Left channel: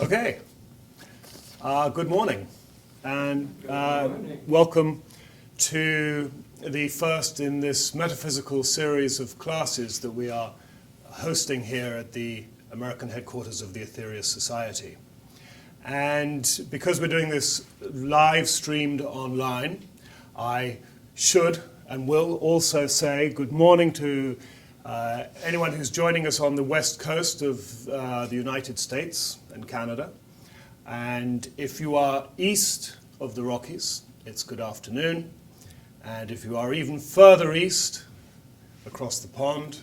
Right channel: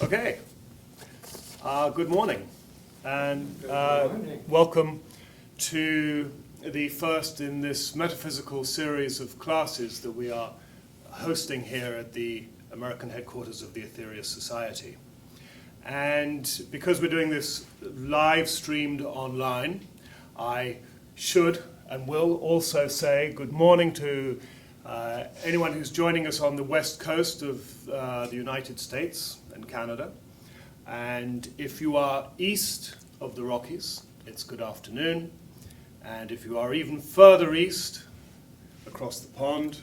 Okay, good morning, and welcome to the first in this metaphysical series of classes that we are hosting here at the American headquarters of the Aetherius Society. And because we're doing this live streamed online, I should and will also say good morning to anyone who's joining us on the west coast of the United States and Canada. And if you are east of the Rockies, it's good afternoon. And if you are even further east, across the pond,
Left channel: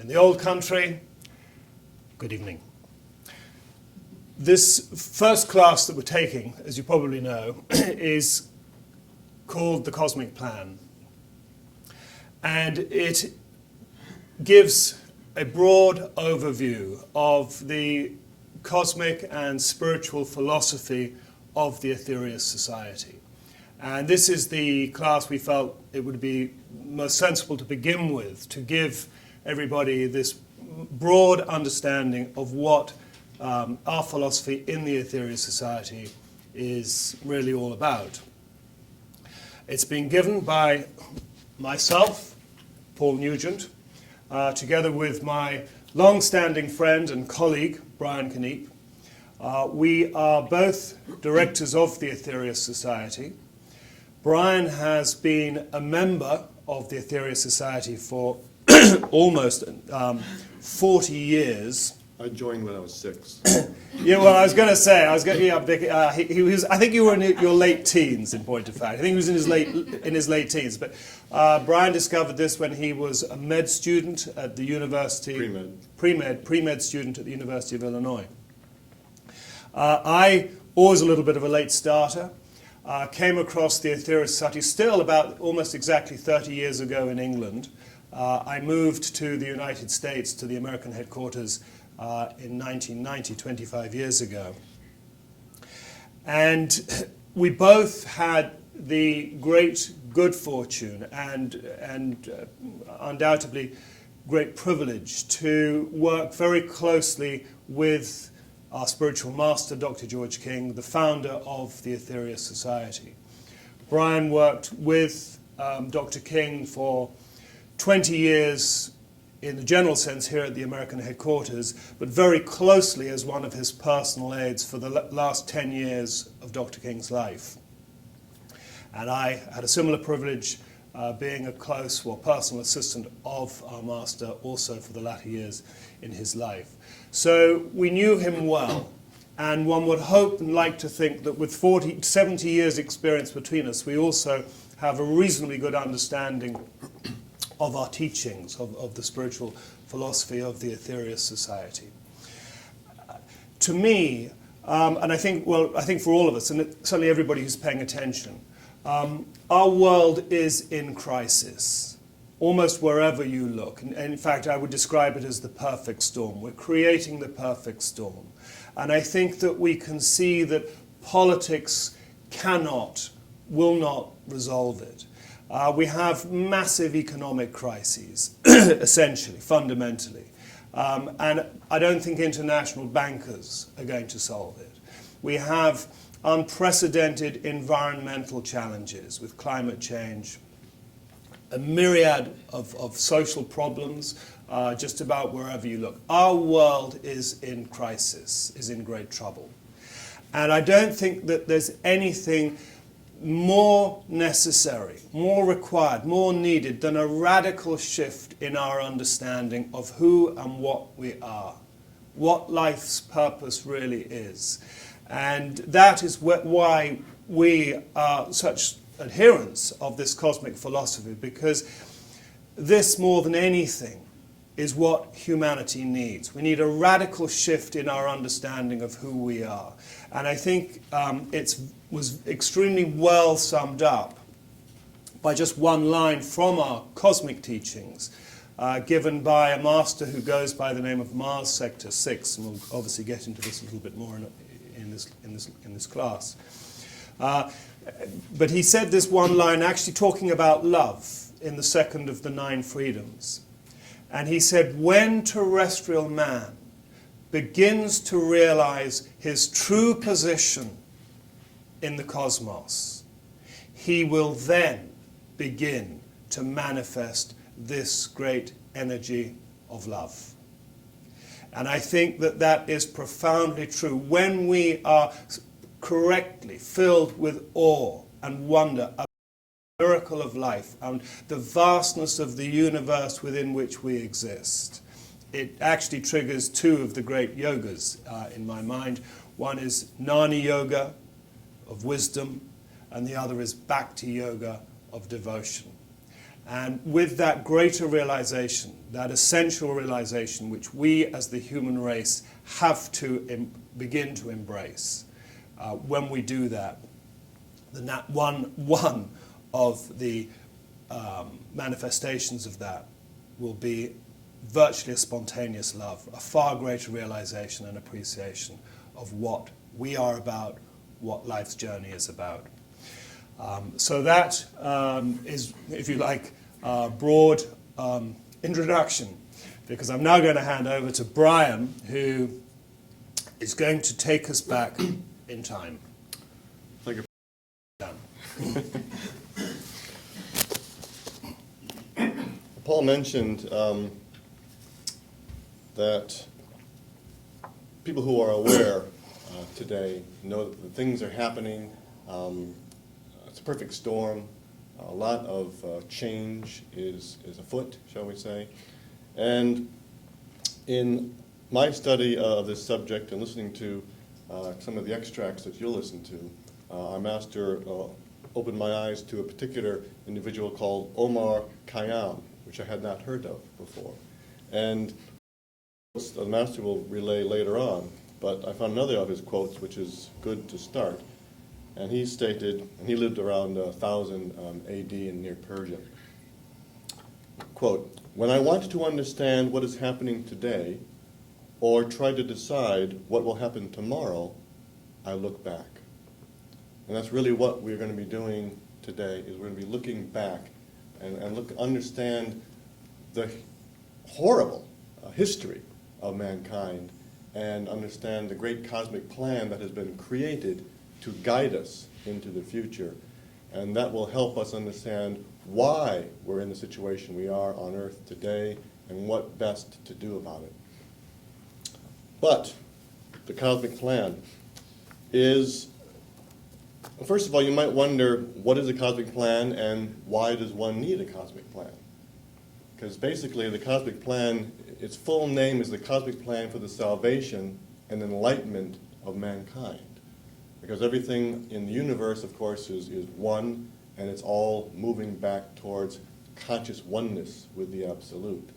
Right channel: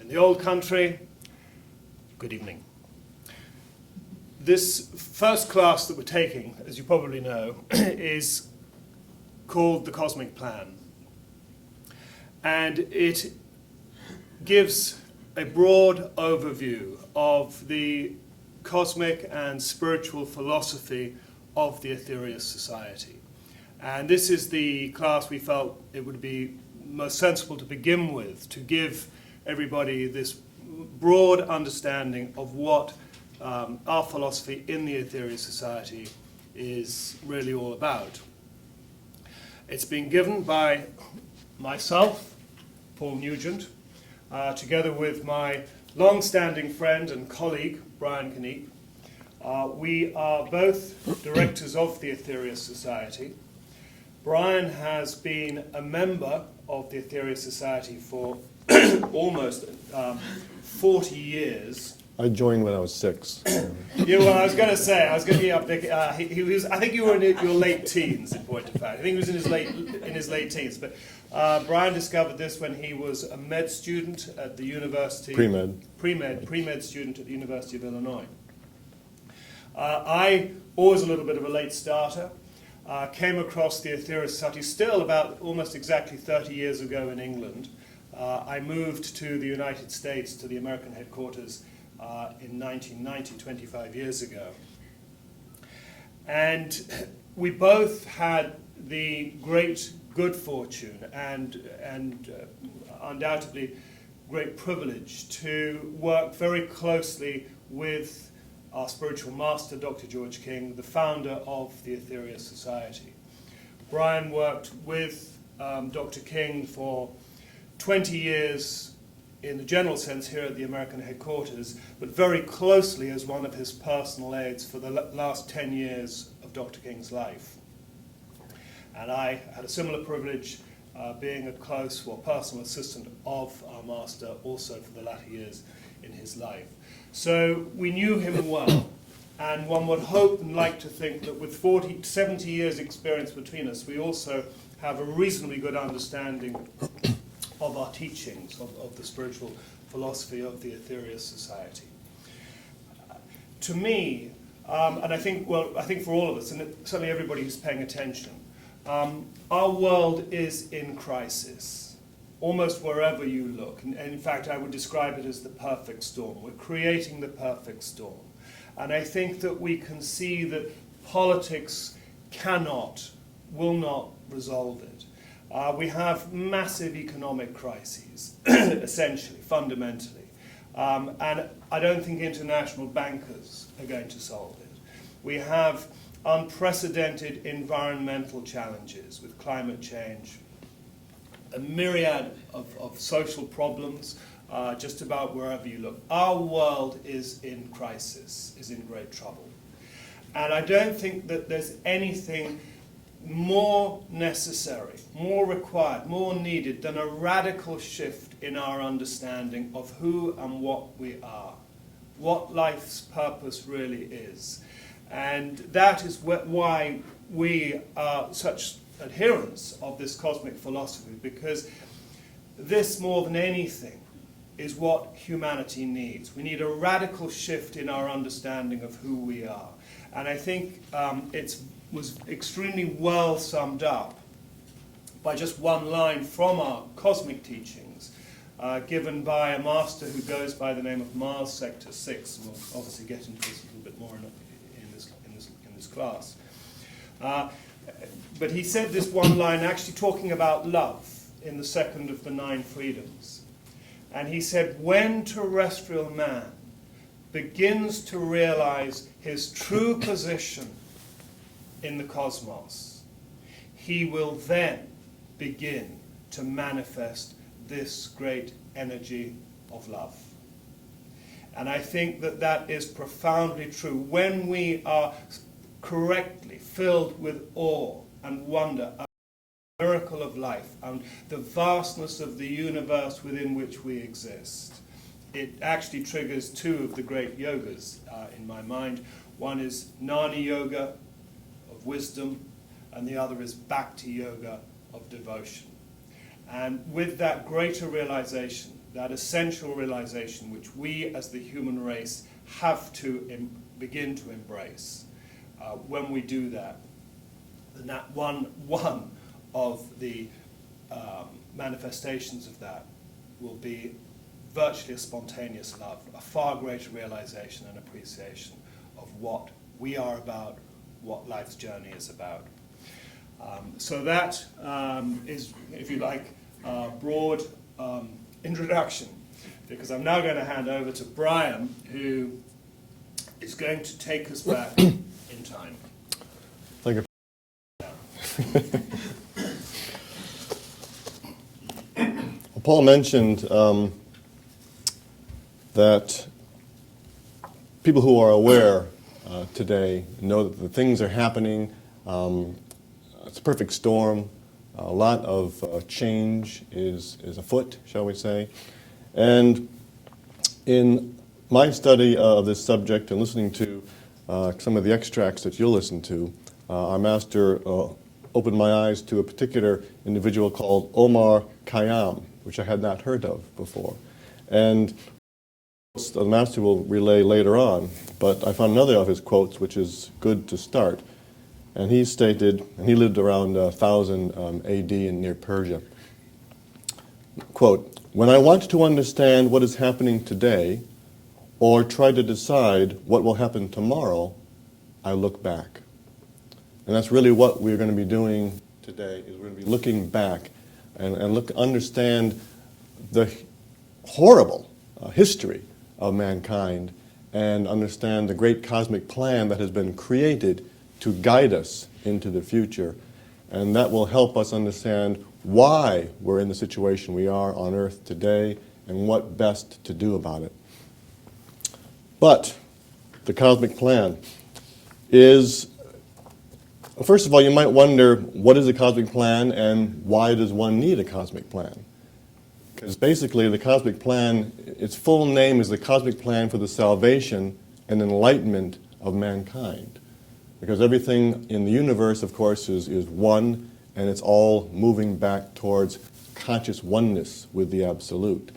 in the old country, good evening. This first class that we're taking, as you probably know, is called The Cosmic Plan. And it gives a broad overview of the cosmic and spiritual philosophy of the Aetherius Society. And this is the class we felt it would be most sensible to begin with, to give everybody this broad understanding of what our philosophy in the Aetherius Society is really all about. It's been given by myself, Paul Nugent, together with my long-standing friend and colleague, Brian Kniep. We are both directors of the Aetherius Society. Brian has been a member of the Aetherius Society for almost 40 years. I joined when I was 6. Yeah, well, I was going to say, he was. I think you were in your late teens, in point of fact. I think he was in his late teens. But Brian discovered this when he was a med student at the university. Pre-med student at the University of Illinois. I, always a little bit of a late starter, came across the Aetherius Society still about almost exactly 30 years ago in England. I moved to the United States, to the American headquarters, in 1990, 25 years ago. And we both had the great good fortune and undoubtedly great privilege to work very closely with our spiritual master, Dr. George King, the founder of the Aetherius Society. Brian worked with Dr. King for 20 years in the general sense here at the American headquarters, but very closely as one of his personal aides for the last 10 years of Dr. King's life. And I had a similar privilege being a close personal assistant of our master also for the latter years in his life. So we knew him well, and one would hope and like to think that with 70 years experience between us, we also have a reasonably good understanding of our teachings, of the spiritual philosophy of the Aetherius Society. To me, and I think for all of us, and certainly everybody who's paying attention, our world is in crisis, almost wherever you look. And in fact, I would describe it as the perfect storm. We're creating the perfect storm. And I think that we can see that politics will not resolve it. We have massive economic crises, essentially, fundamentally. And I don't think international bankers are going to solve it. We have unprecedented environmental challenges with climate change, a myriad of social problems, just about wherever you look. Our world is in crisis, is in great trouble. And I don't think that there's anything more necessary, more required, more needed than a radical shift in our understanding of who and what we are, what life's purpose really is. And that is why we are such adherents of this cosmic philosophy, because this, more than anything, is what humanity needs. We need a radical shift in our understanding of who we are. And I think it was extremely well summed up by just one line from our cosmic teachings, given by a master who goes by the name of Mars Sector 6, and we'll obviously get into this a little bit more in this class. But he said this one line actually talking about love in the second of the 9 freedoms. And he said, when terrestrial man begins to realize his true position in the cosmos, he will then begin to manifest this great energy of love. And I think that that is profoundly true. When we are correctly filled with awe and wonder at the miracle of life and the vastness of the universe within which we exist, it actually triggers two of the great yogas in my mind. One is Jnana Yoga, of wisdom, and the other is Bhakti Yoga, of devotion. And with that greater realization, that essential realization which we as the human race have to begin to embrace, when we do that, then that one of the manifestations of that will be virtually a spontaneous love, a far greater realization and appreciation of what we are about, what life's journey is about. So that is, if you like, a broad introduction, because I'm now going to hand over to Brian, who is going to take us back in time. Thank you. Paul mentioned that people who are aware today know that the things are happening. It's a perfect storm. A lot of change is afoot, shall we say. And in my study of this subject and listening to some of the extracts that you'll listen to, our master opened my eyes to a particular individual called Omar Khayyam, which I had not heard of before. And the master will relay later on, but I found another of his quotes which is good to start. And he stated, and he lived around 1000 AD in near Persia, quote, "When I want to understand what is happening today or try to decide what will happen tomorrow, I look back." And that's really what we're going to be doing today, is we're going to be looking back and understand the horrible history of mankind and understand the great cosmic plan that has been created to guide us into the future. And that will help us understand why we're in the situation we are on Earth today and what best to do about it. But the cosmic plan is, first of all, you might wonder, what is a cosmic plan and why does one need a cosmic plan? Because basically the cosmic plan, its full name is the Cosmic Plan for the Salvation and Enlightenment of Mankind. Because everything in the universe, of course, is one, and it's all moving back towards conscious oneness with the Absolute.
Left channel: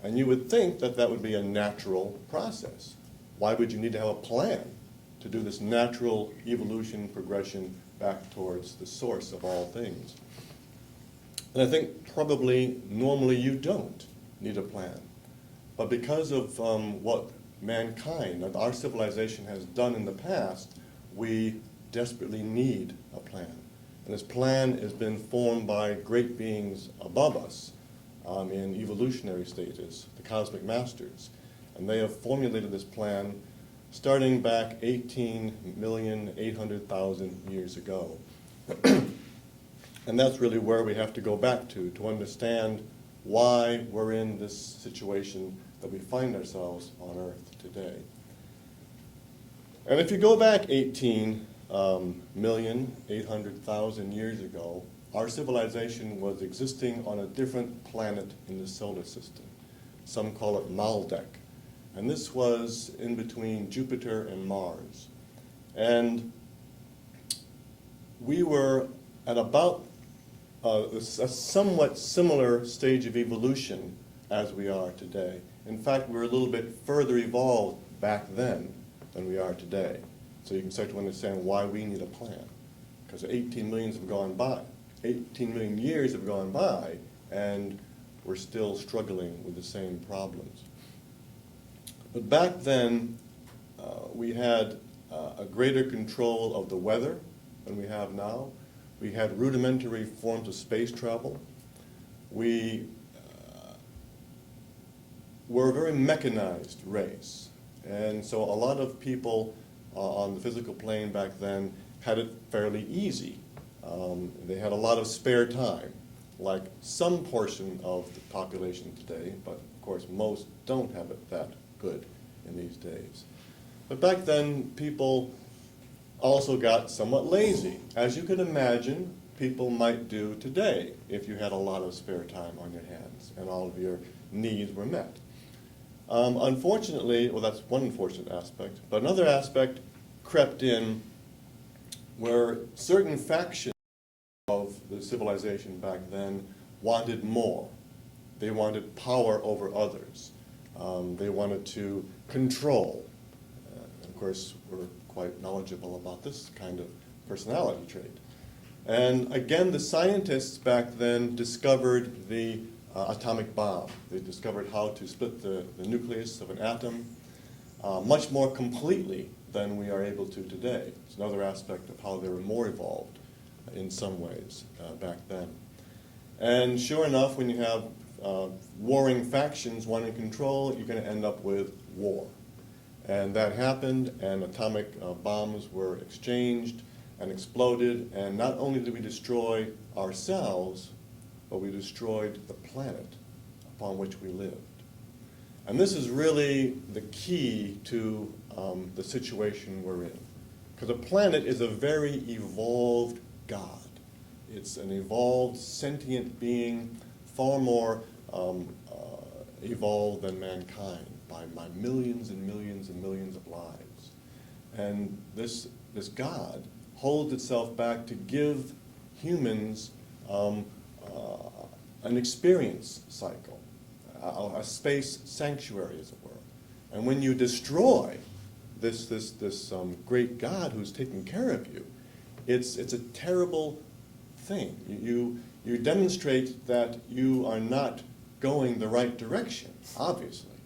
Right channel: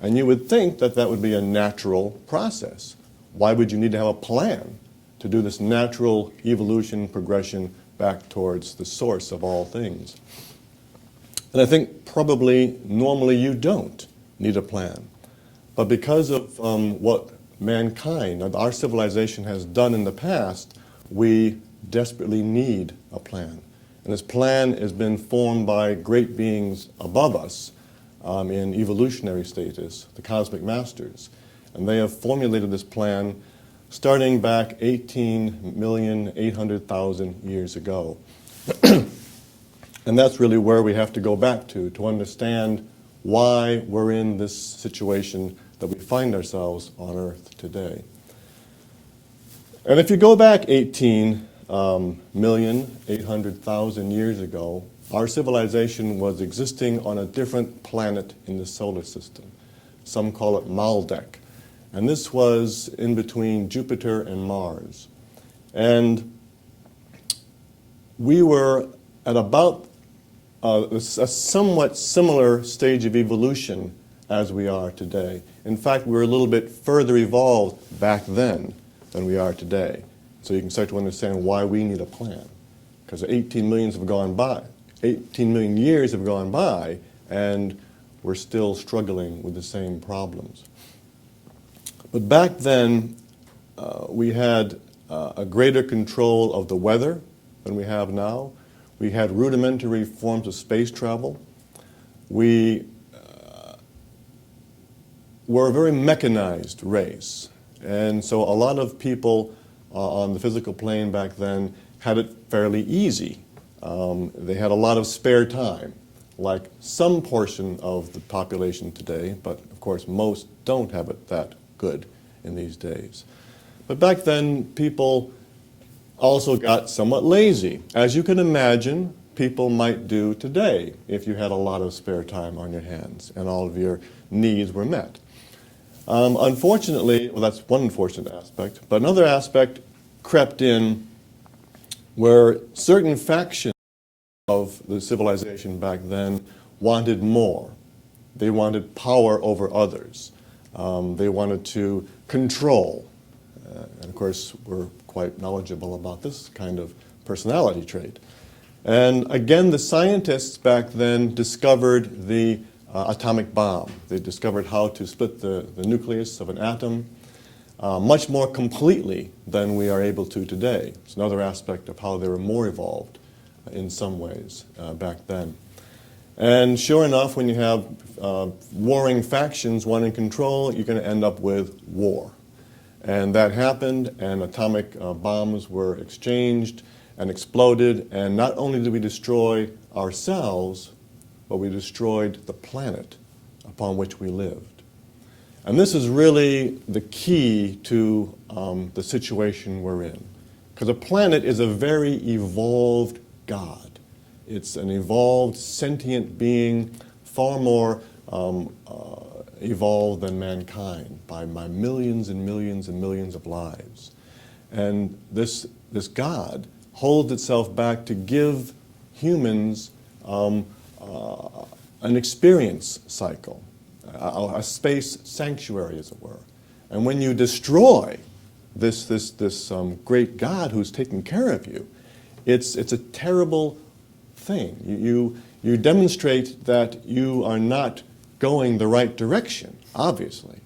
And you would think that that would be a natural process. Why would you need to have a plan to do this natural evolution, progression back towards the source of all things? And I think probably normally you don't need a plan. But because of what mankind, our civilization has done in the past, we desperately need a plan. And this plan has been formed by great beings above us in evolutionary status, the cosmic masters. And they have formulated this plan starting back 18,800,000 years ago. And that's really where we have to go back to understand why we're in this situation that we find ourselves on Earth today. And if you go back 18,800,000 years ago, our civilization was existing on a different planet in the solar system. Some call it Maldek. And this was in between Jupiter and Mars. And we were at about a somewhat similar stage of evolution as we are today. In fact, we were a little bit further evolved back then than we are today. So you can start to understand why we need a plan. Because 18 million years have gone by, and we're still struggling with the same problems. But back then, we had a greater control of the weather than we have now. We had rudimentary forms of space travel. We were a very mechanized race. And so a lot of people on the physical plane back then had it fairly easy. They had a lot of spare time, like some portion of the population today, but of course most don't have it that good in these days. But back then, people also got somewhat lazy, as you can imagine people might do today if you had a lot of spare time on your hands and all of your needs were met. Unfortunately, well, that's one unfortunate aspect, but another aspect crept in where certain factions of the civilization back then wanted more. They wanted power over others. They wanted to control. And of course, we're quite knowledgeable about this kind of personality trait. And again, the scientists back then discovered the atomic bomb. They discovered how to split the nucleus of an atom much more completely than we are able to today. It's another aspect of how they were more evolved in some ways back then. And sure enough, when you have warring factions wanting control, you're going to end up with war. And that happened, and atomic bombs were exchanged and exploded, and not only did we destroy ourselves, but we destroyed the planet upon which we lived. And this is really the key to the situation we're in. Because a planet is a very evolved God. It's an evolved, sentient being, far more evolved than mankind by millions and millions and millions of lives. And this God holds itself back to give humans an experience cycle, a space sanctuary, as it were. And when you destroy this great God who's taking care of you, it's a terrible thing. You demonstrate that you are not going the right direction, obviously.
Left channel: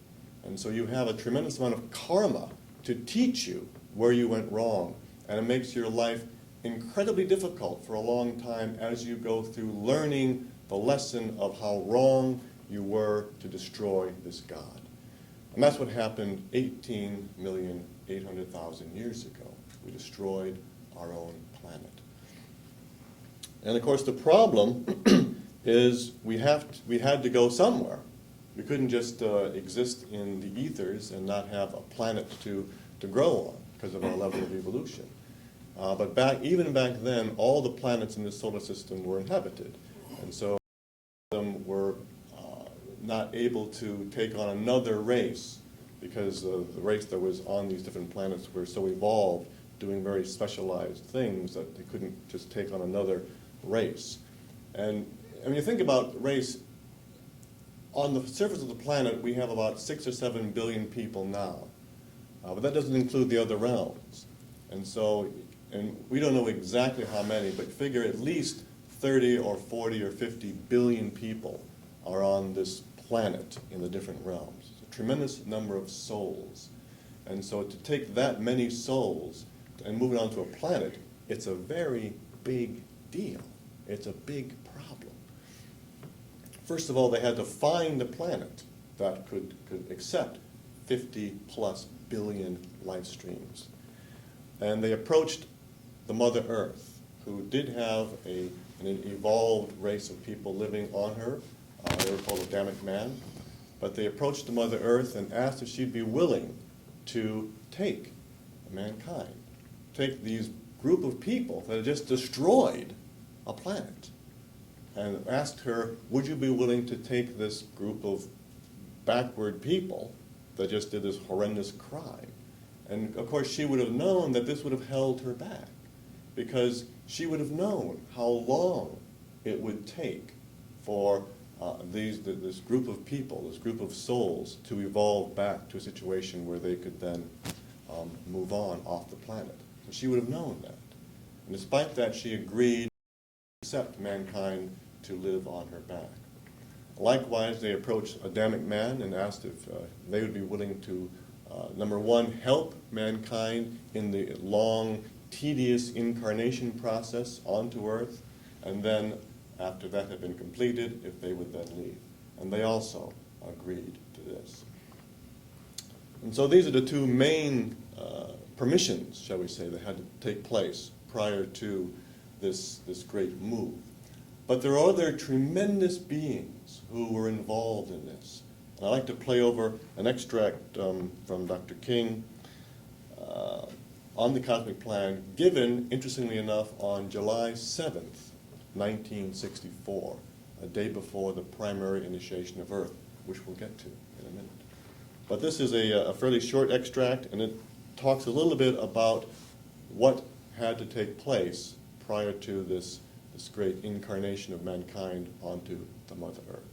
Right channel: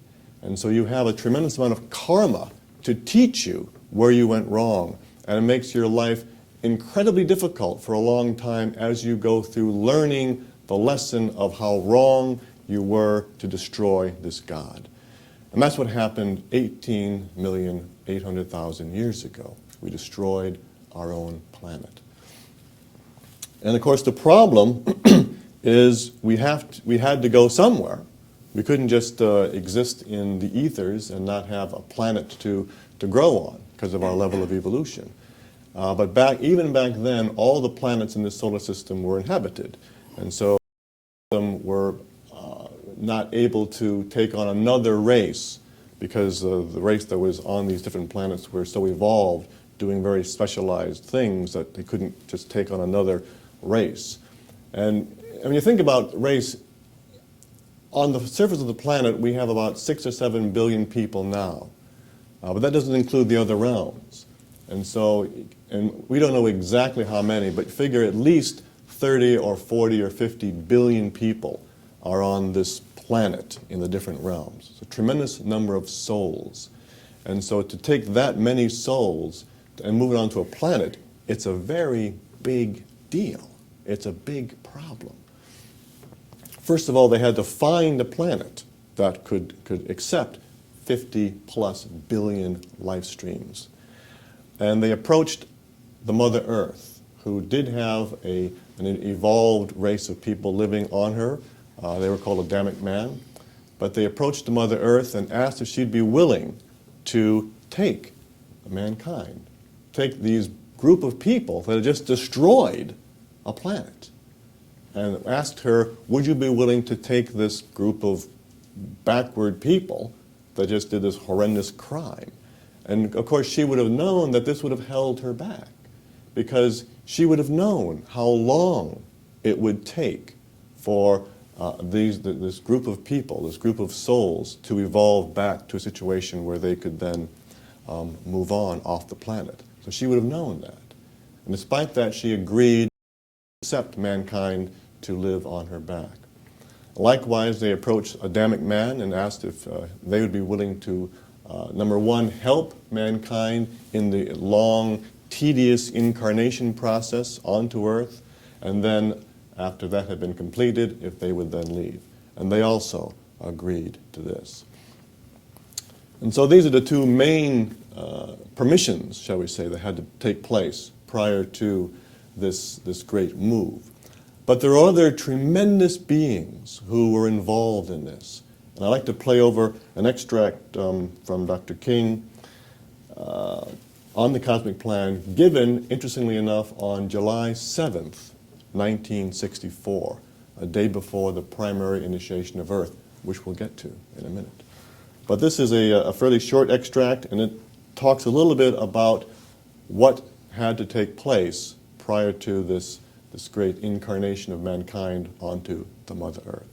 And so you have a tremendous amount of karma to teach you where you went wrong. And it makes your life incredibly difficult for a long time as you go through learning the lesson of how wrong you were to destroy this God. And that's what happened 18,800,000 years ago. We destroyed our own planet. And of course the problem is we had to go somewhere. We couldn't just exist in the ethers and not have a planet to grow on because of our level of evolution. But even back then, all the planets in the solar system were inhabited. And so some were not able to take on another race because the race that was on these different planets were so evolved, doing very specialized things that they couldn't just take on another race. And when you think about race, on the surface of the planet, we have about 6 or 7 billion people now. But that doesn't include the other realms. And we don't know exactly how many, but figure at least 30 or 40 or 50 billion people are on this planet in the different realms. It's a tremendous number of souls. And so to take that many souls and move it onto a planet, it's a very big deal. It's a big problem. First of all, they had to find a planet that could accept 50+ billion life streams. And they approached the Mother Earth, who did have an evolved race of people living on her. They were called Adamic man. But they approached the Mother Earth and asked if she'd be willing to take mankind, take these group of people that had just destroyed a planet, and asked her, would you be willing to take this group of backward people that just did this horrendous crime? And of course she would have known that this would have held her back, because she would have known how long it would take for this group of people, this group of souls, to evolve back to a situation where they could then move on off the planet. So she would have known that. And despite that, she agreed to accept mankind to live on her back. Likewise, they approached Adamic man and asked if they would be willing to, number one, help mankind in the long, tedious incarnation process onto Earth, and then, after that had been completed, if they would then leave. And they also agreed to this. And so these are the two main permissions, shall we say, that had to take place prior to this great move. But there are other tremendous beings who were involved in this. And I'd like to play over an extract from Dr. King on the cosmic plan, given, interestingly enough, on July 7th, 1964, a day before the primary initiation of Earth, which we'll get to in a minute. But this is a fairly short extract, and it talks a little bit about what had to take place prior to this great incarnation of mankind onto the Mother Earth.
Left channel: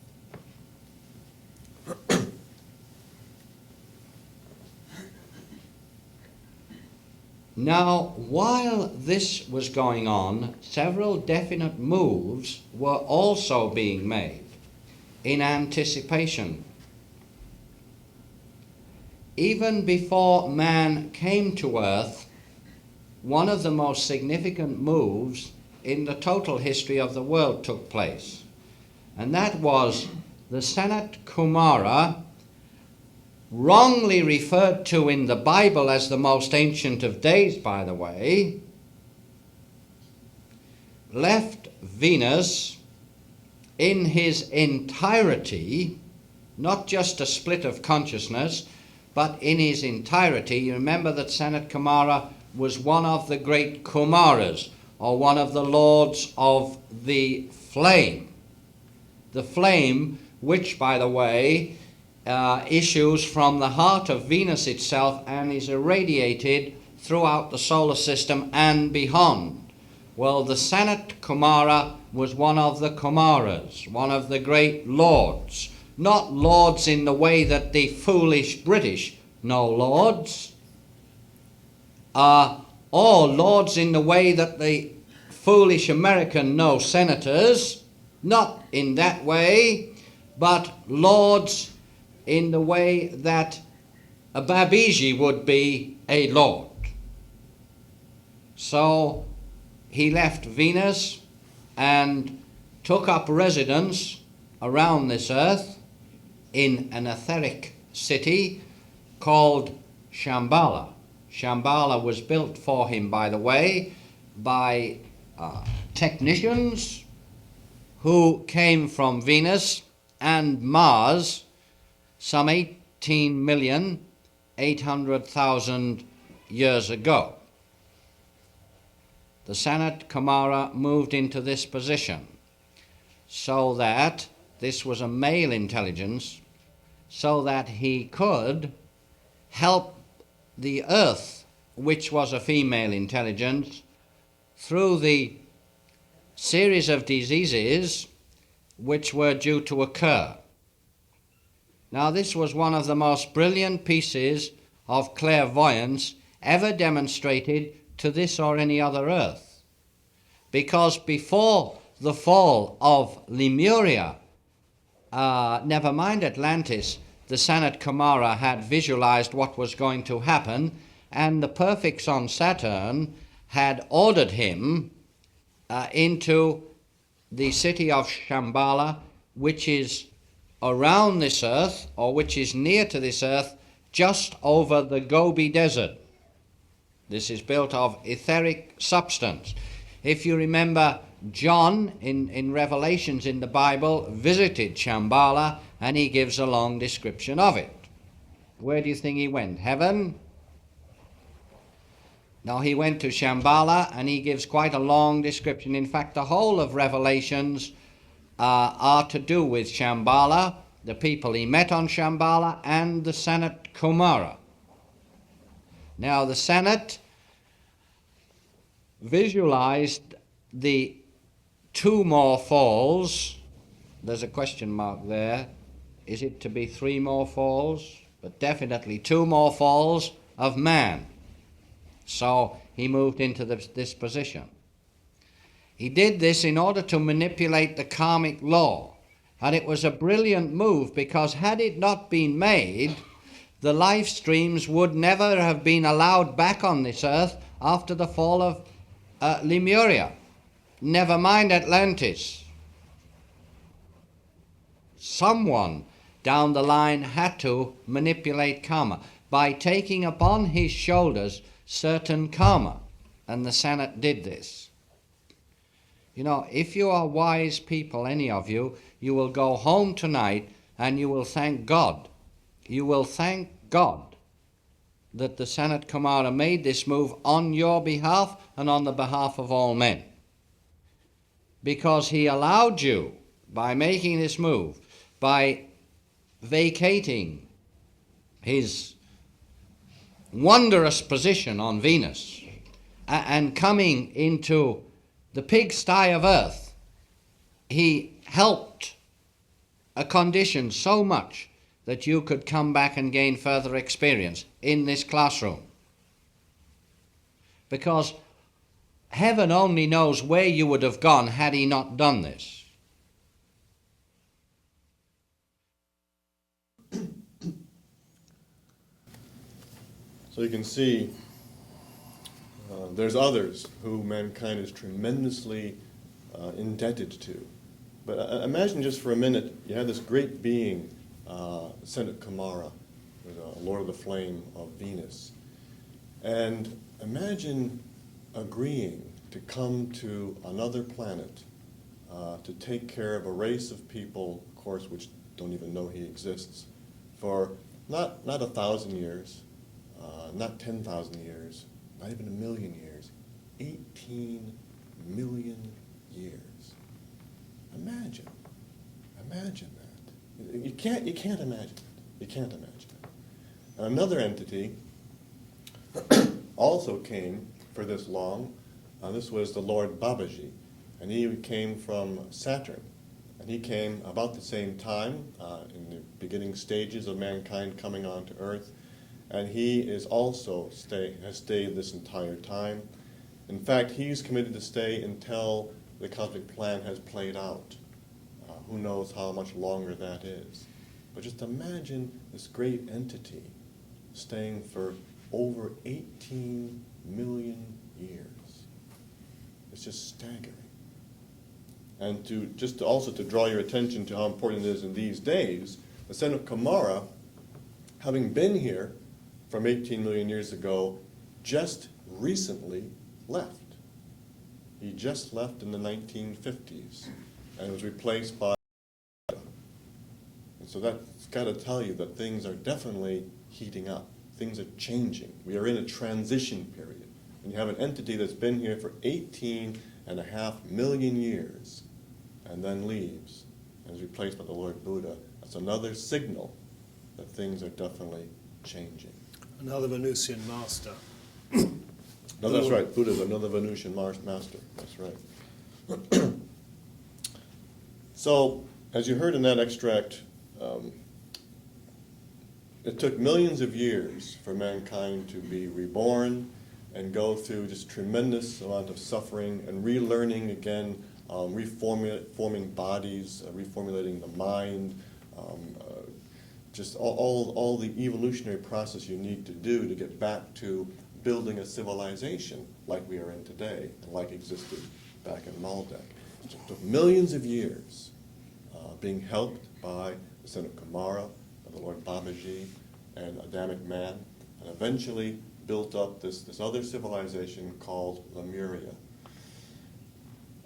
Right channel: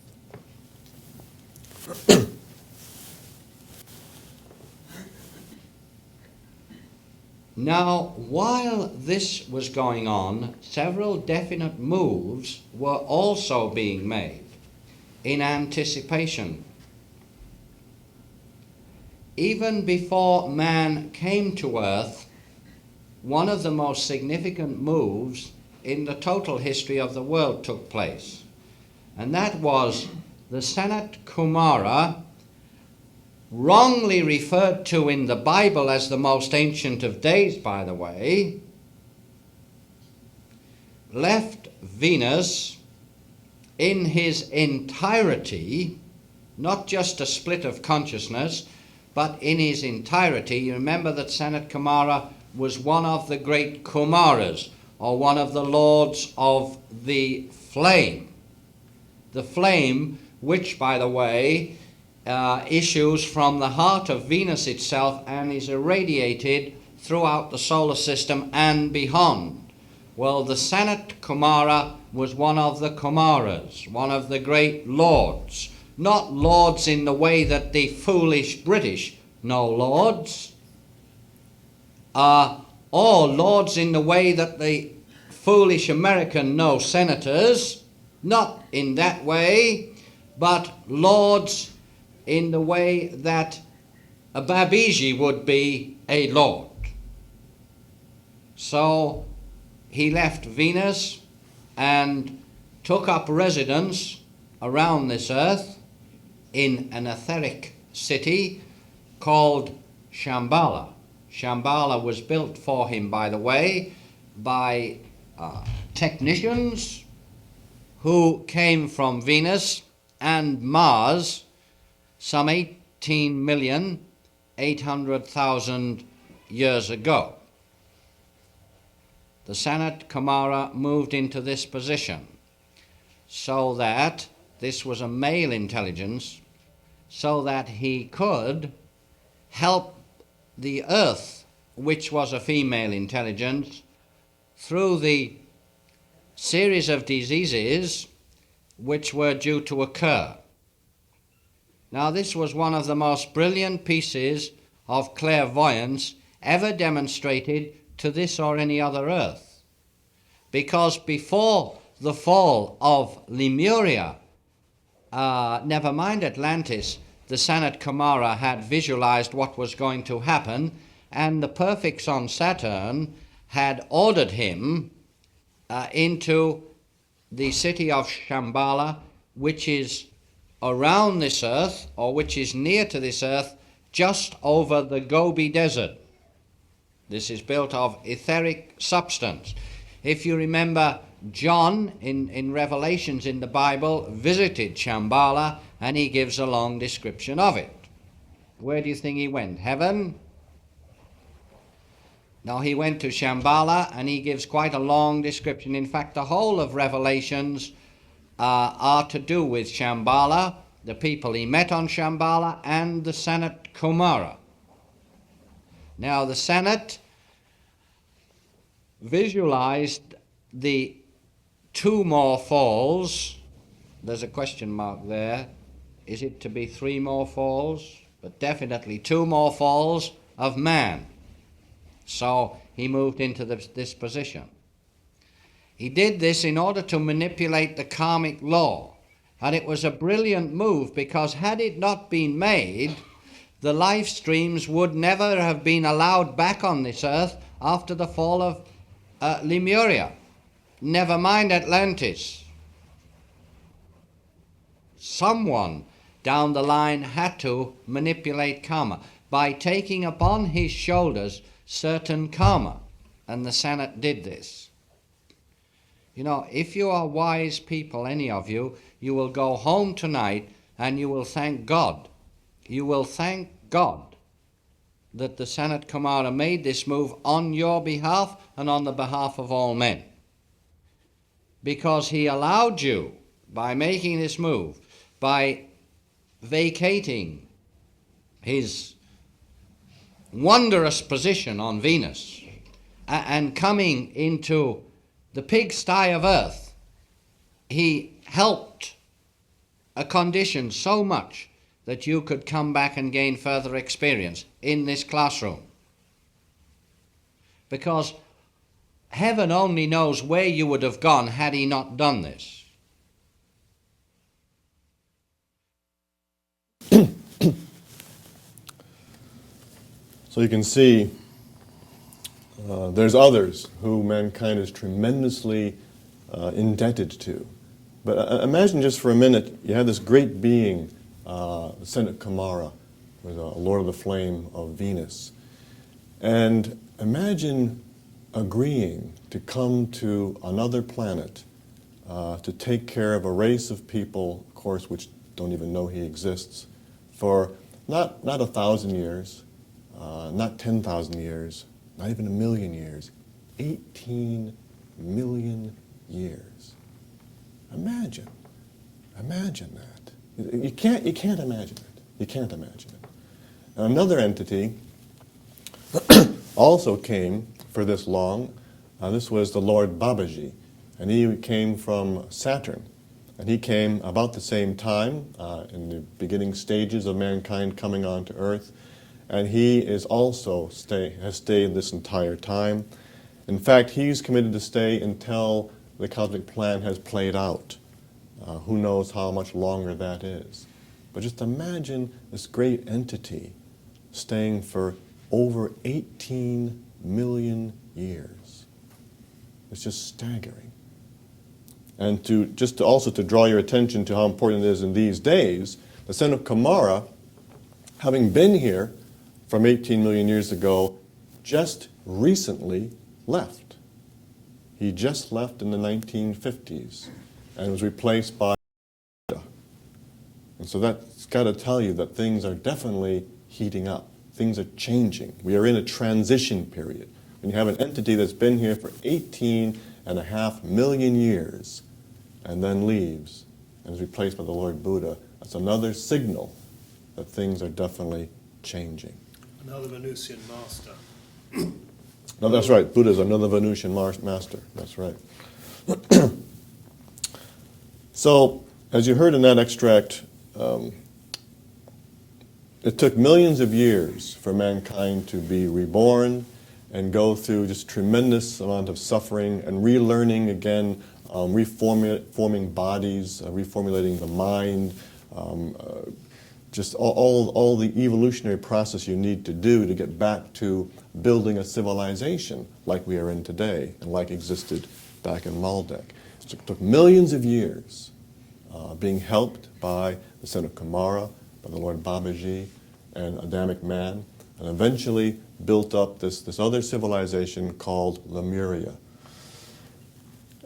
Now, while this was going on, several definite moves were also being made in anticipation. Even before man came to Earth, one of the most significant moves in the total history of the world took place, and that was the Sanat Kumara, wrongly referred to in the Bible as the most ancient of days, by the way, left Venus in his entirety, not just a split of consciousness, but in his entirety. You remember that Sanat Kumara was one of the great Kumaras, or one of the lords of the flame. The flame, which, by the way, issues from the heart of Venus itself and is irradiated throughout the solar system and beyond. Well, the Sanat Kumara was one of the Kumaras, one of the great lords. Not lords in the way that the foolish British know lords, or lords in the way that the foolish American know senators. Not in that way, but lords in the way that a Babiji would be a lord. So he left Venus and took up residence around this earth in an etheric city called Shambala. Shambala was built for him, by the way, by technicians who came from Venus and Mars some 18,800,000 years ago. The Sanat Kumara moved into this position so that this was a male intelligence, so that he could help the Earth, which was a female intelligence, through the series of diseases which were due to occur. Now, this was one of the most brilliant pieces of clairvoyance ever demonstrated to this or any other Earth, because before the fall of Lemuria, never mind Atlantis, the Sanat Kumara had visualized what was going to happen, and the perfects on Saturn had ordered him into the city of Shambala, which is around this earth, or which is near to this earth, just over the Gobi Desert. This is built of etheric substance. If you remember, John in Revelations in the Bible visited Shambala, and he gives a long description of it. Where do you think he went? Heaven? No, he went to Shambala, and he gives quite a long description. In fact, the whole of Revelations are to do with Shambala, the people he met on Shambala, and the Sanat Kumara. Now, the Sanat visualized the two more falls. There's a question mark there. Is it to be three more falls? But definitely two more falls of man. So he moved into this position. He did this in order to manipulate the karmic law. And it was a brilliant move, because had it not been made, the life streams would never have been allowed back on this earth after the fall of Lemuria. Never mind Atlantis. Someone down the line had to manipulate karma. by taking upon his shoulders certain karma. And the Sanat did this. You know, if you are wise people, any of you, you will go home tonight and you will thank God. You will thank God that the Sanat Kumara made this move on your behalf and on the behalf of all men. Because he allowed you, by making this move, by vacating his wondrous position on Venus and coming into the pigsty of earth, he helped a condition so much that you could come back and gain further experience in this classroom. Because heaven only knows where you would have gone had he not done this. So you can see there's others who mankind is tremendously indebted to. But imagine just for a minute, you have this great being, Sanat Kumara, the Lord of the Flame of Venus. And imagine agreeing to come to another planet to take care of a race of people, of course, which don't even know he exists, for not 1,000 years, not 10,000 years, not even 1,000,000 years, 18 million years. Imagine that. You can't imagine it. You can't imagine it. And another entity also came for this long. This was the Lord Babaji, and he came from Saturn. And he came about the same time, in the beginning stages of mankind coming onto Earth. And he is also has stayed this entire time. In fact, he's committed to stay until the cosmic plan has played out. Who knows how much longer that is. But just imagine this great entity staying for over 18 million years. It's just staggering. And also to draw your attention to how important it is in these days, the Sanat Kumara, having been here from 18 million years ago, just recently left. He just left in the 1950s and was replaced by. And so that's got to tell you that things are definitely heating up. Things are changing. We are in a transition period. When you have an entity that's been here for 18.5 million years and then leaves and is replaced by the Lord Buddha, that's another signal that things are definitely changing. Another Venusian master. No, that's right. Buddha's another Venusian master. That's right. So, as you heard in that extract, it took millions of years for mankind to be reborn and go through just tremendous amount of suffering and relearning again, reforming bodies, reformulating the mind, just all the evolutionary process you need to do to get back to building a civilization like we are in today and like existed back in Maldek. It took millions of years being helped by the Sanat Kumara, by the Lord Babaji, and Adamic man, and eventually built up this other civilization called Lemuria.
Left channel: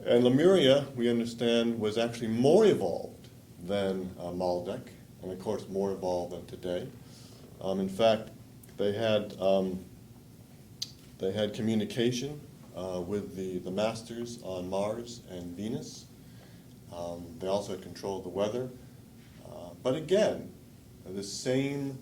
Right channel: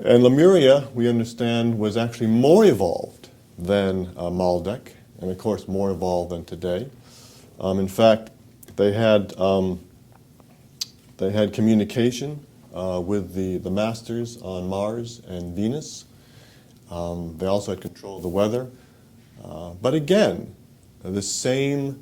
And Lemuria, we understand, was actually more evolved than Maldek, and of course more evolved than today. In fact, they had communication with the masters on Mars and Venus. They also had control of the weather. But again, the same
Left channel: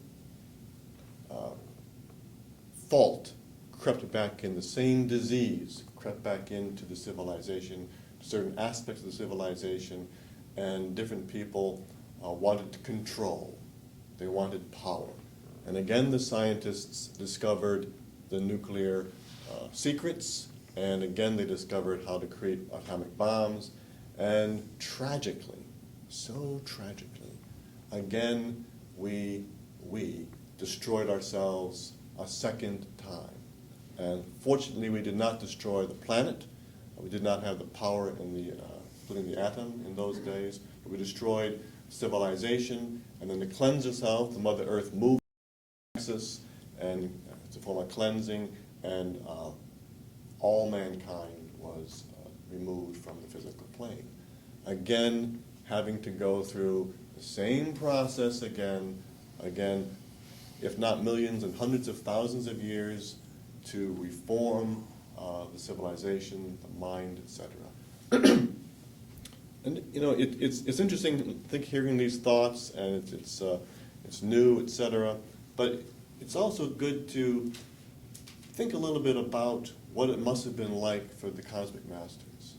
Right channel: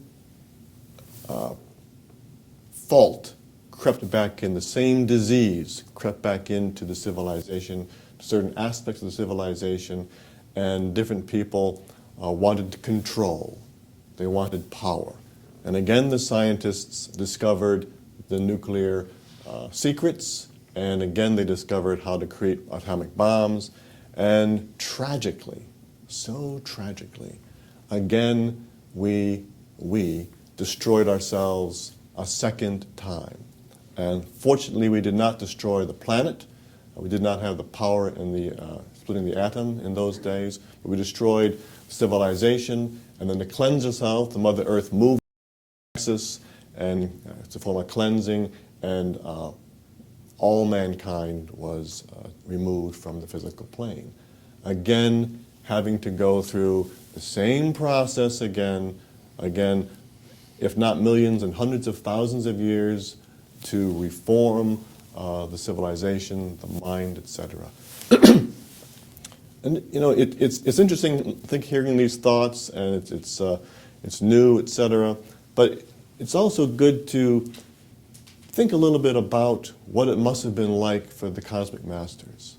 fault crept back in, the same disease crept back into the civilization, certain aspects of the civilization, and different people wanted to control. They wanted power. And again, the scientists discovered the nuclear secrets, and again they discovered how to create atomic bombs, and tragically, so tragically, again we destroyed ourselves a second time. And fortunately we did not destroy the planet. We did not have the power in the splitting the atom in those days, but we destroyed civilization, and then to cleanse ourselves, the Mother Earth moved us, and it's a form of cleansing, and all mankind was removed from the physical plane. Again, having to go through the same process again, if not millions and hundreds of thousands of years, to reform the civilization, the mind, etc. And you know, it's interesting, I think, hearing these thoughts, and it's new, etc. But it's also good to think a little bit about what it must have been like for the cosmic masters,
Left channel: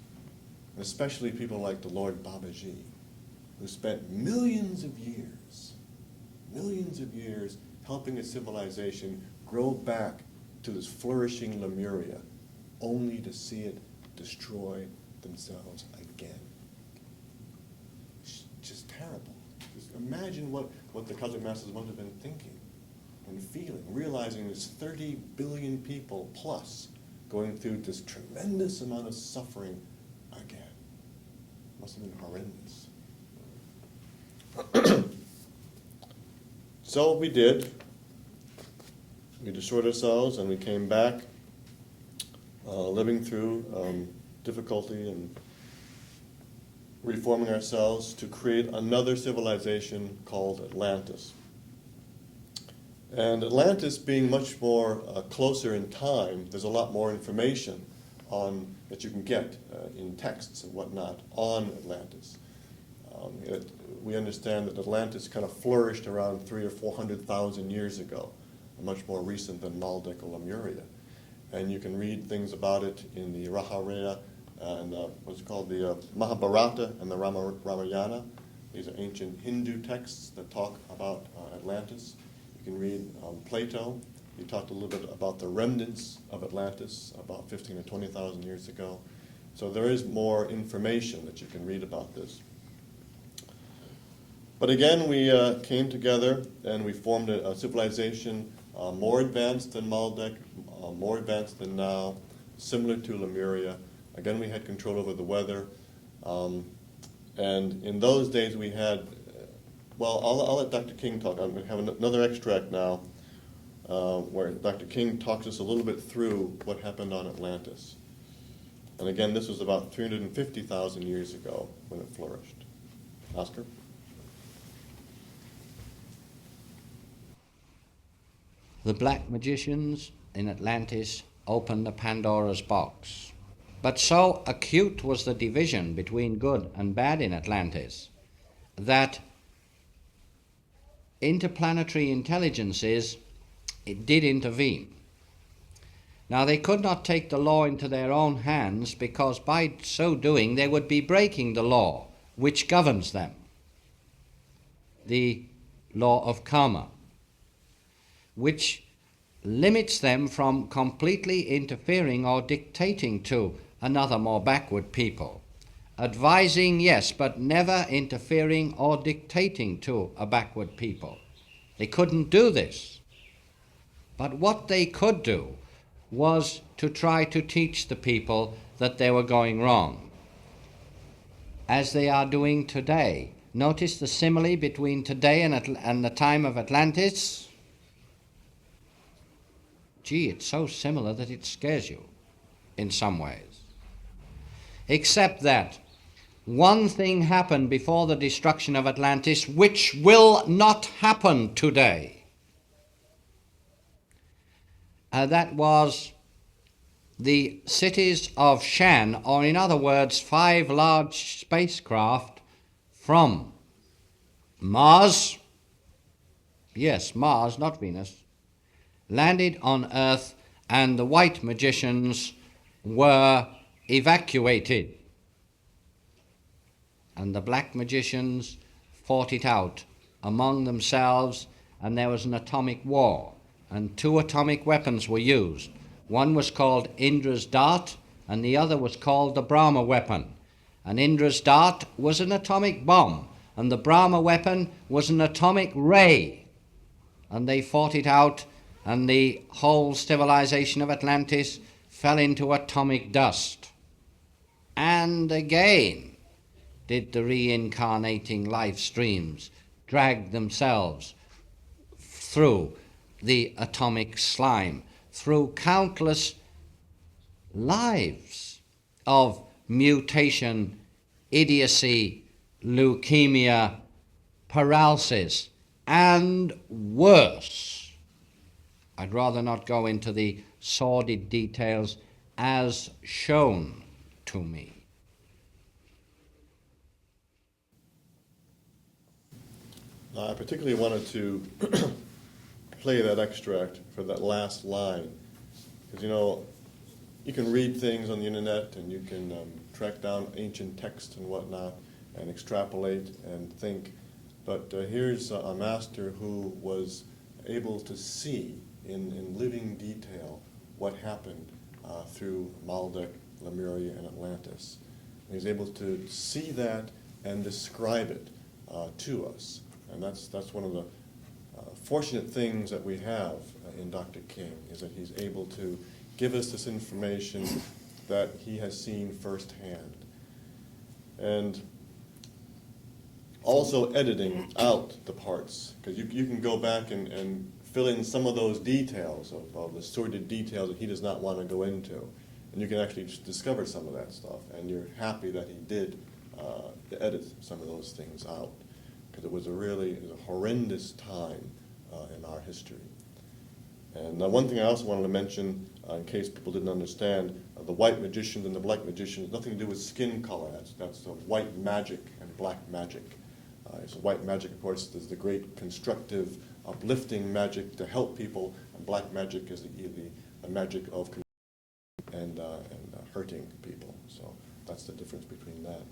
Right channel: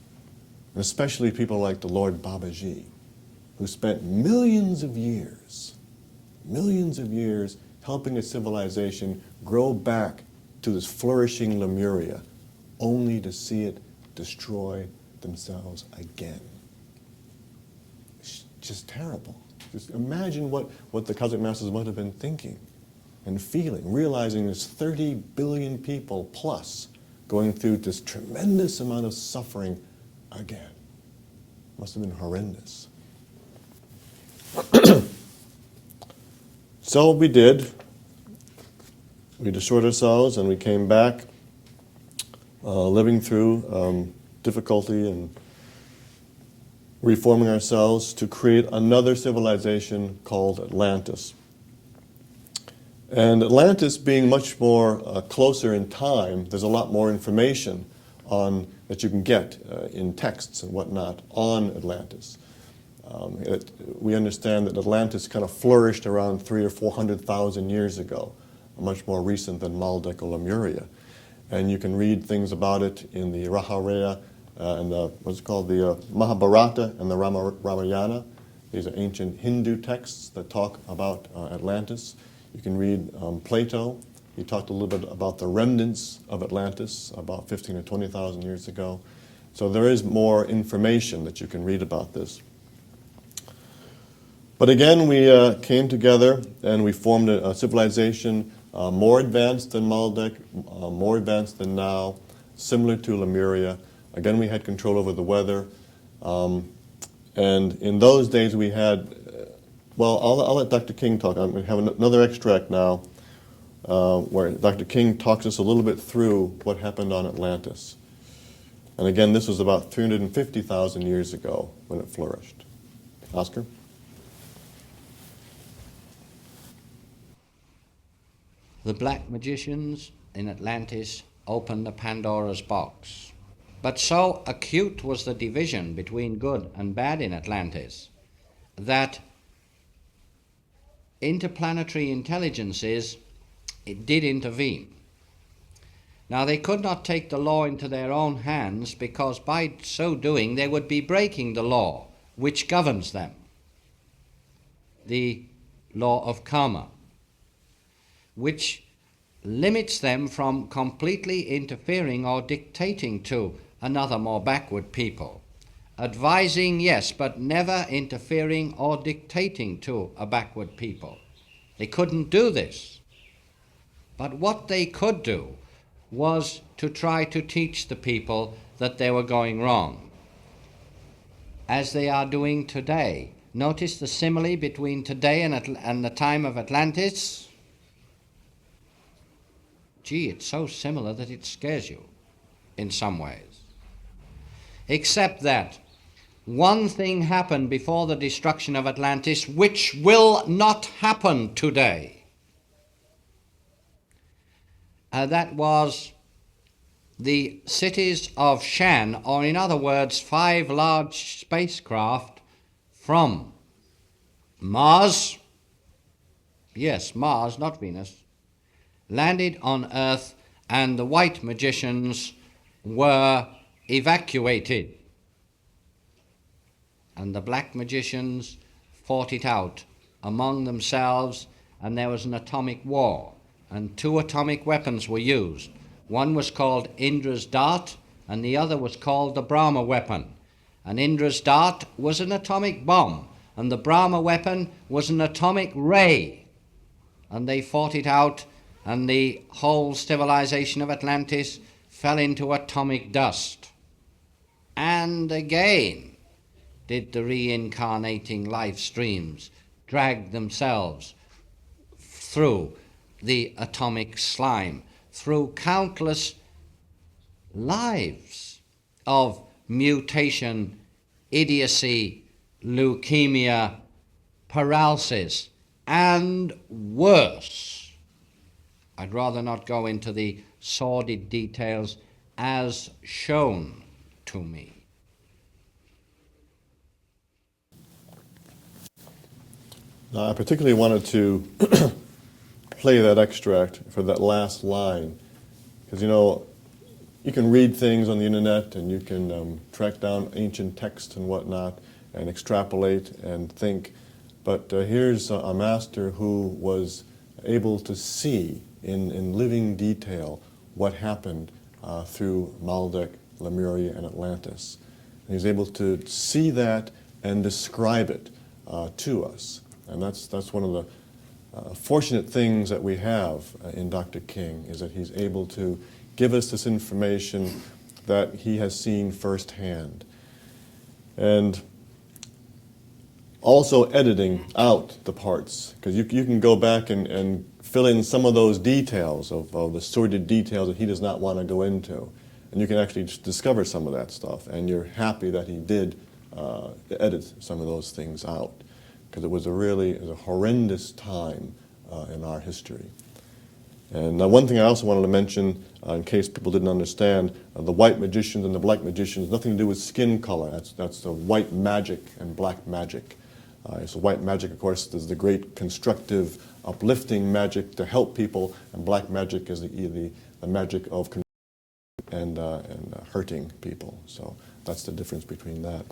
and especially people like the Lord Babaji, who spent millions of years helping a civilization grow back to this flourishing Lemuria, only to see it destroy themselves again. It's just terrible. Just imagine what the cosmic masters must have been thinking and feeling, realizing there's 30 billion people plus going through this tremendous amount of suffering again. Must have been horrendous. So we did. We destroyed ourselves, and we came back, living through difficulty and reforming ourselves to create another civilization called Atlantis. And Atlantis being much more closer in time, there's a lot more information that you can get in texts and whatnot on Atlantis. We understand that Atlantis kind of flourished around 300,000 or 400,000 years ago, much more recent than Maldek or Lemuria. And you can read things about it in the Ramayana and what's called the Mahabharata and the Ramayana. These are ancient Hindu texts that talk about Atlantis. You can read Plato. He talked a little bit about the remnants of Atlantis about 15 or 20,000 years ago. So there is more information that you can read about this. But again, we came together and we formed a civilization more advanced than Maldek, more advanced than now, similar to Lemuria. Again, we had control over the weather. And in those days we had, well, I'll let Dr. King talk. I'm going to have another extract now where Dr. King talks us a little bit through what happened on Atlantis. And again, this was about 350,000 years ago when it flourished. Oscar? The black magicians in Atlantis opened the Pandora's box. But so acute was the division between good and bad in Atlantis that interplanetary intelligences did intervene. Now, they could not take the law into their own hands, because by so doing they would be breaking the law which governs them, the law of karma, which limits them from completely interfering or dictating to another more backward people. Advising, yes, but never interfering or dictating to a backward people. They couldn't do this. But what they could do was to try to teach the people that they were going wrong, as they are doing today. Notice the simile between today and the time of Atlantis. Gee, it's so similar that it scares you in some ways. Except that one thing happened before the destruction of Atlantis which will not happen today. That was the cities of Shan, or in other words, 5 large spacecraft from Mars, yes, Mars, not Venus, landed on Earth, and the white magicians were evacuated. And the black magicians fought it out among themselves, and there was an atomic war, and 2 atomic weapons were used. One was called Indra's dart, and the other was called the Brahma weapon. And Indra's dart was an atomic bomb, and the Brahma weapon was an atomic ray. And they fought it out, and the whole civilization of Atlantis fell into atomic dust. And again did the reincarnating life streams drag themselves through the atomic slime through countless lives of mutation, idiocy, leukemia, paralysis, and worse. I'd rather not go into the sordid details as shown to me. I particularly wanted to play that extract for that last line, because you can read things on the internet and you can track down ancient texts and whatnot and extrapolate and think, but here's a master who was able to see in living detail what happened through Maldek, Lemuria, and Atlantis. And he's able to see that and describe it to us. And that's one of the fortunate things that we have in Dr. King, is that he's able to give us this information that he has seen firsthand. And also editing out the parts, because you can go back and fill in some of those details of the sordid details that he does not want to go into. And you can actually discover some of that stuff, and you're happy that he did edit some of those things out, because it was a horrendous time in our history. And one thing I also wanted to mention, in case people didn't understand, the white magicians and the black magicians, nothing to do with skin color. That's the white magic and black magic. So white magic, of course, is the great constructive, uplifting magic to help people, and black magic is the magic of and hurting people. So that's the difference between that.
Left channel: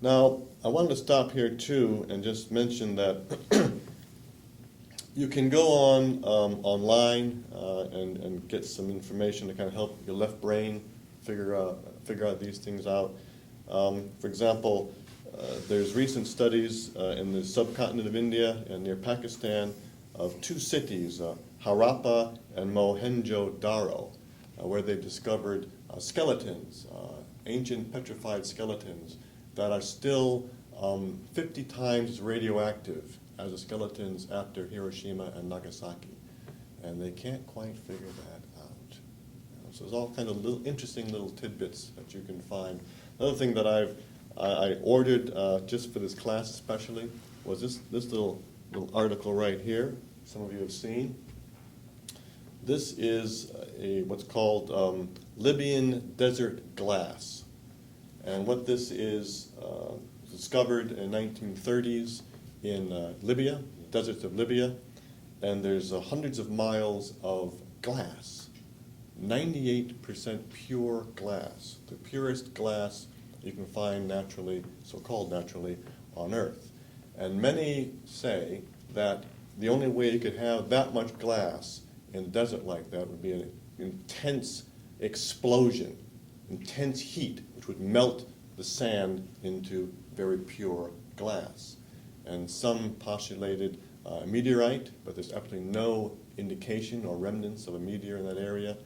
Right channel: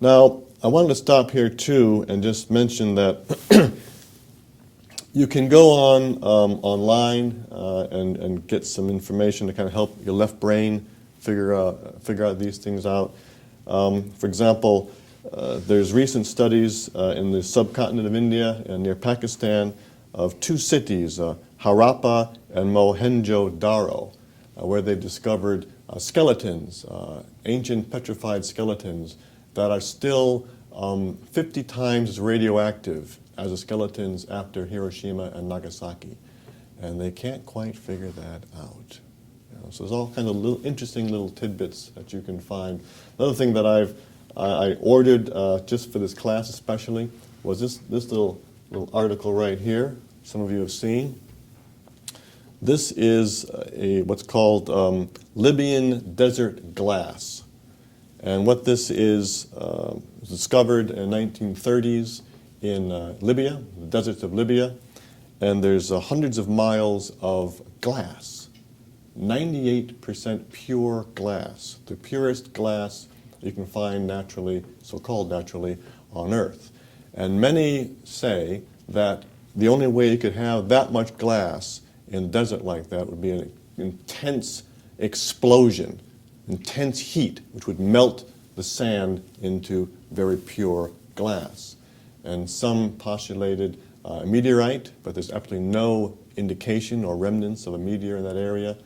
Now, I wanted to stop here too and just mention that you can go online and get some information to kind of help your left brain figure out these things out. For example, there's recent studies in the subcontinent of India and near Pakistan of two cities, Harappa and Mohenjo-Daro, where they discovered skeletons, ancient petrified skeletons that are still 50 times as radioactive as the skeletons after Hiroshima and Nagasaki. And they can't quite figure that out. So there's all kind of interesting little tidbits that you can find. Another thing that I ordered just for this class especially was this little article right here. Some of you have seen. This is what's called Libyan desert glass. And what this is discovered in the 1930s in Libya, the deserts of Libya, and there's hundreds of miles of glass, 98% pure glass, the purest glass you can find naturally, so-called naturally, on Earth. And many say that the only way you could have that much glass in a desert like that would be an intense explosion, intense heat, which would melt the sand into very pure glass. And some postulated a meteorite, but there's absolutely no indication or remnants of a meteor in that area.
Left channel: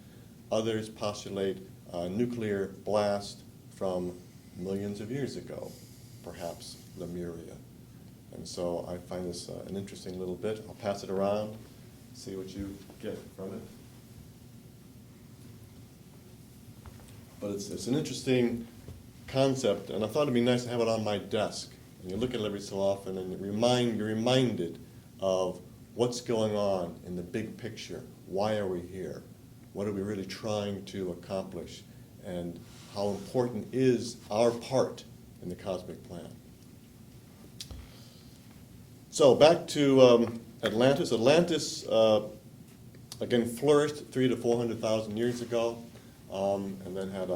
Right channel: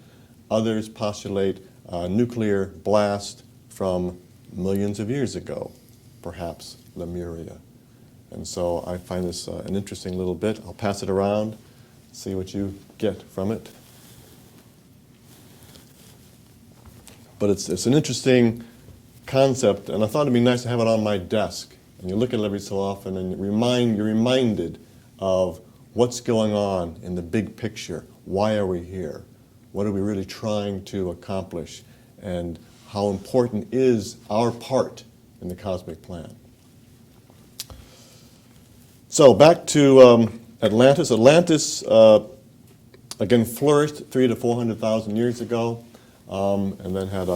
Others postulate a nuclear blast from millions of years ago, perhaps Lemuria. And so I find this an interesting little bit. I'll pass it around, see what you get from it. But it's an interesting concept, and I thought it'd be nice to have it on my desk. And you look at it every so often, and you're reminded of what's going on in the big picture. Why are we here? What are we really trying to accomplish? And how important is our part in the cosmic plan? So back to Atlantis. Atlantis, again, flourished 300,000 to 400,000 years ago, and then had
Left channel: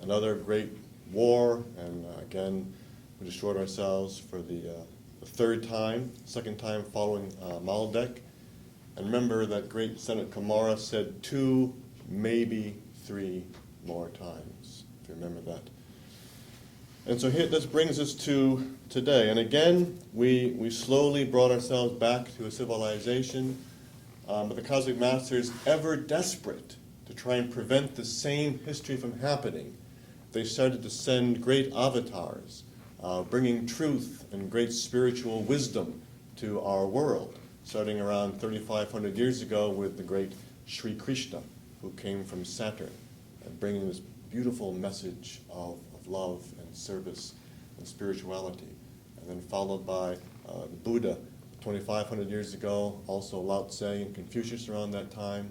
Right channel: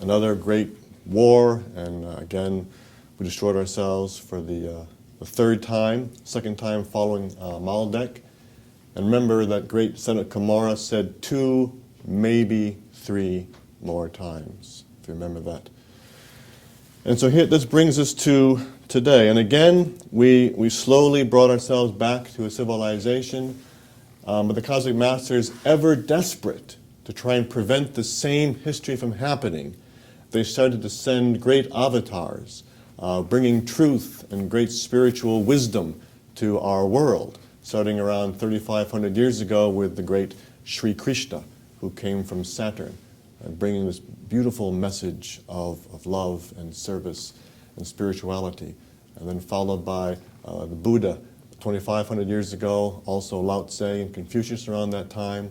another great war, and again, we destroyed ourselves for the third time, second time following Maldek. And remember that great Sanat Kumara said 2, maybe 3 more times, if you remember that. And so here, this brings us to today. And again, we slowly brought ourselves back to a civilization, but the Cosmic Masters, ever desperate to try and prevent the same history from happening, they started to send great avatars, bringing truth and great spiritual wisdom to our world. starting around 3,500 years ago with the great Sri Krishna, who came from Saturn, bringing this beautiful message of love and service and spirituality. And then followed by the Buddha 2,500 years ago, also Lao Tse and Confucius around that time.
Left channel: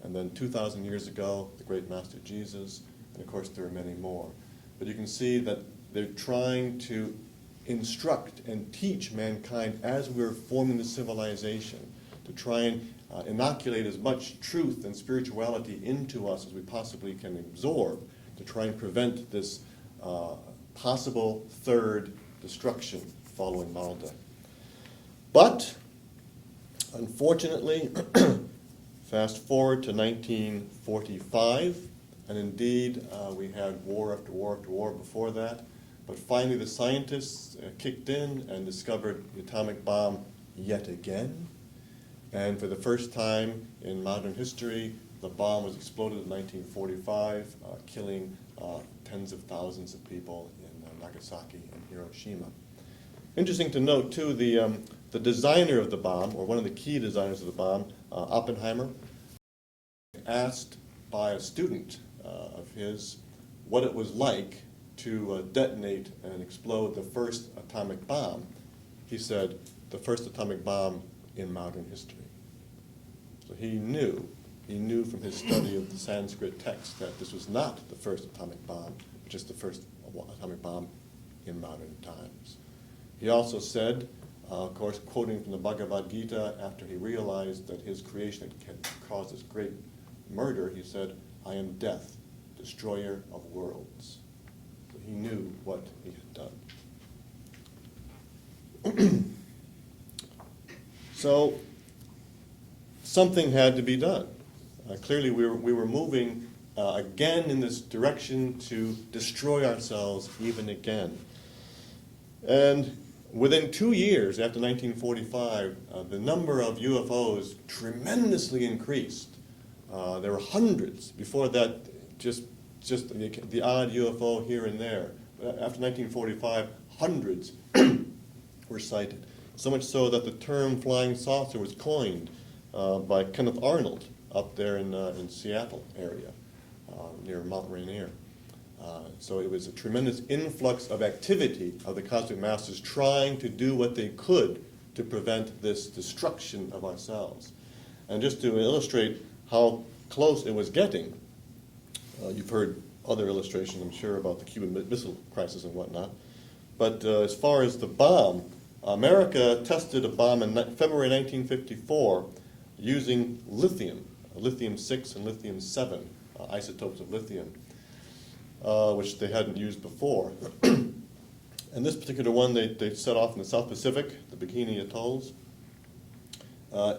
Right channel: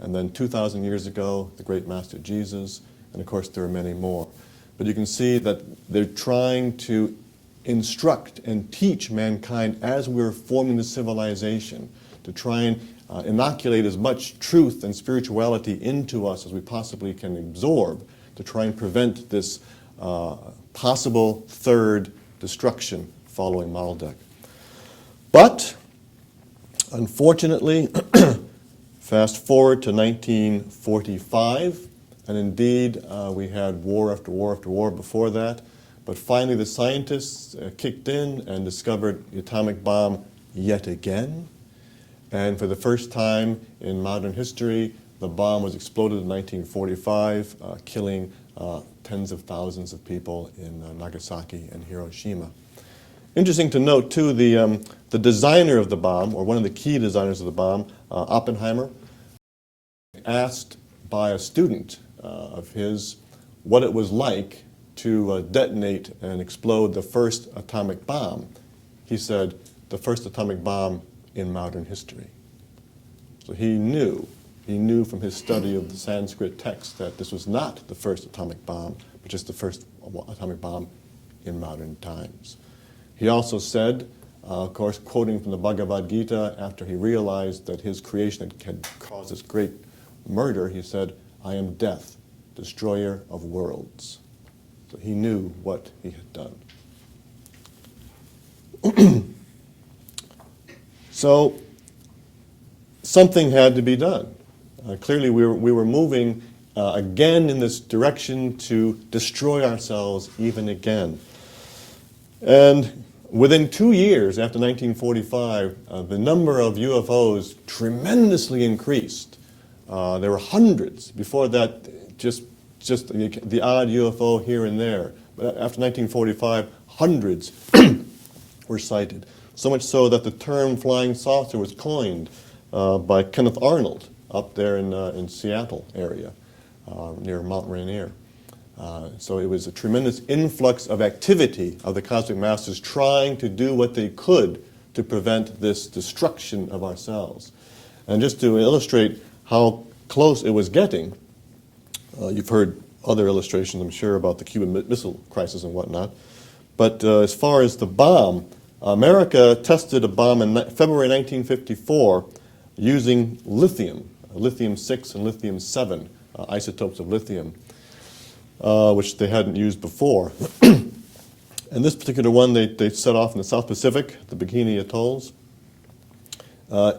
And then 2,000 years ago, the great Master Jesus. And of course, there are many more. But you can see that they're trying to instruct and teach mankind as we're forming the civilization, to try and inoculate as much truth and spirituality into us as we possibly can absorb, to try and prevent this possible third destruction following Maldek. But, unfortunately, fast forward to 1945, and indeed we had war after war after war before that, but finally the scientists kicked in and discovered the atomic bomb yet again. And for the first time in modern history, the bomb was exploded in 1945, killing tens of thousands of people in Nagasaki and Hiroshima. Interesting to note, too, the designer of the bomb, or one of the key designers of the bomb, Oppenheimer, asked by a student of his what it was like to detonate and explode the first atomic bomb. He said, the first atomic bomb in modern history. So he knew from his study of the Sanskrit text that this was not the first atomic bomb, but just the first atomic bomb in modern times. He also said, of course, quoting from the Bhagavad Gita, after he realized that his creation had caused this great murder, he said, I am death, destroyer of worlds. So he knew what he had done. So something had to be done. Clearly we were moving again in this direction to destroy ourselves even again. And within 2 years after 1945, the number of UFOs tremendously increased. There were hundreds. Before that, just the odd UFO here and there. But after 1945, hundreds were sighted. So much so that the term flying saucer was coined by Kenneth Arnold up there in Seattle area, near Mount Rainier. So it was a tremendous influx of activity of the cosmic masters trying to do what they could to prevent this destruction of ourselves. And just to illustrate how close it was getting, you've heard other illustrations, I'm sure, about the Cuban Missile Crisis and whatnot. But as far as the bomb, America tested a bomb in February 1954 using lithium, lithium-6 and lithium-7 isotopes of lithium, which they hadn't used before. And this particular one they set off in the South Pacific, the Bikini Atolls.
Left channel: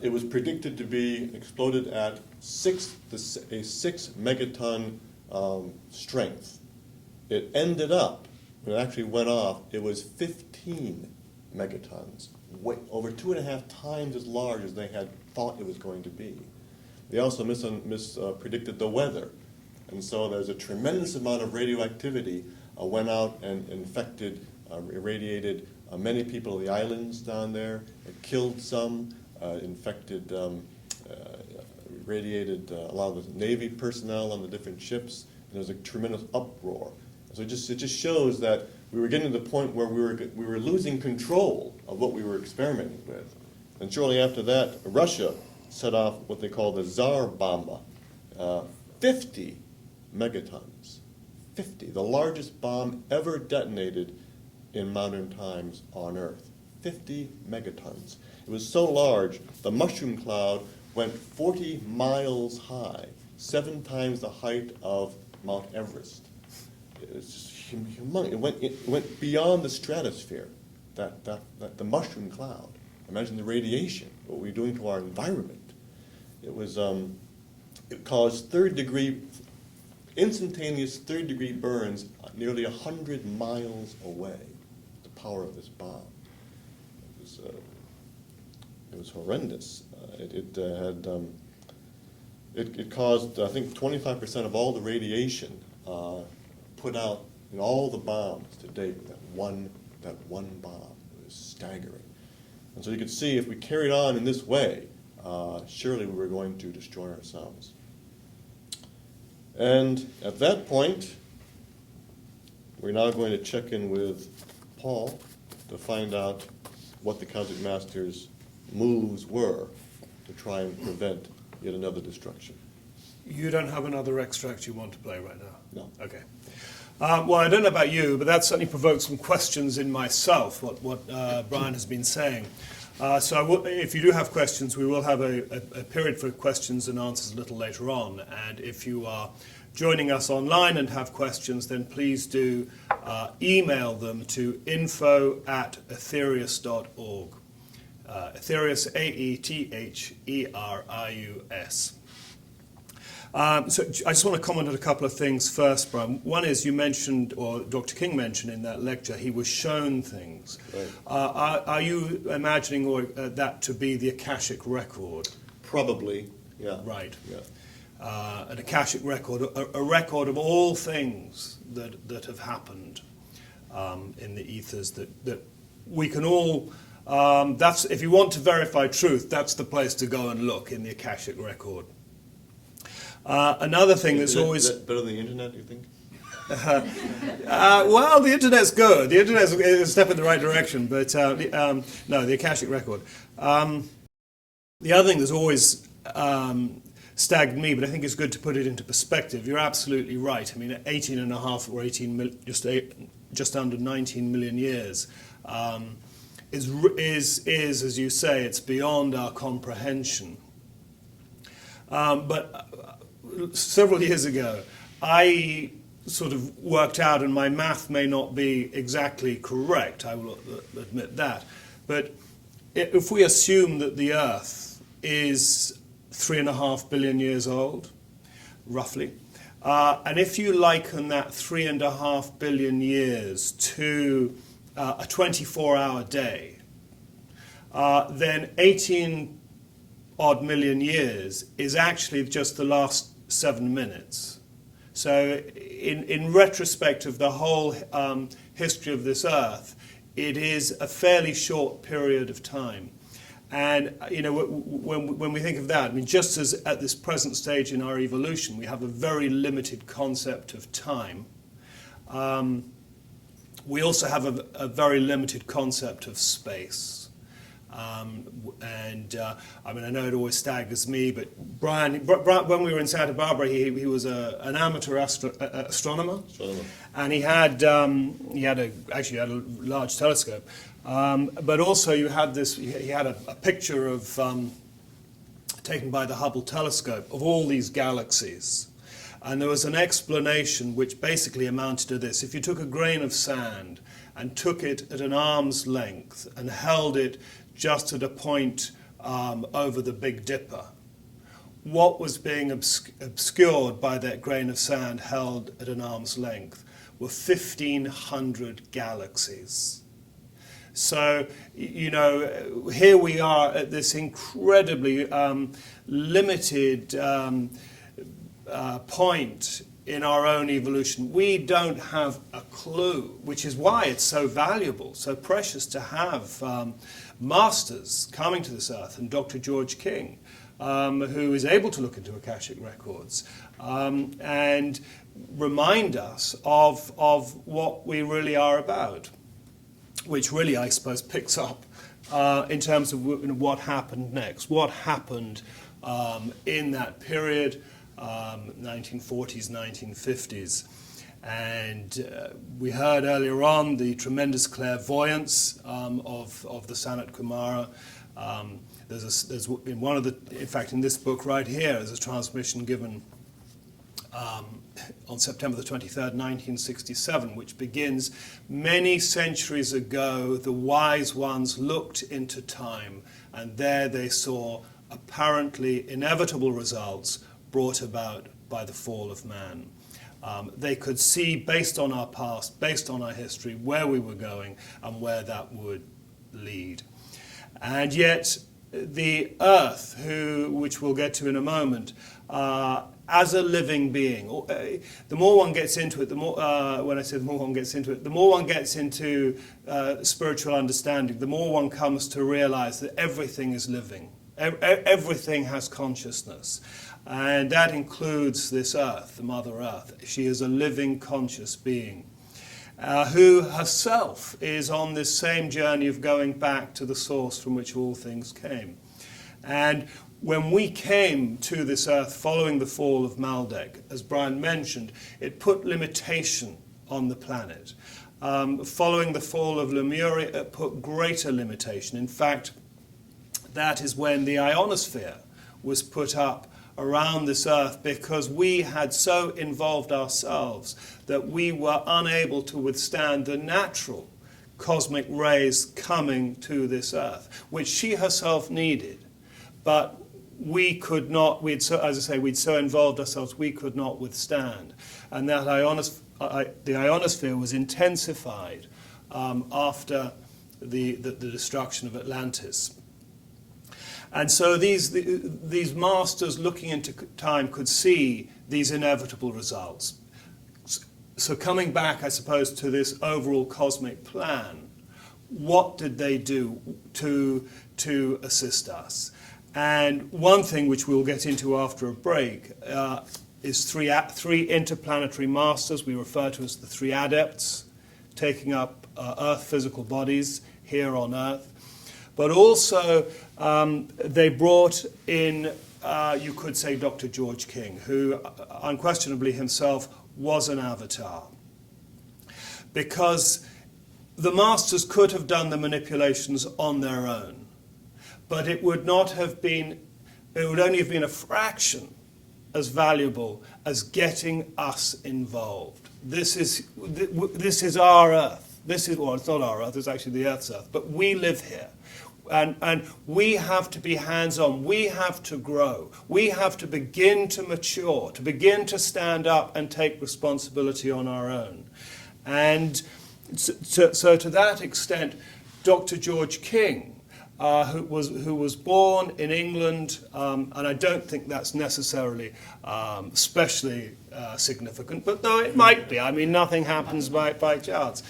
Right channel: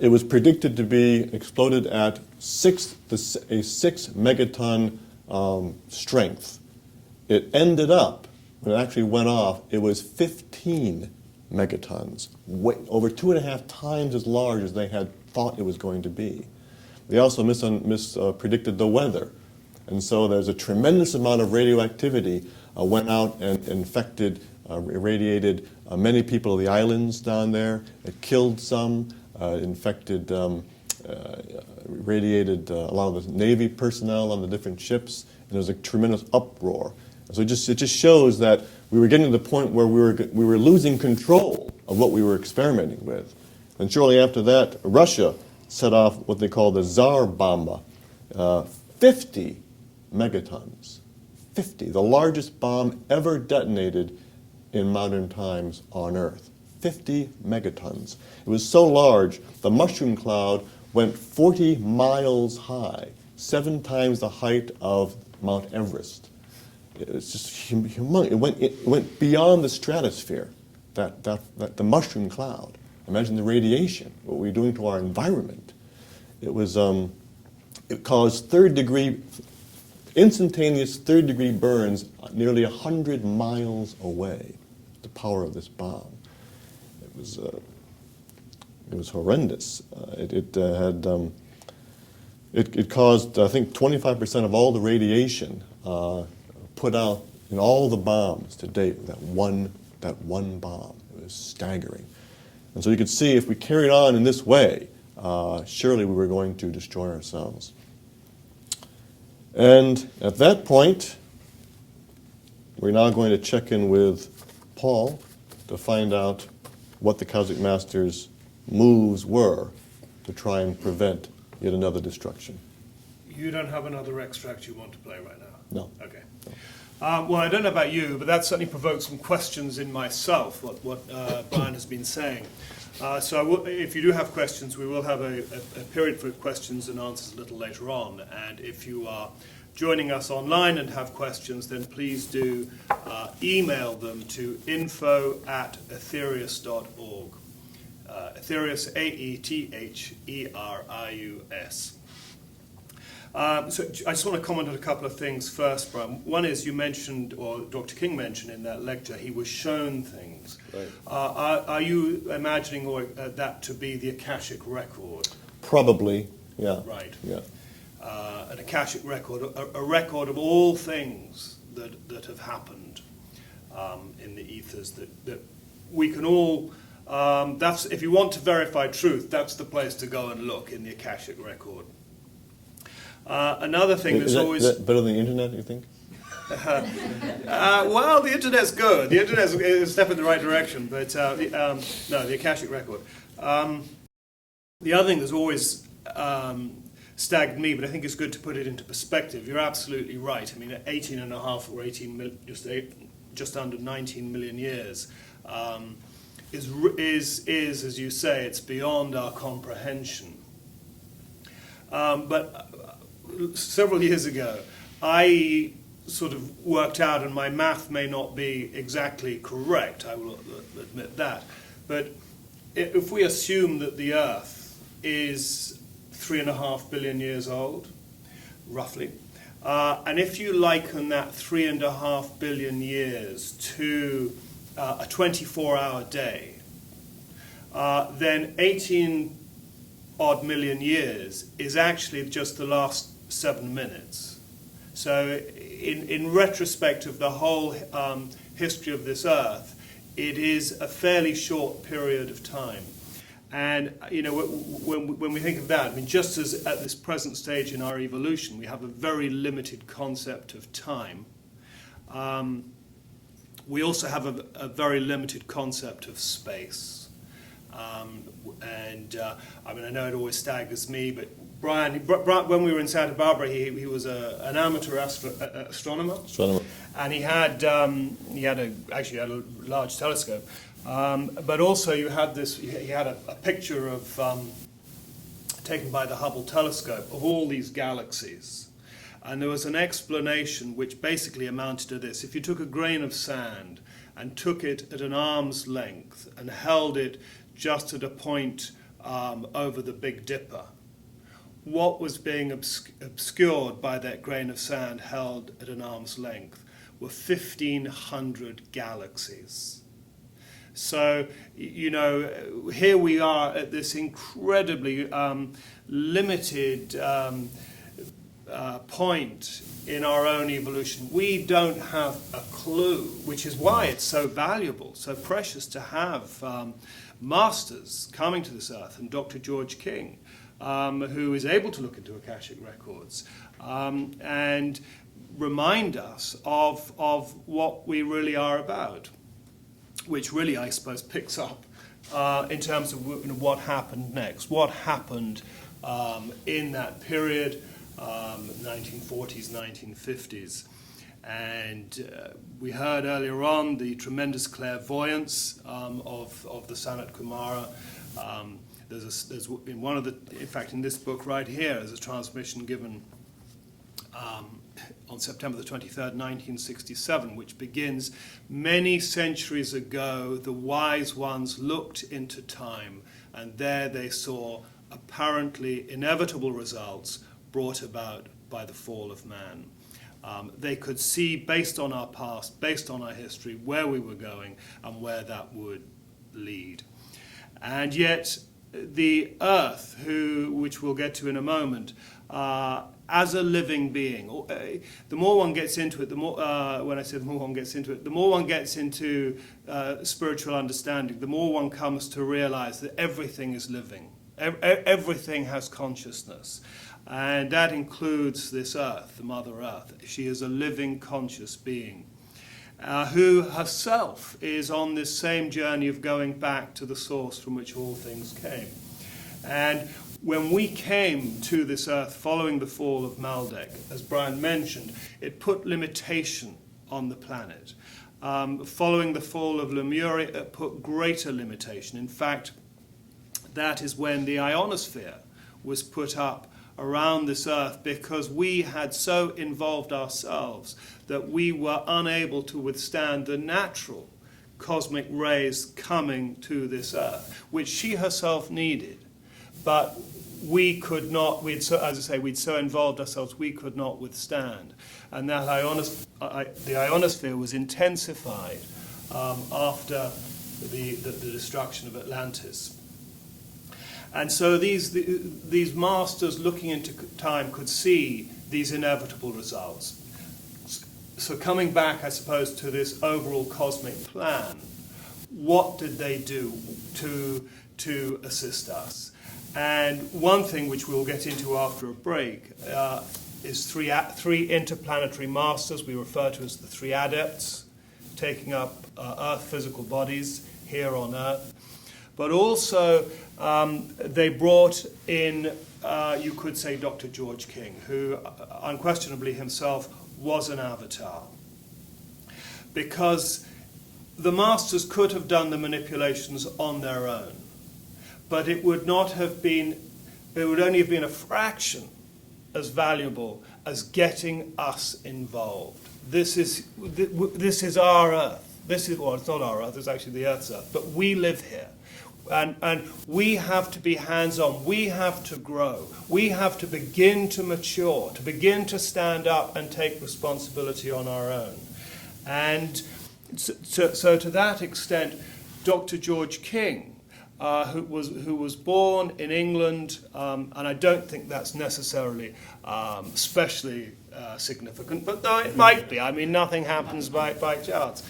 It was predicted to be exploded at a 6 megaton strength. It ended up, when it actually went off, it was 15 megatons, over 2.5 times as large as they had thought it was going to be. They also mispredicted the weather. And so there's a tremendous amount of radioactivity went out and infected, irradiated many people of the islands down there. It killed some, infected, radiated a lot of the Navy personnel on the different ships, and there was a tremendous uproar. So it just shows that we were getting to the point where we were losing control of what we were experimenting with. And shortly after that, Russia set off what they call the Tsar Bomba, 50 megatons. 50, the largest bomb ever detonated in modern times on Earth. 50 megatons. It was so large, the mushroom cloud went 40 miles high, 7 times the height of Mount Everest. It was just humongous. It went beyond the stratosphere, the mushroom cloud. Imagine the radiation, what we're doing to our environment. It was, it caused instantaneous third-degree burns nearly 100 miles away. The power of this bomb. It was horrendous. It caused, I think, 25% of all the radiation put out in all the bombs to date. That one bomb. It was staggering. And so you could see if we carried on in this way, surely we were going to destroy ourselves. And at that point, we're now going to check in with Paul to find out what the Cosmic Master's moves were to try and prevent yet another destruction. You don't have another extract you want to play right now? No. Okay. Well, I don't know about you, but that certainly provoked some questions in myself, what Brian has been saying. So if you do have questions, we will have a period for questions and answers a little later on. And if you are joining us online and have questions, then please do email them to info@aetherius.org. Aetherius, Aetherius. So I just want to comment on a couple of things first, Brian. One is you mentioned, or Dr. King mentioned in that lecture, he was shown things. Right. Are you imagining that to be the Akashic record? Probably, yeah. Right. Yeah. An Akashic record, a record of all things that have happened in the ethers that we can all. That's, if you want to verify truth, that's the place to go and look, in the Akashic record. Another thing Is that's always better than the internet, you think? well, the internet's good. The internet's a step in the right direction, but no, the Akashic record. The other thing that's always staggered me, but I think it's good to put it into perspective. You're absolutely right. I mean, 18 and a half or 18, just under 19 million years is, as you say, it's beyond our comprehension. But several years ago, I sort of worked out, and my math may not be exactly correct, I will admit that, but if we assume that the Earth is 3.5 billion years old, roughly, and if you liken that 3.5 billion years to a 24-hour day, then 18 odd million years is actually just the last 7 minutes. So in retrospect of the whole history of this Earth, it is a fairly short period of time. And you know, when we think of that, I mean, just as at this present stage in our evolution, we have a very limited concept of time, we also have a very limited concept of space. I mean, I know it always staggers me, but Brian, when we were in Santa Barbara, he was an amateur astronomer, and he had actually had a large telescope. But also, he had a picture of taken by the Hubble telescope of all these galaxies, and there was an explanation which basically amounted to this: if you took a grain of sand and took it at an arm's length and held it just at a point over the Big Dipper, what was being obscured by that grain of sand held at an arm's length were 1,500 galaxies. So, you know, here we are at this incredibly limited point in our own evolution. We don't have a clue, which is why it's so valuable, so precious to have masters coming to this earth, and Dr. George King, who is able to look into Akashic records and remind us of what we really are about, which really, I suppose, picks up in terms of what happened next, what happened in that period, 1940s, 1950s. And we heard earlier on the tremendous clairvoyance of the Sanat Kumara. There's in one of the, in fact, in this book right here, there's a transmission given on September the 23rd, 1967, which begins, "Many centuries ago, the wise ones looked into time, and there they saw apparently inevitable results brought about by the fall of man. They could see, based on our past, based on our history, where we were going and where that would lead." And yet, the Earth, which we'll get to in a moment, as a living being. The more one gets into it, the more, when I say the more one gets into it, the more one gets into spiritual understanding, the more one comes to realize that everything is living. Everything has consciousness. And that includes this Earth, the Mother Earth. She is a living, conscious being. Who herself is on this same journey of going back to the source from which all things came. And when we came to this Earth following the fall of Maldek, as Brian mentioned, it put limitation on the planet. Following the fall of Lemuria, it put greater limitation. In fact, that is when the ionosphere was put up around this Earth, because we had so involved ourselves that we were unable to withstand the natural cosmic rays coming to this Earth, which she herself needed. But we could not, we'd so involved ourselves, we could not withstand. And that the ionosphere was intensified after the destruction of Atlantis. And so these masters looking into time could see these inevitable results. So coming back, I suppose, to this overall cosmic plan, what did they do to assist us? And one thing which we'll get into after a break is three interplanetary masters we refer to as the three adepts, taking up Earth physical bodies here on Earth. But also they brought in, you could say, Dr. George King, who unquestionably himself was an avatar. Because the masters could have done the manipulations on their own, but it would only have been a fraction as valuable as getting us involved. This is our Earth. Well, it's not our Earth, it's actually the Earth's Earth, but we live here. And we have to be hands-on. We have to grow. We have to begin to mature, to begin to stand up and take responsibility on our own. And so to that extent, Dr. George King, who was born in England, and I don't think that's necessarily especially significant, but though it might be. I mean, nothing happens by chance.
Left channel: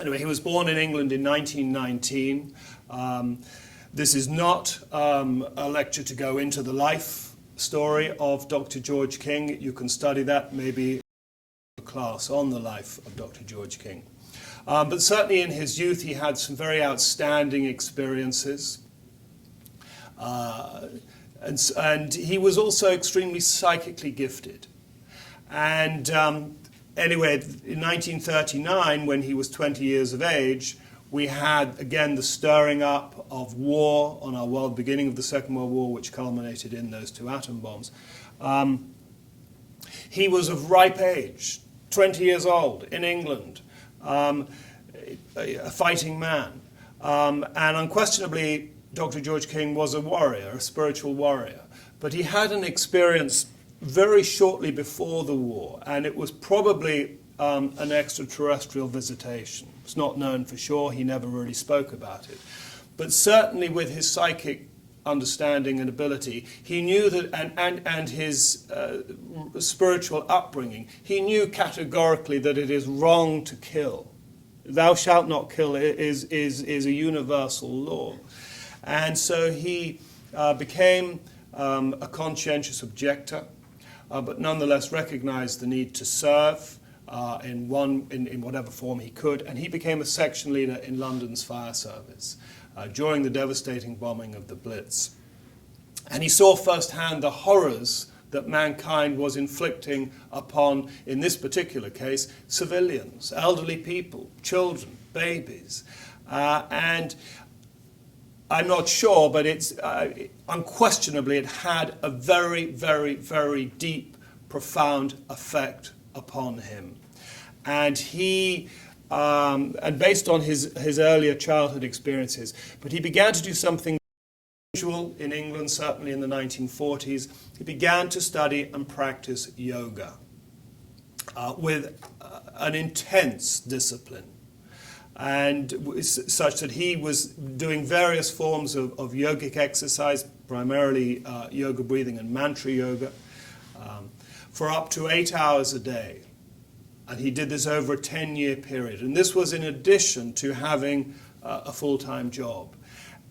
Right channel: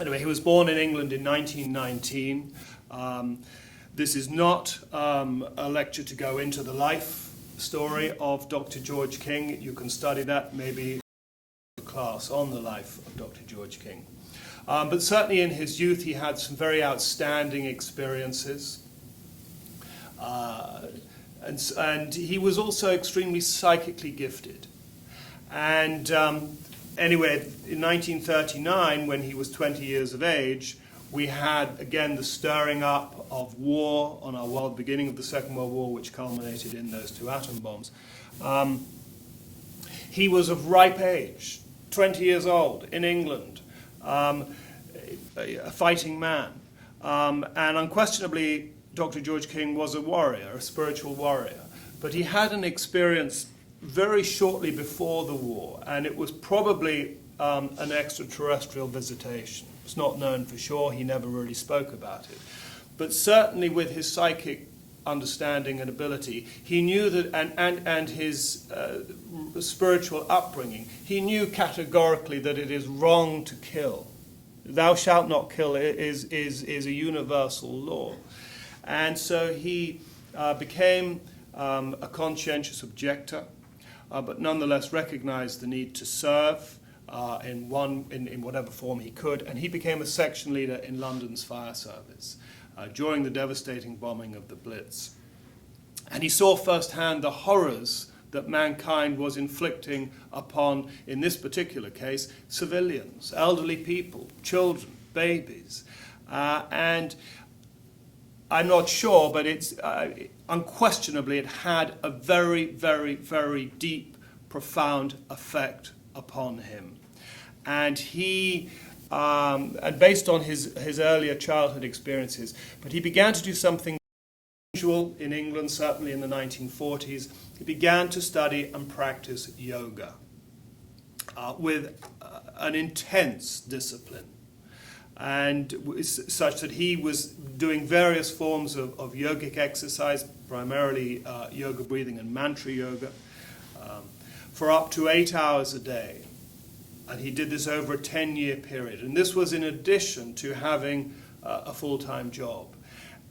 Anyway, he was born in England in 1919. This is not a lecture to go into the life story of Dr. George King. You can study that maybe in a class on the life of Dr. George King. But certainly in his youth he had some very outstanding experiences. And he was also extremely psychically gifted. And anyway, in 1939, when he was 20 years of age, we had, again, the stirring up of war on our world, beginning of the Second World War, which culminated in those two atom bombs. He was of ripe age, 20 years old, in England, a fighting man. And unquestionably, Dr. George King was a warrior, a spiritual warrior. But he had an experience very shortly before the war, and it was probably an extraterrestrial visitation. It's not known for sure. He never really spoke about it. But certainly with his psychic understanding and ability, he knew that, and his spiritual upbringing, he knew categorically that it is wrong to kill. Thou shalt not kill is a universal law. And so he became a conscientious objector, but nonetheless recognized the need to serve in whatever form he could, and he became a section leader in London's fire service during the devastating bombing of the Blitz. And he saw firsthand the horrors that mankind was inflicting upon, in this particular case, civilians, elderly people, children, babies. And I'm not sure, but it's unquestionably it had a very, very, very deep, profound effect upon him. And he, and based on his earlier childhood experiences, but he began to do something unusual in England, certainly in the 1940s. He began to study and practice yoga with an intense discipline. and such that he was doing various forms of yogic exercise, primarily yoga breathing and mantra yoga, for up to 8 hours a day. And he did this over a 10-year period. And this was in addition to having a full-time job.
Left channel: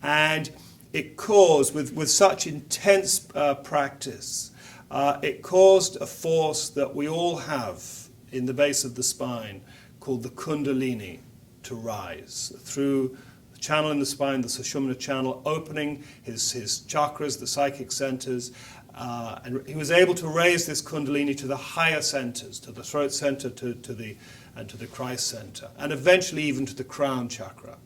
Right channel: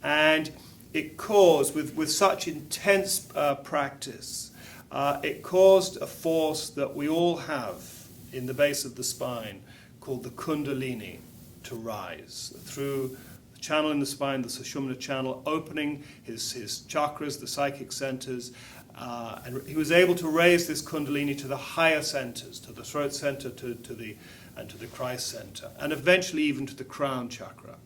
And it caused, with such intense practice, it caused a force that we all have in the base of the spine called the Kundalini to rise through the channel in the spine, the Sushumna channel, opening his chakras, the psychic centers, and he was able to raise this Kundalini to the higher centers, to the throat center, to the Christ center, and eventually even to the crown chakra.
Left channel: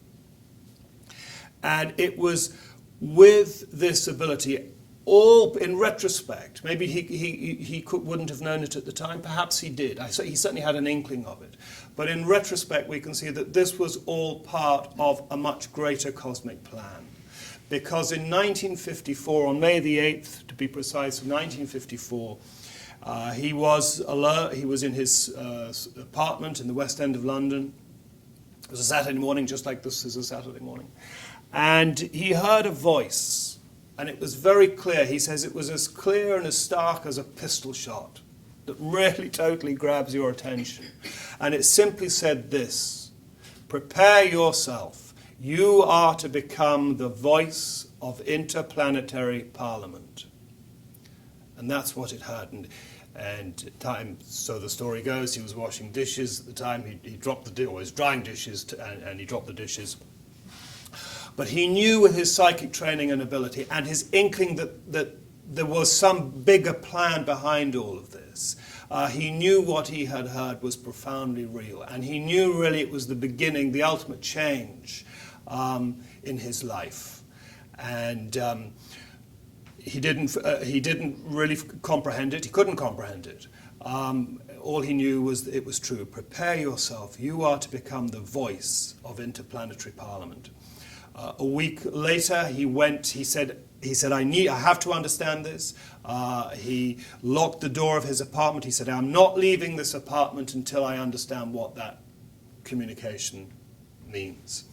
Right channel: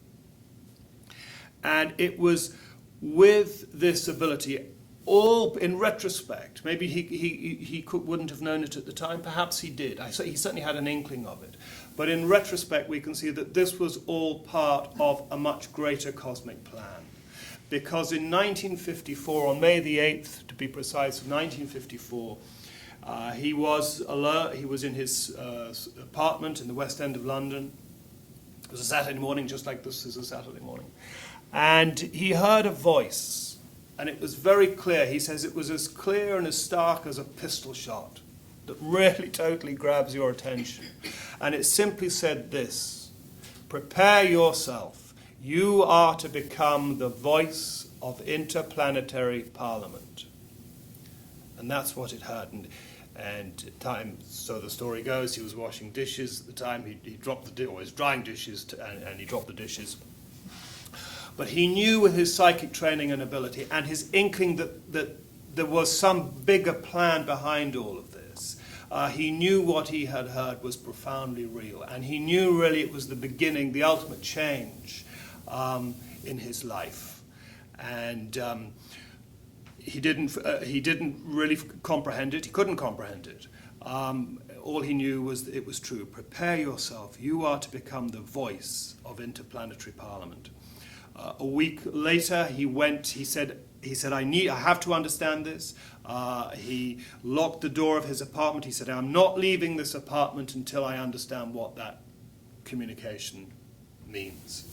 And it was with this ability, all in retrospect, maybe he wouldn't have known it at the time, perhaps he did. He certainly had an inkling of it. But in retrospect, we can see that this was all part of a much greater cosmic plan. Because in 1954, on May the 8th, to be precise, 1954, he was alert. He was in his apartment in the West End of London. It was a Saturday morning, just like this is a Saturday morning. And he heard a voice, and it was very clear. He says it was as clear and as stark as a pistol shot that really totally grabs your attention. And it simply said this: prepare yourself. You are to become the voice of interplanetary parliament. And that's what it had. And time, so the story goes, he was washing dishes at the time. He dropped the dish, or he was drying dishes, and he dropped the dishes. But he knew with his psychic training and ability and his inkling that there was some bigger plan behind all of this. He knew what he had heard was profoundly real. And he knew really it was the beginning, the ultimate change in his life. And he didn't really comprehend it. He couldn't comprehend it. All he knew was that it was true. Prepare yourself. You are to become the voice of interplanetary parliament. A week later, he said, I have to understand this. He locked the door of his apartment. He said, I'm not leaving this apartment until I understand what that communication means.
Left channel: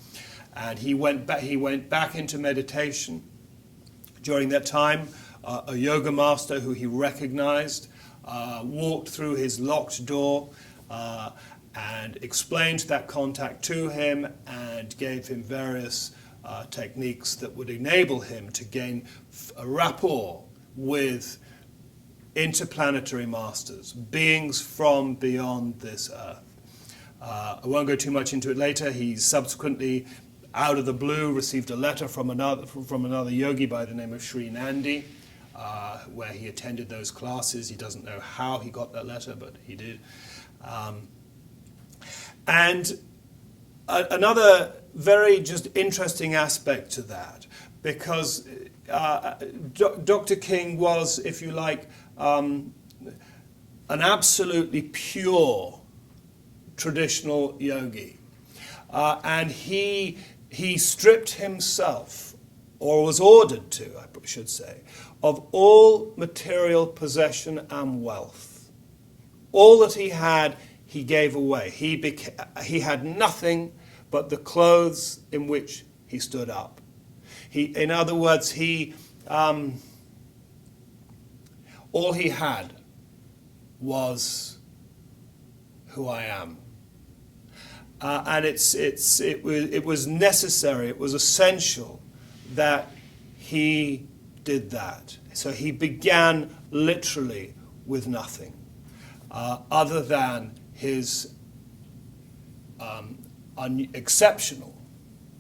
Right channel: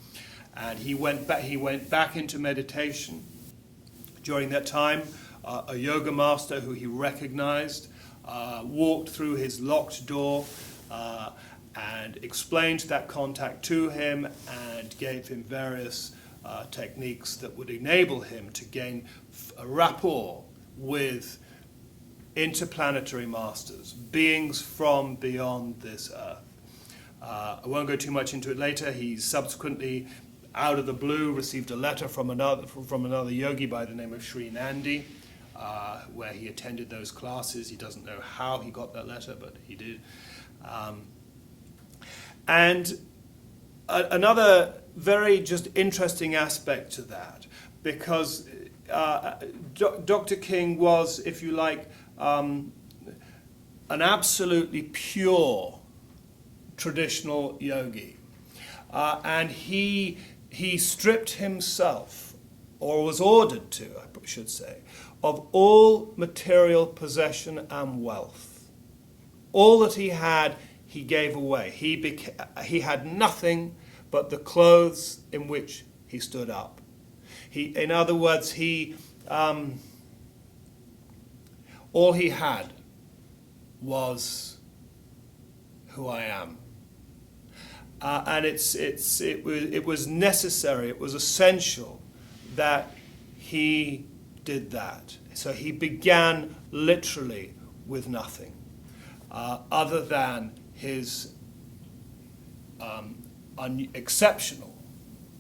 And he went back into meditation. During that time, a yoga master who he recognized walked through his locked door and explained that contact to him and gave him various techniques that would enable him to gain a rapport with interplanetary masters, beings from beyond this earth. I won't go too much into it later. He subsequently, out of the blue, received a letter from another yogi by the name of Sri Nandi, where he attended those classes. He doesn't know how he got that letter, but he did. And another very just interesting aspect to that, because Dr. King was, if you like, an absolutely pure traditional yogi. And he stripped himself, or was ordered to, I should say, of all material possession and wealth. All that he had, he gave away. He had nothing but the clothes in which he stood up. In other words, all he had was who I am. And it was necessary, it was essential that he did that. So he began literally with nothing, other than his exceptional,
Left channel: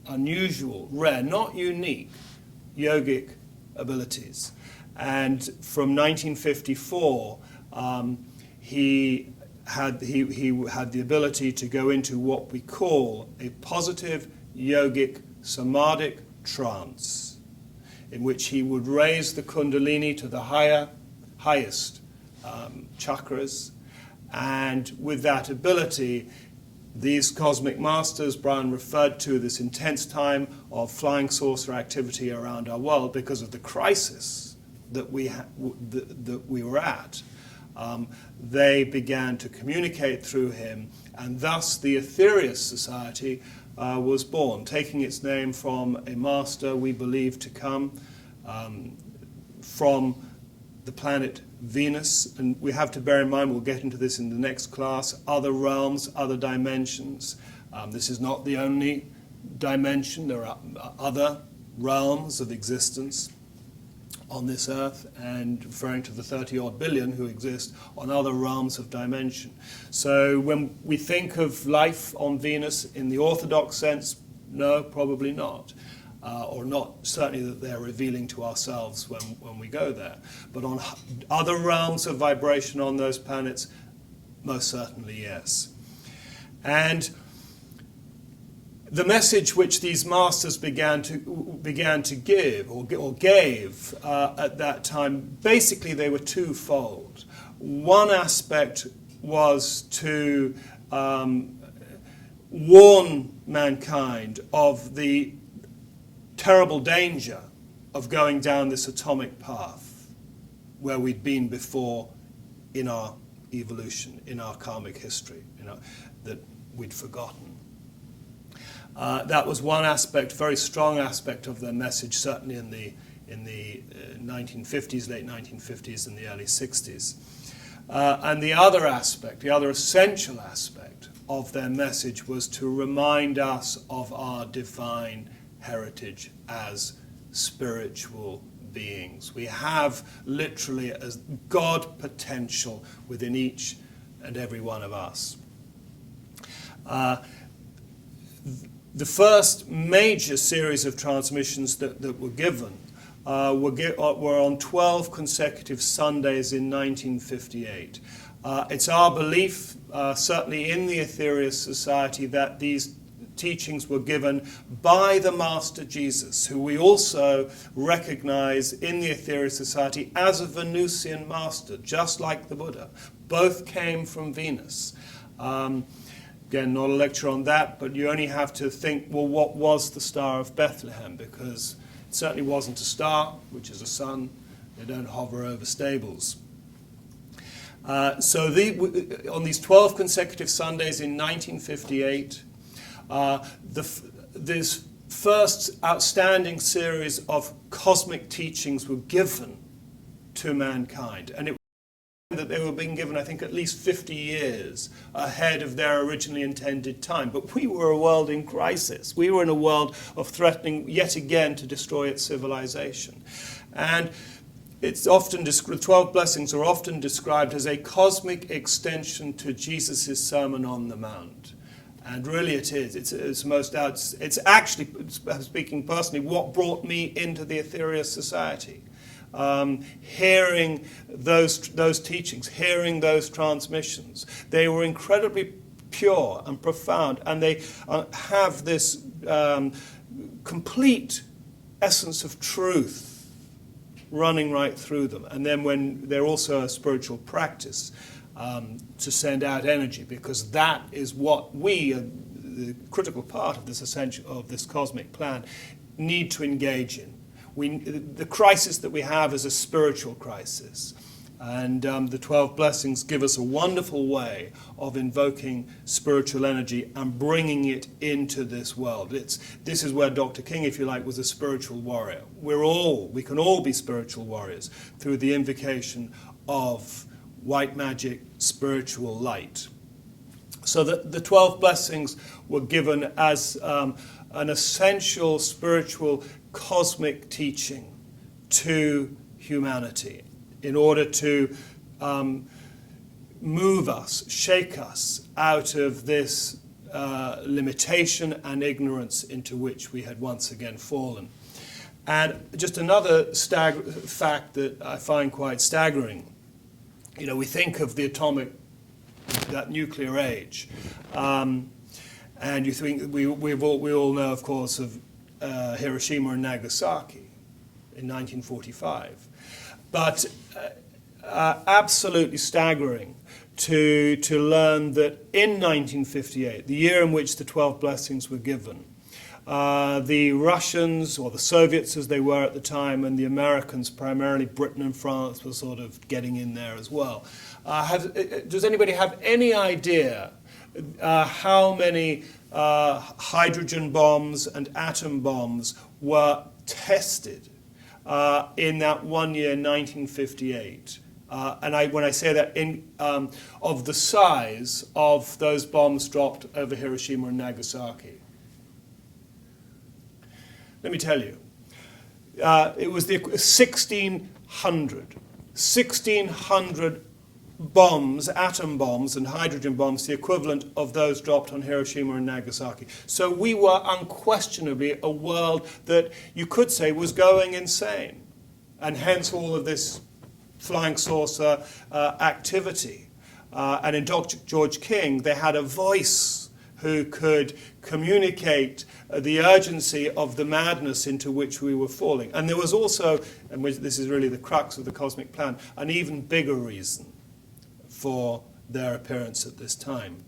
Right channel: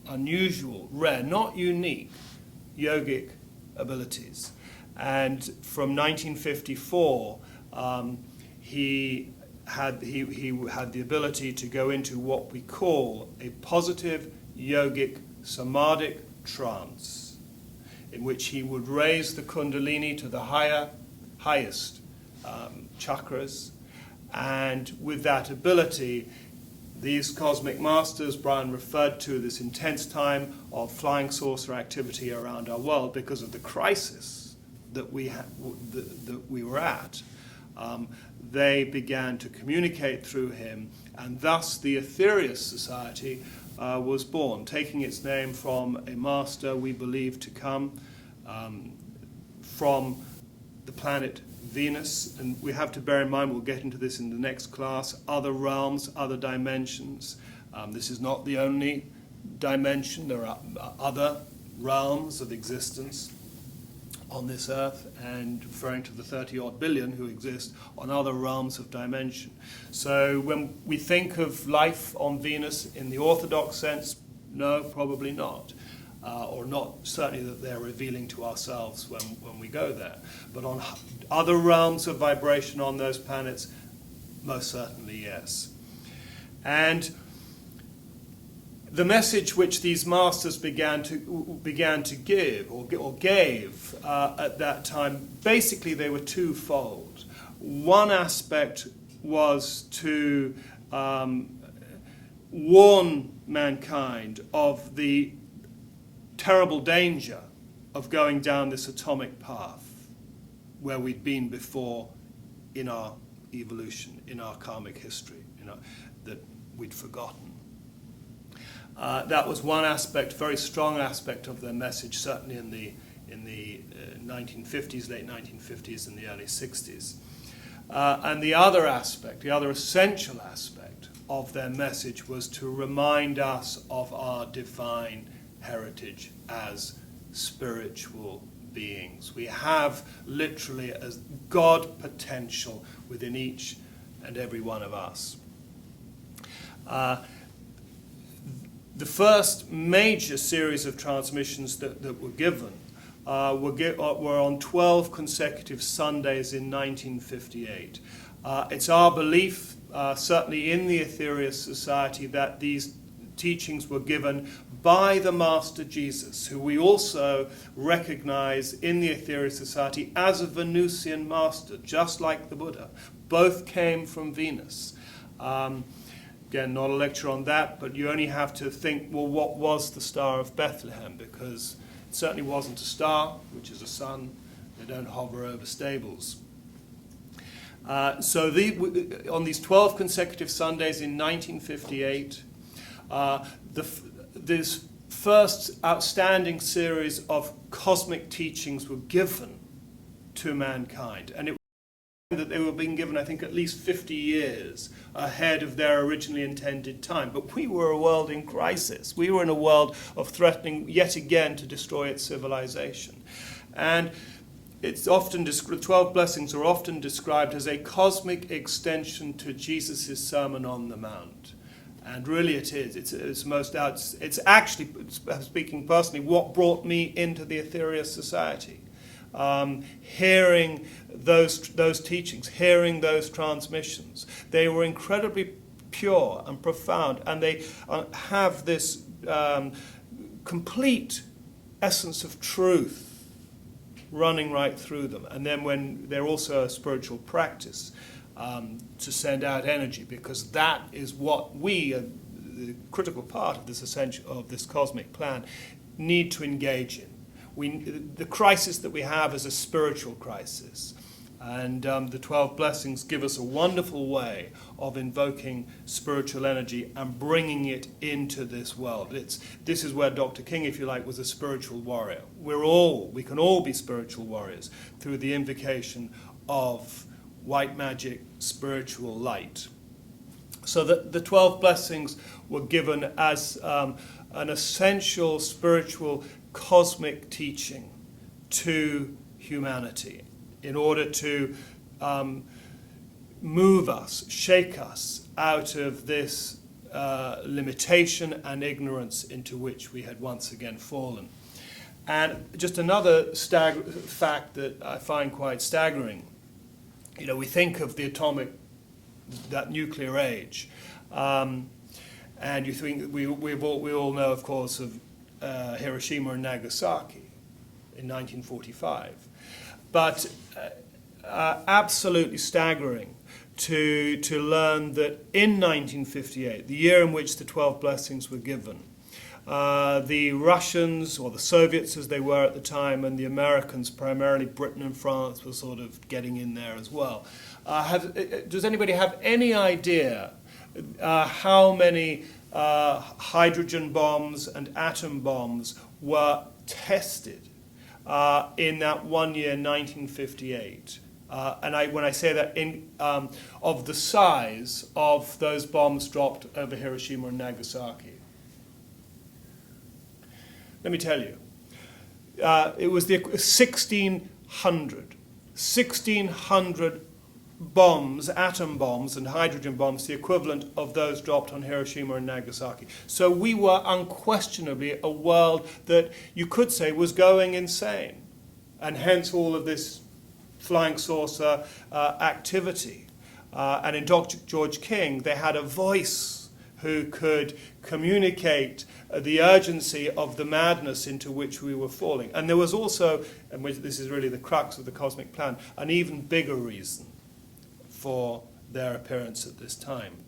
unusual, rare, not unique yogic abilities. And from 1954, he had the ability to go into what we call a positive yogic samadhic trance, in which he would raise the kundalini to the highest chakras, and with that ability, these cosmic masters, Brian referred to this intense time of flying saucer activity around our world because of the crisis that we were at. They began to communicate through him, and thus the Aetherius Society was born, taking its name from a master we believe to come from the planet Venus. And we have to bear in mind, we'll get into this in the next class, other realms, other dimensions. This is not the only dimension. There are other realms of existence on this earth, and referring to the 30-odd billion who exist on other realms of dimension. So when we think of life on Venus in the orthodox sense, no, probably not. Or not certainly that they're revealing to ourselves when we go there. But on other realms of vibration on those planets, most certainly yes. And the message which these masters began to give or gave at that time, basically they were twofold. One aspect was to warn mankind of the terrible danger of going down this atomic path where we'd been before in our evolution, in our karmic history, that we'd forgotten. That was one aspect, very strong aspect of their message, certainly in the 1950s, late 1950s and the early 60s. And the other aspect, the other essential aspect of their message was to remind us of our divine heritage as spiritual beings. We have literally a God potential within each and every one of us. The first major series of transmissions that were given were on 12 consecutive Sundays in 1958. It's our belief, certainly in the Aetherius Society, that these teachings were given by the Master Jesus, who we also recognize in the Aetherius Society as a Venusian master, just like the Buddha. Both came from Venus. Again, not a lecture on that, but you only have to think, well, what was the Star of Bethlehem? Because it certainly wasn't a star, which is a sun. They don't hover over stables. So on these 12 consecutive Sundays in 1958, this first outstanding series of cosmic teachings were given to mankind. And it that they were being given, I think, at least 50 years ahead of their originally intended time. But we were a world in crisis. We were in a world of threatening yet again to destroy its civilization. And it's often the 12 blessings are often described as a cosmic extension to Jesus' Sermon on the Mount. And really it is. It's actually, speaking personally, what brought me into the Aetherius Society. Hearing those teachings, hearing those transmissions. They were incredibly pure and profound, and they have this complete essence of truth running right through them. And then when they're also a spiritual practice to send out energy, because that is what we, the critical part of this cosmic plan, need to engage in. The crisis that we have is a spiritual crisis. And the 12 blessings give us a wonderful way of invoking spiritual energy and bringing it into this world. This is where Dr. King, if you like, was a spiritual warrior. We can all be spiritual warriors through the invocation of white magic, spiritual light. So the 12 blessings were given as an essential spiritual cosmic teaching to humanity in order to move us, shake us out of this limitation and ignorance into which we had once again fallen. And just another fact that I find quite staggering, we think of that nuclear age, and you think we all know, of course, of Hiroshima and Nagasaki in 1945. But absolutely staggering to learn that in 1958, the year in which the 12 blessings were given, the Russians, or the Soviets as they were at the time, and the Americans, primarily Britain and France, were sort of getting in there as well. Does anybody have any idea how many hydrogen bombs and atom bombs were tested in that 1 year, 1958. When I say that, of the size of those bombs dropped over Hiroshima and Nagasaki. Let me tell you, it was the 1,600 bombs, atom bombs and hydrogen bombs, the equivalent of those dropped on Hiroshima and Nagasaki. So we were unquestionably a world that you could say was going insane, and hence all of this flying saucer activity. And in Dr. George King, they had a voice who could communicate the urgency of the madness into which we were falling. And there was also, and this is really the crux of the cosmic plan, an even bigger reason for their appearance at this time.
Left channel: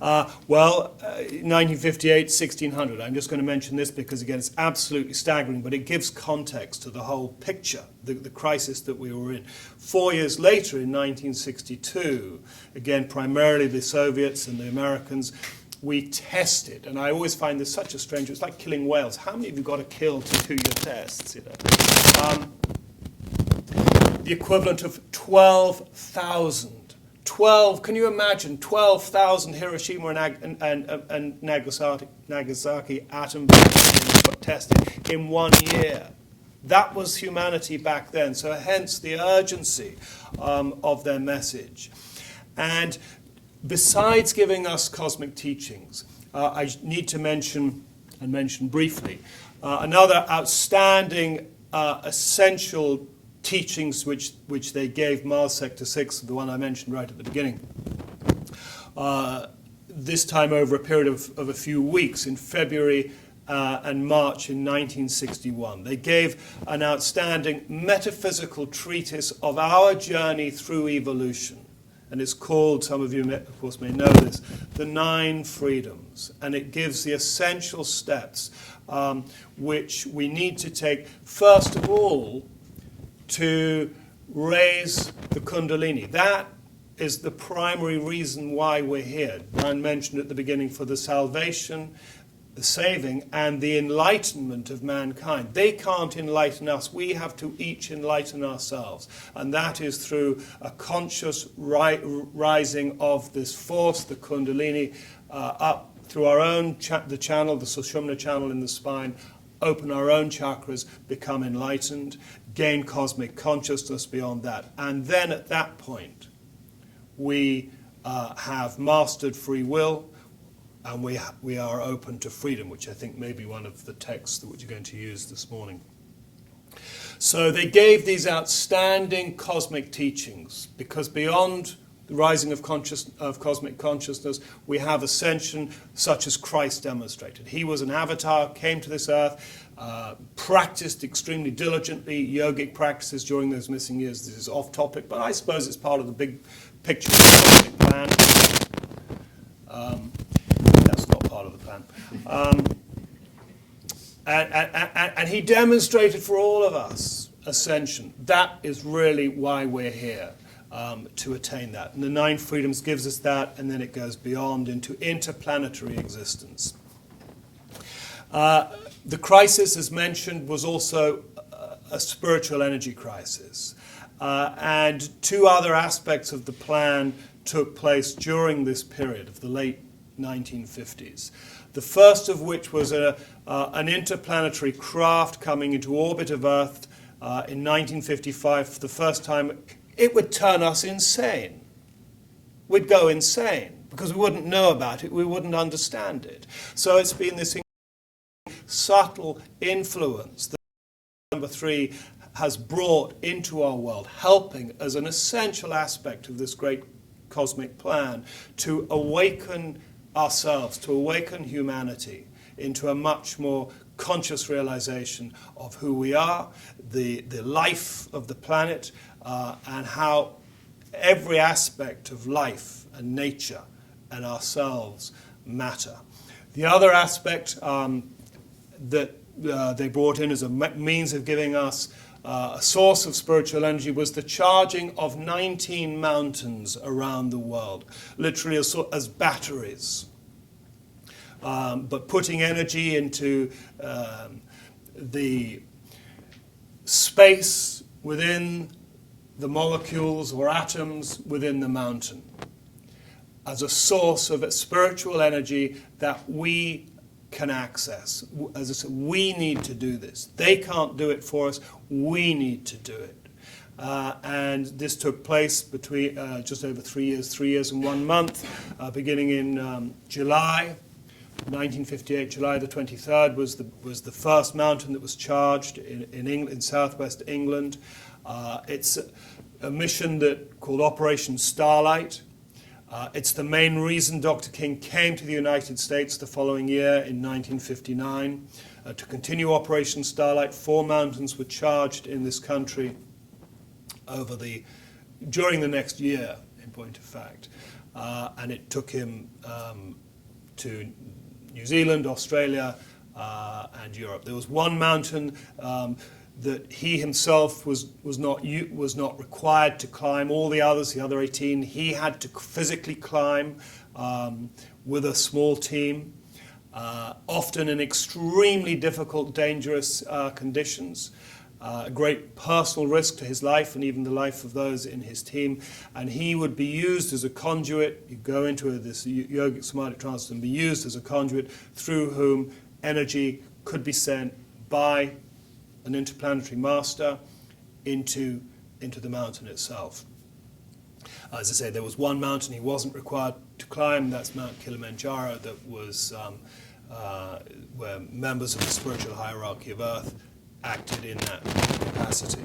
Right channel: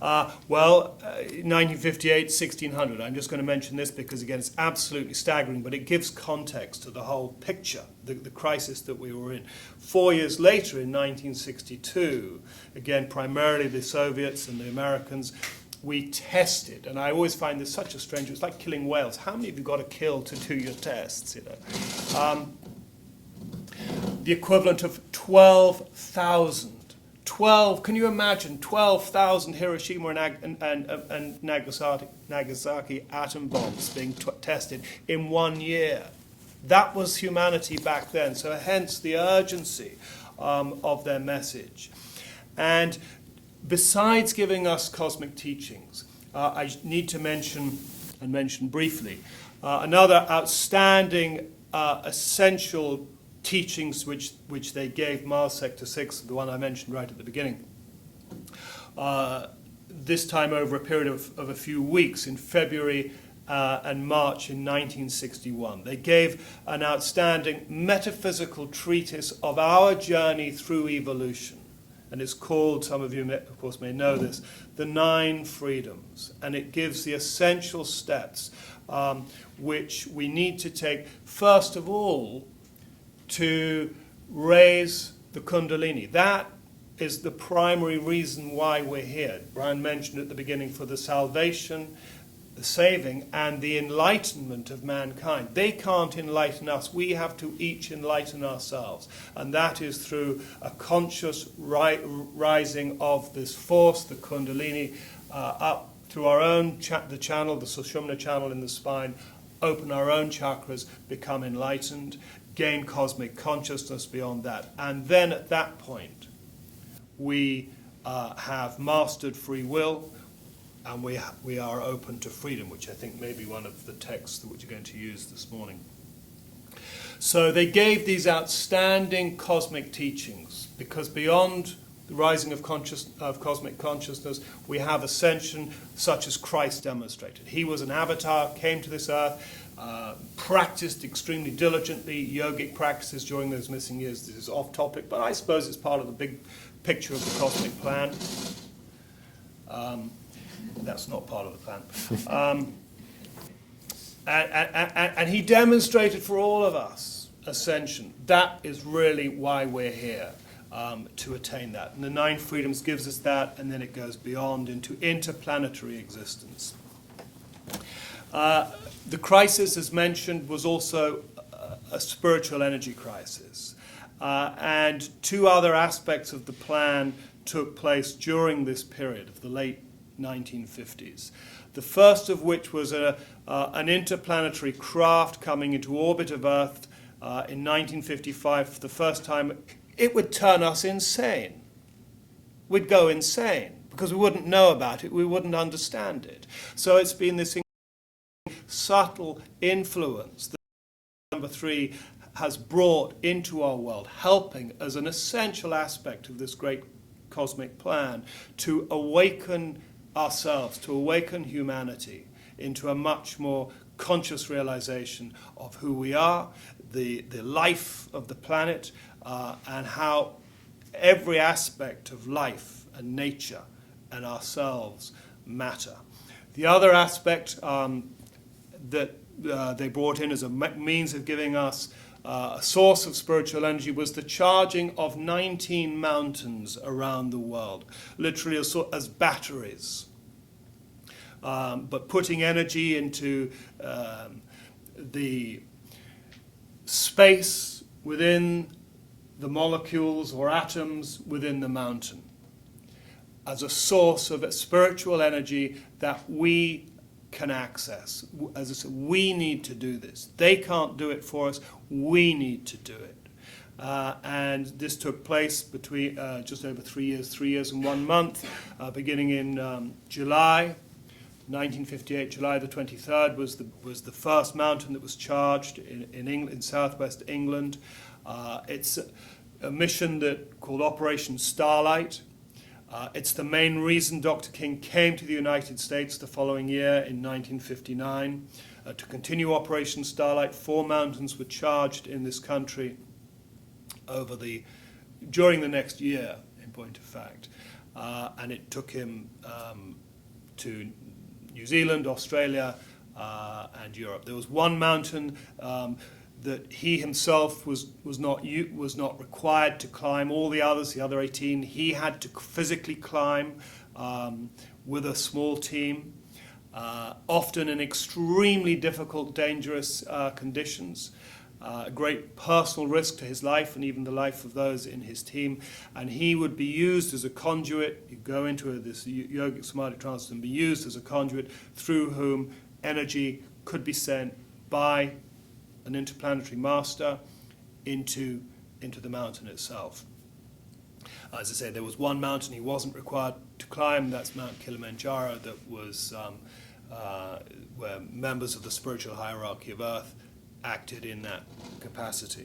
1958, 1600. I'm just going to mention this because, again, it's absolutely staggering, but it gives context to the whole picture, the crisis that we were in. 4 years later, in 1962, again, primarily the Soviets and the Americans, we tested, and I always find this such a strange, it's like killing whales. How many have you got to kill to do your tests? You know? The equivalent of 12,000. Can you imagine 12,000 Hiroshima and Nagasaki atom bombs being tested in 1 year? That was humanity back then, so hence the urgency of their message. And besides giving us cosmic teachings, I need to mention briefly, another outstanding essential teachings which they gave Mars Sector 6, the one I mentioned right at the beginning, this time over a period of a few weeks in February and March in 1961. They gave an outstanding metaphysical treatise of our journey through evolution. And it's called, some of you of course may know this, the 9 Freedoms. And it gives the essential steps which we need to take, first of all, to raise the Kundalini. That is the primary reason why we're here. Brian mentioned at the beginning, for the salvation, the saving, and the enlightenment of mankind. They can't enlighten us. We have to each enlighten ourselves. And that is through a conscious rising of this force, the Kundalini, up through our own the channel, the Sushumna channel in the spine, open our own chakras, become enlightened, gain cosmic consciousness beyond that. And then at that point, we have mastered free will, and we are open to freedom, which I think may be one of the texts that you're going to use this morning. So they gave these outstanding cosmic teachings, because beyond the rising of cosmic consciousness, we have ascension such as Christ demonstrated. He was an avatar, came to this earth, practiced extremely diligently yogic practices during those missing years. This is off topic, but I suppose it's part of the big picture of the cosmic plan. That's not part of the plan. And he demonstrated for all of us ascension. That is really why we're here, to attain that. And the 9 Freedoms gives us that, and then it goes beyond into interplanetary existence. The crisis, as mentioned, was also a spiritual energy crisis. And 2 other aspects of the plan took place during this period of the late 1950s. The first of which was an interplanetary craft coming into orbit of Earth in 1955 for the first time. It would turn us insane. We'd go insane because we wouldn't know about it, we wouldn't understand it. So it's been this subtle influence that number 3 has brought into our world, helping as an essential aspect of this great cosmic plan to awaken ourselves, to awaken humanity into a much more conscious realization of who we are, the life of the planet, and how every aspect of life and nature and ourselves matter. The other aspect that they brought in as a means of giving us a source of spiritual energy was the charging of 19 mountains around the world, literally as batteries. but putting energy into the space within the molecules or atoms within the mountain as a source of spiritual energy that we can access. As I said, we need to do this. They can't do it for us. We need to do it. And this took place between just over 3 years and 1 month, beginning in July 1958. July the 23rd was the first mountain that was charged in England, in southwest England. It's a mission called Operation Starlight. It's the main reason Dr. King came to the United States the following year in 1959 to continue Operation Starlight. 4 mountains were charged in this country during the next year, in point of fact, and it took him to New Zealand, Australia, and Europe. There was one mountain that he himself was not required to climb. All the others, the other 18, he had to physically climb with a small team, often in extremely difficult, dangerous conditions. A great personal risk to his life and even the life of those in his team. And he would be used as a conduit. You go into this yogic somatic trance and be used as a conduit through whom energy could be sent by an interplanetary master into the mountain itself. As I say, there was one mountain he wasn't required to climb. That's Mount Kilimanjaro, that was where members of the spiritual hierarchy of Earth acted in that capacity.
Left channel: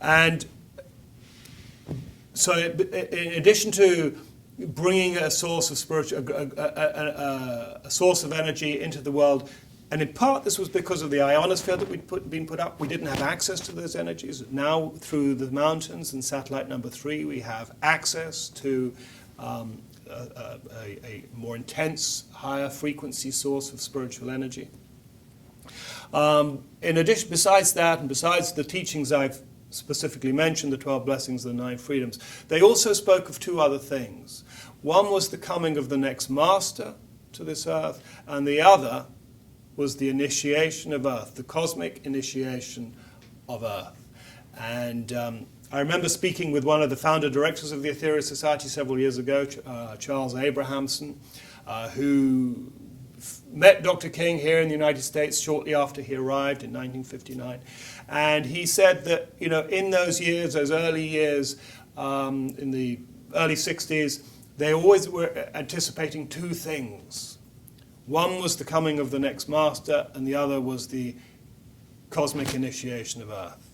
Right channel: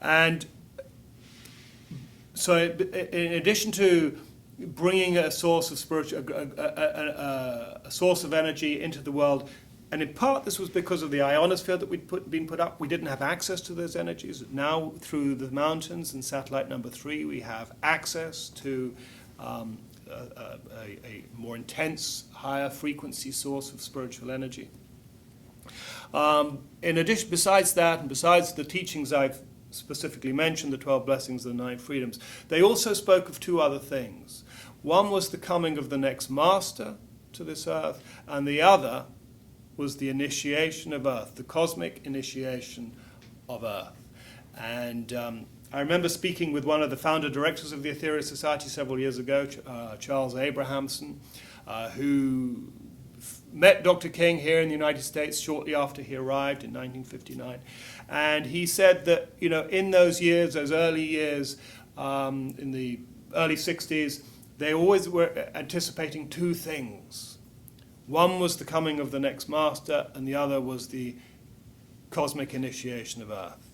And so in addition to bringing a source of a source of energy into the world, and in part this was because of the ionosphere that been put up. We didn't have access to those energies. Now, through the mountains and satellite number 3, we have access to a more intense, higher frequency source of spiritual energy. In addition, besides that, and besides the teachings I've specifically mentioned, the 12 blessings and the 9 freedoms, they also spoke of 2 other things. One was the coming of the next master to this earth, and the other was the initiation of Earth, the cosmic initiation of Earth. And I remember speaking with one of the founder directors of the Aetherius Society several years ago, Charles Abrahamson, who met Dr. King here in the United States shortly after he arrived in 1959. And he said that, in those years, those early years, in the early 60s, they always were anticipating 2 things. One was the coming of the next master, and the other was the cosmic initiation of Earth.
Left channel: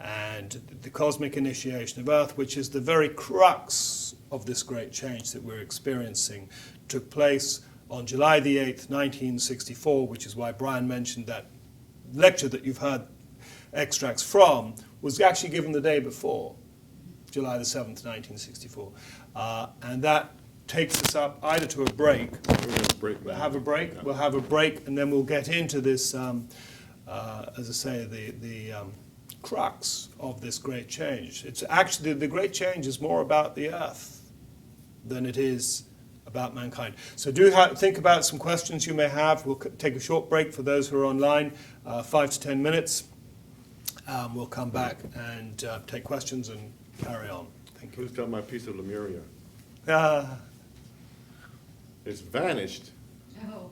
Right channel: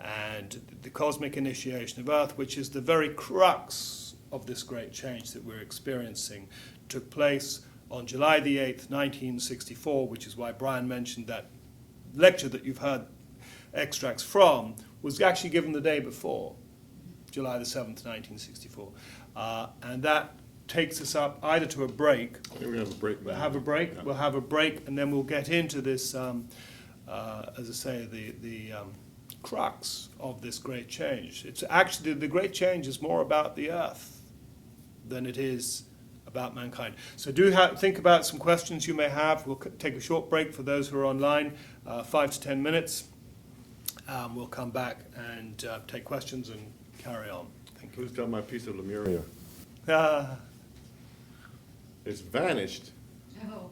And the cosmic initiation of Earth, which is the very crux of this great change that we're experiencing, took place on July the 8th, 1964, which is why Brian mentioned that lecture that you've heard extracts from, was actually given the day before, July the 7th, 1964. And that takes us up either to a break. We're going to break. We'll have a break. Yeah. We'll have a break, and then we'll get into this, as I say, the crux of this great change. It's actually, the great change is more about the Earth than it is about mankind. So think about some questions you may have. We'll take a short break for those who are online, 5 to 10 minutes. We'll come back and take questions and carry on. Thank you. Who's got my piece of Lemuria? It's vanished. No.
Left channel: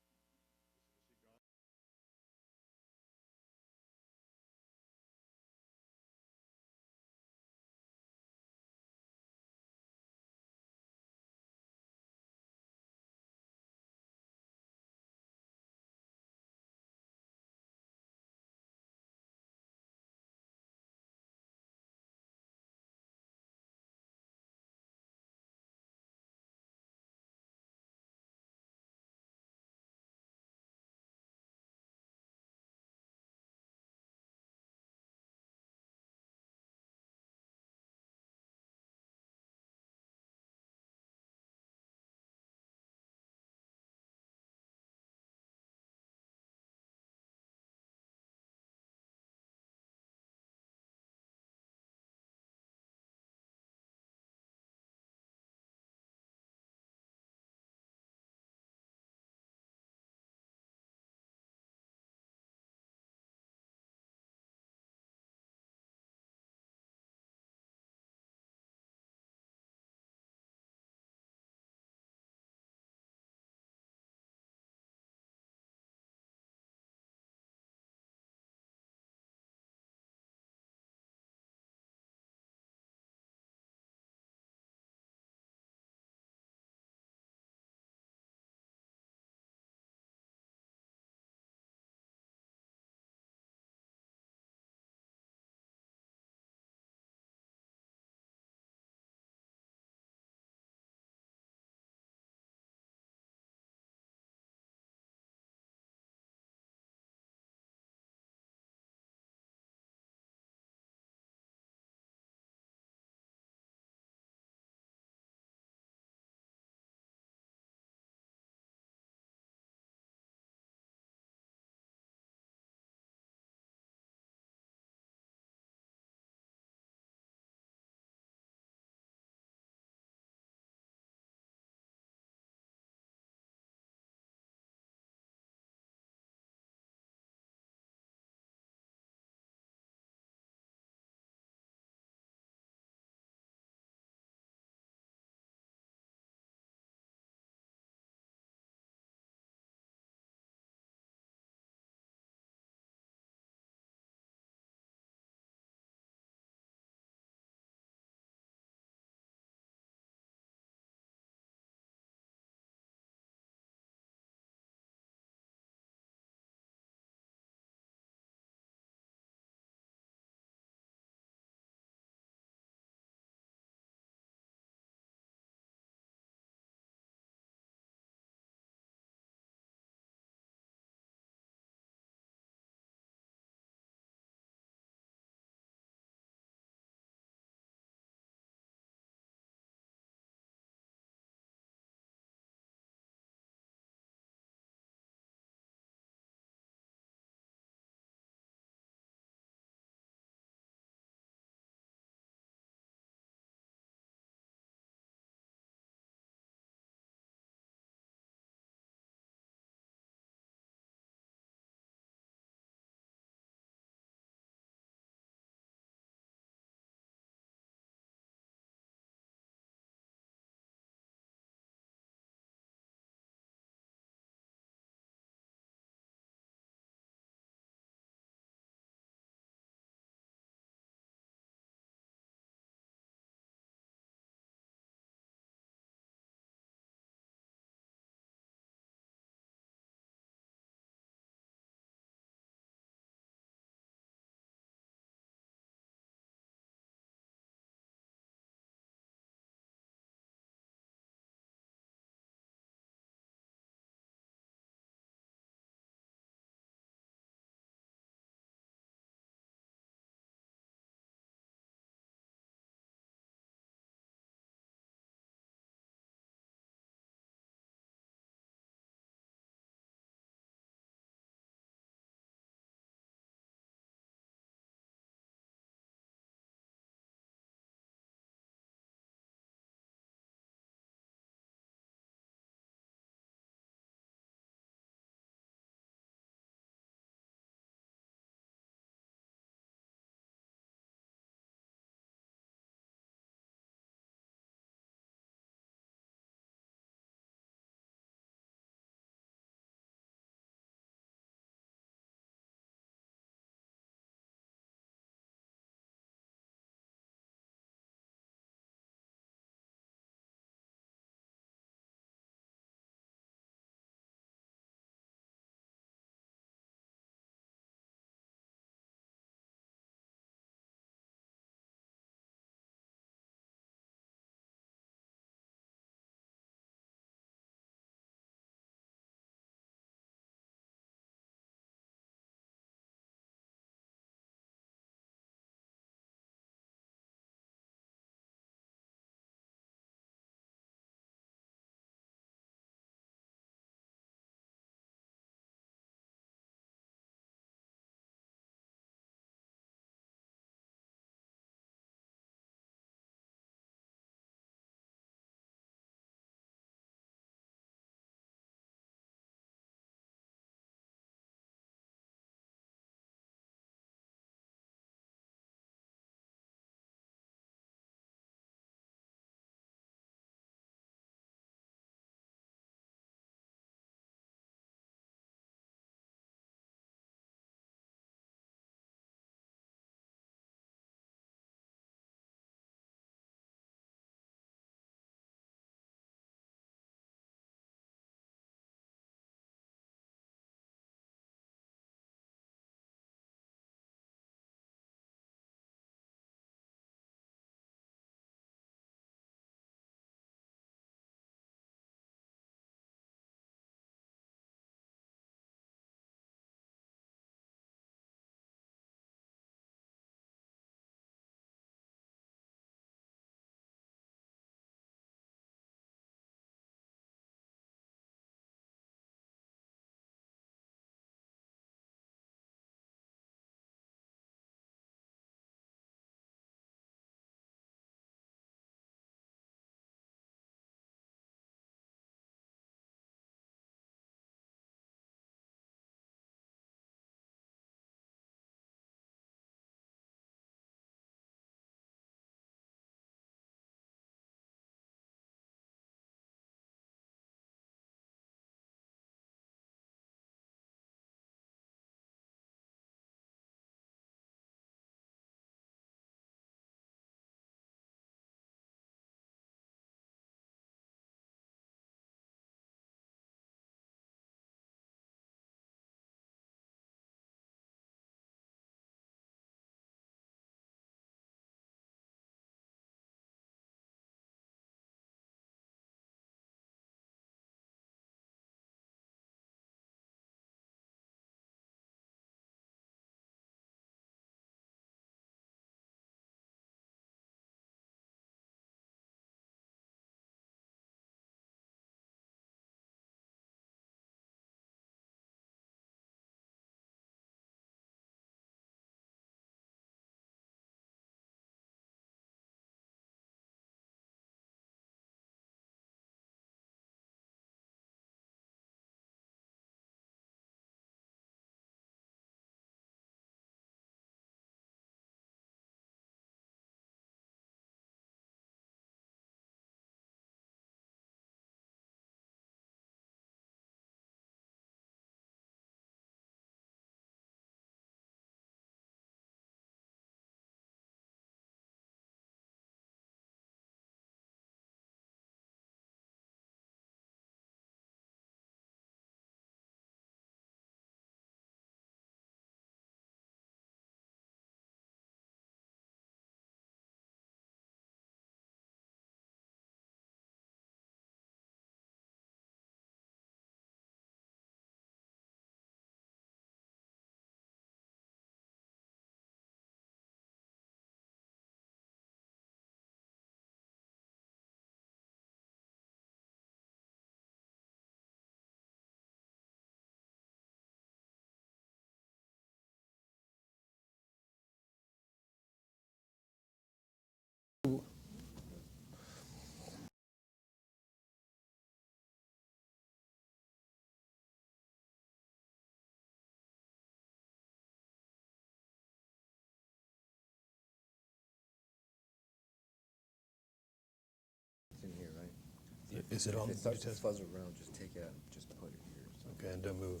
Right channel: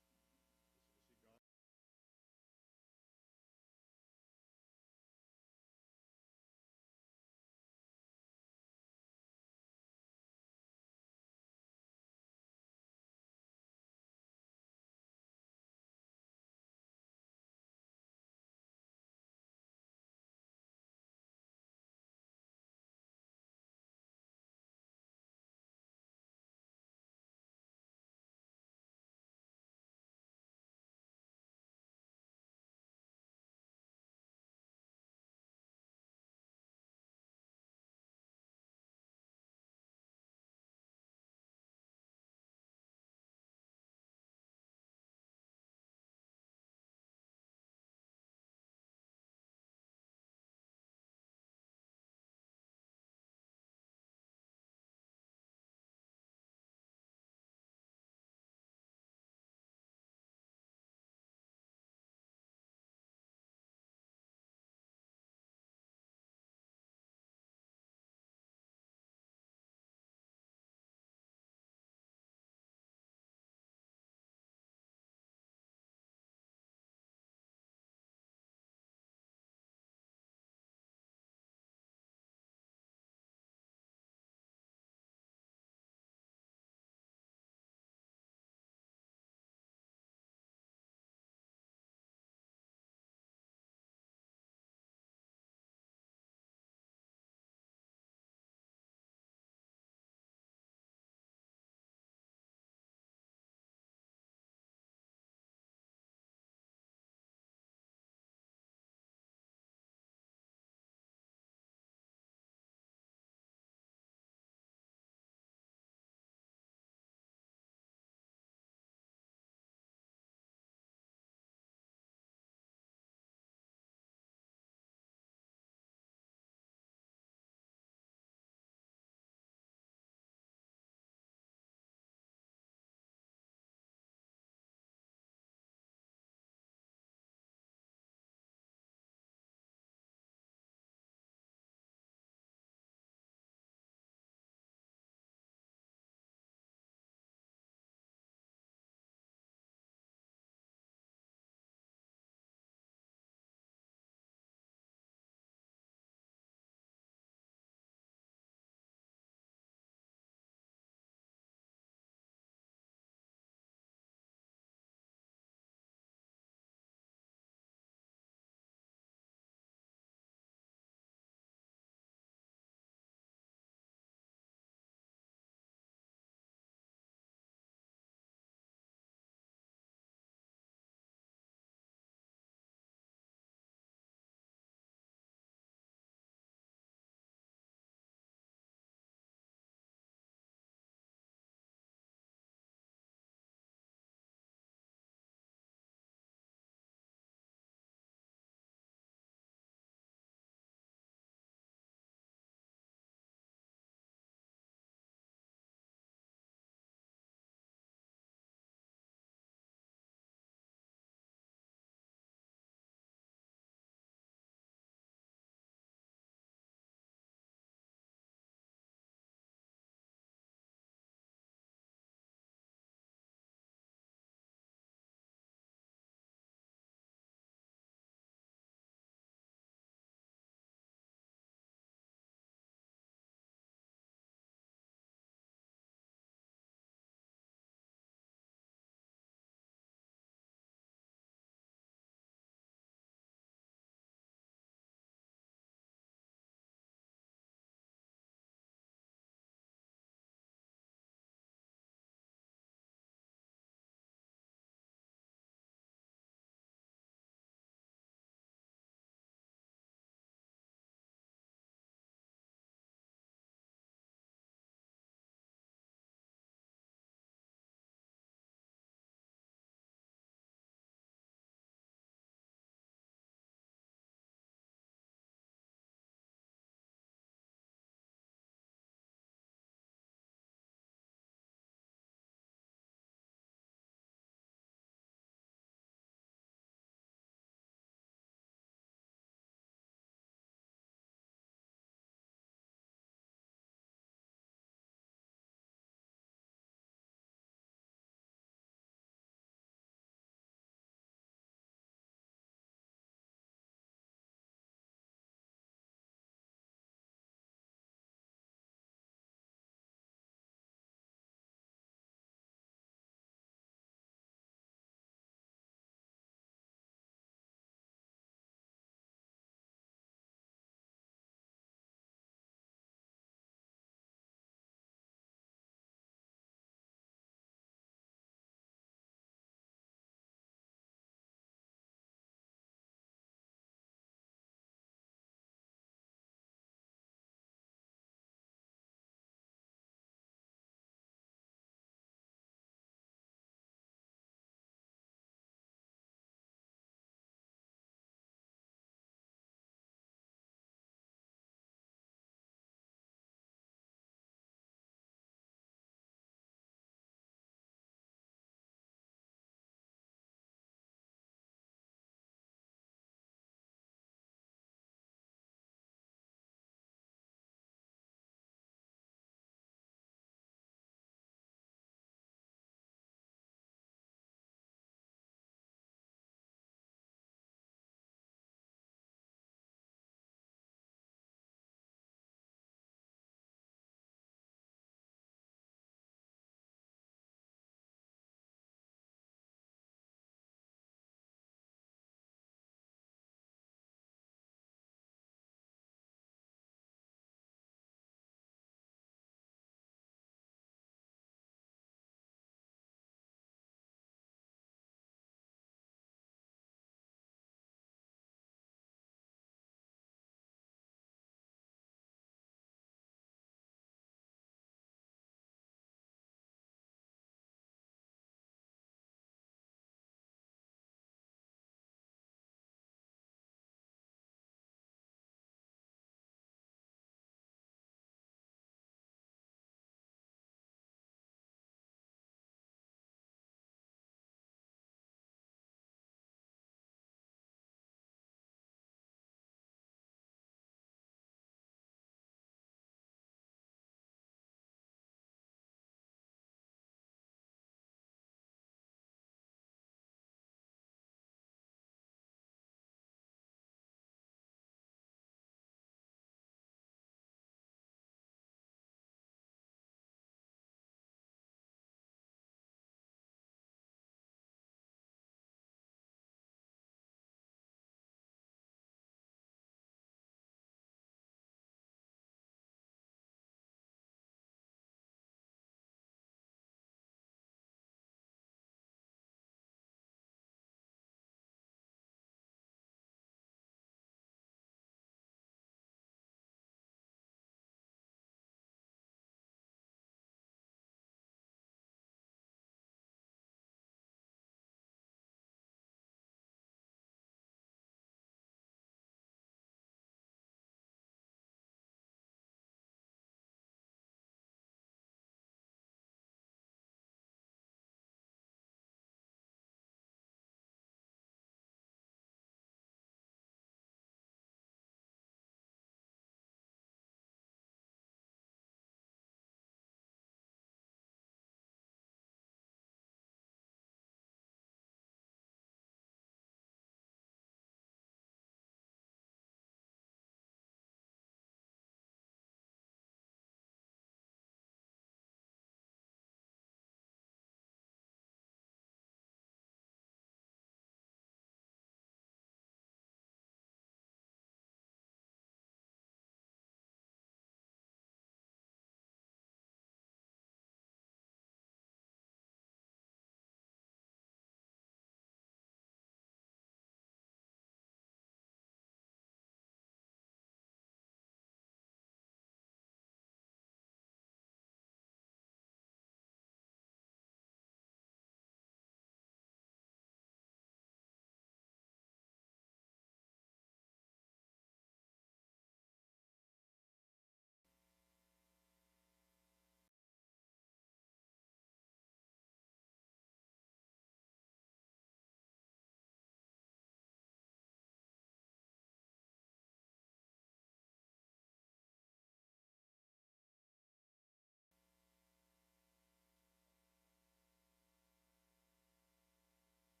Is it on? If it starts to fuzz around, just take it out, just put it here. Okay, and don't move.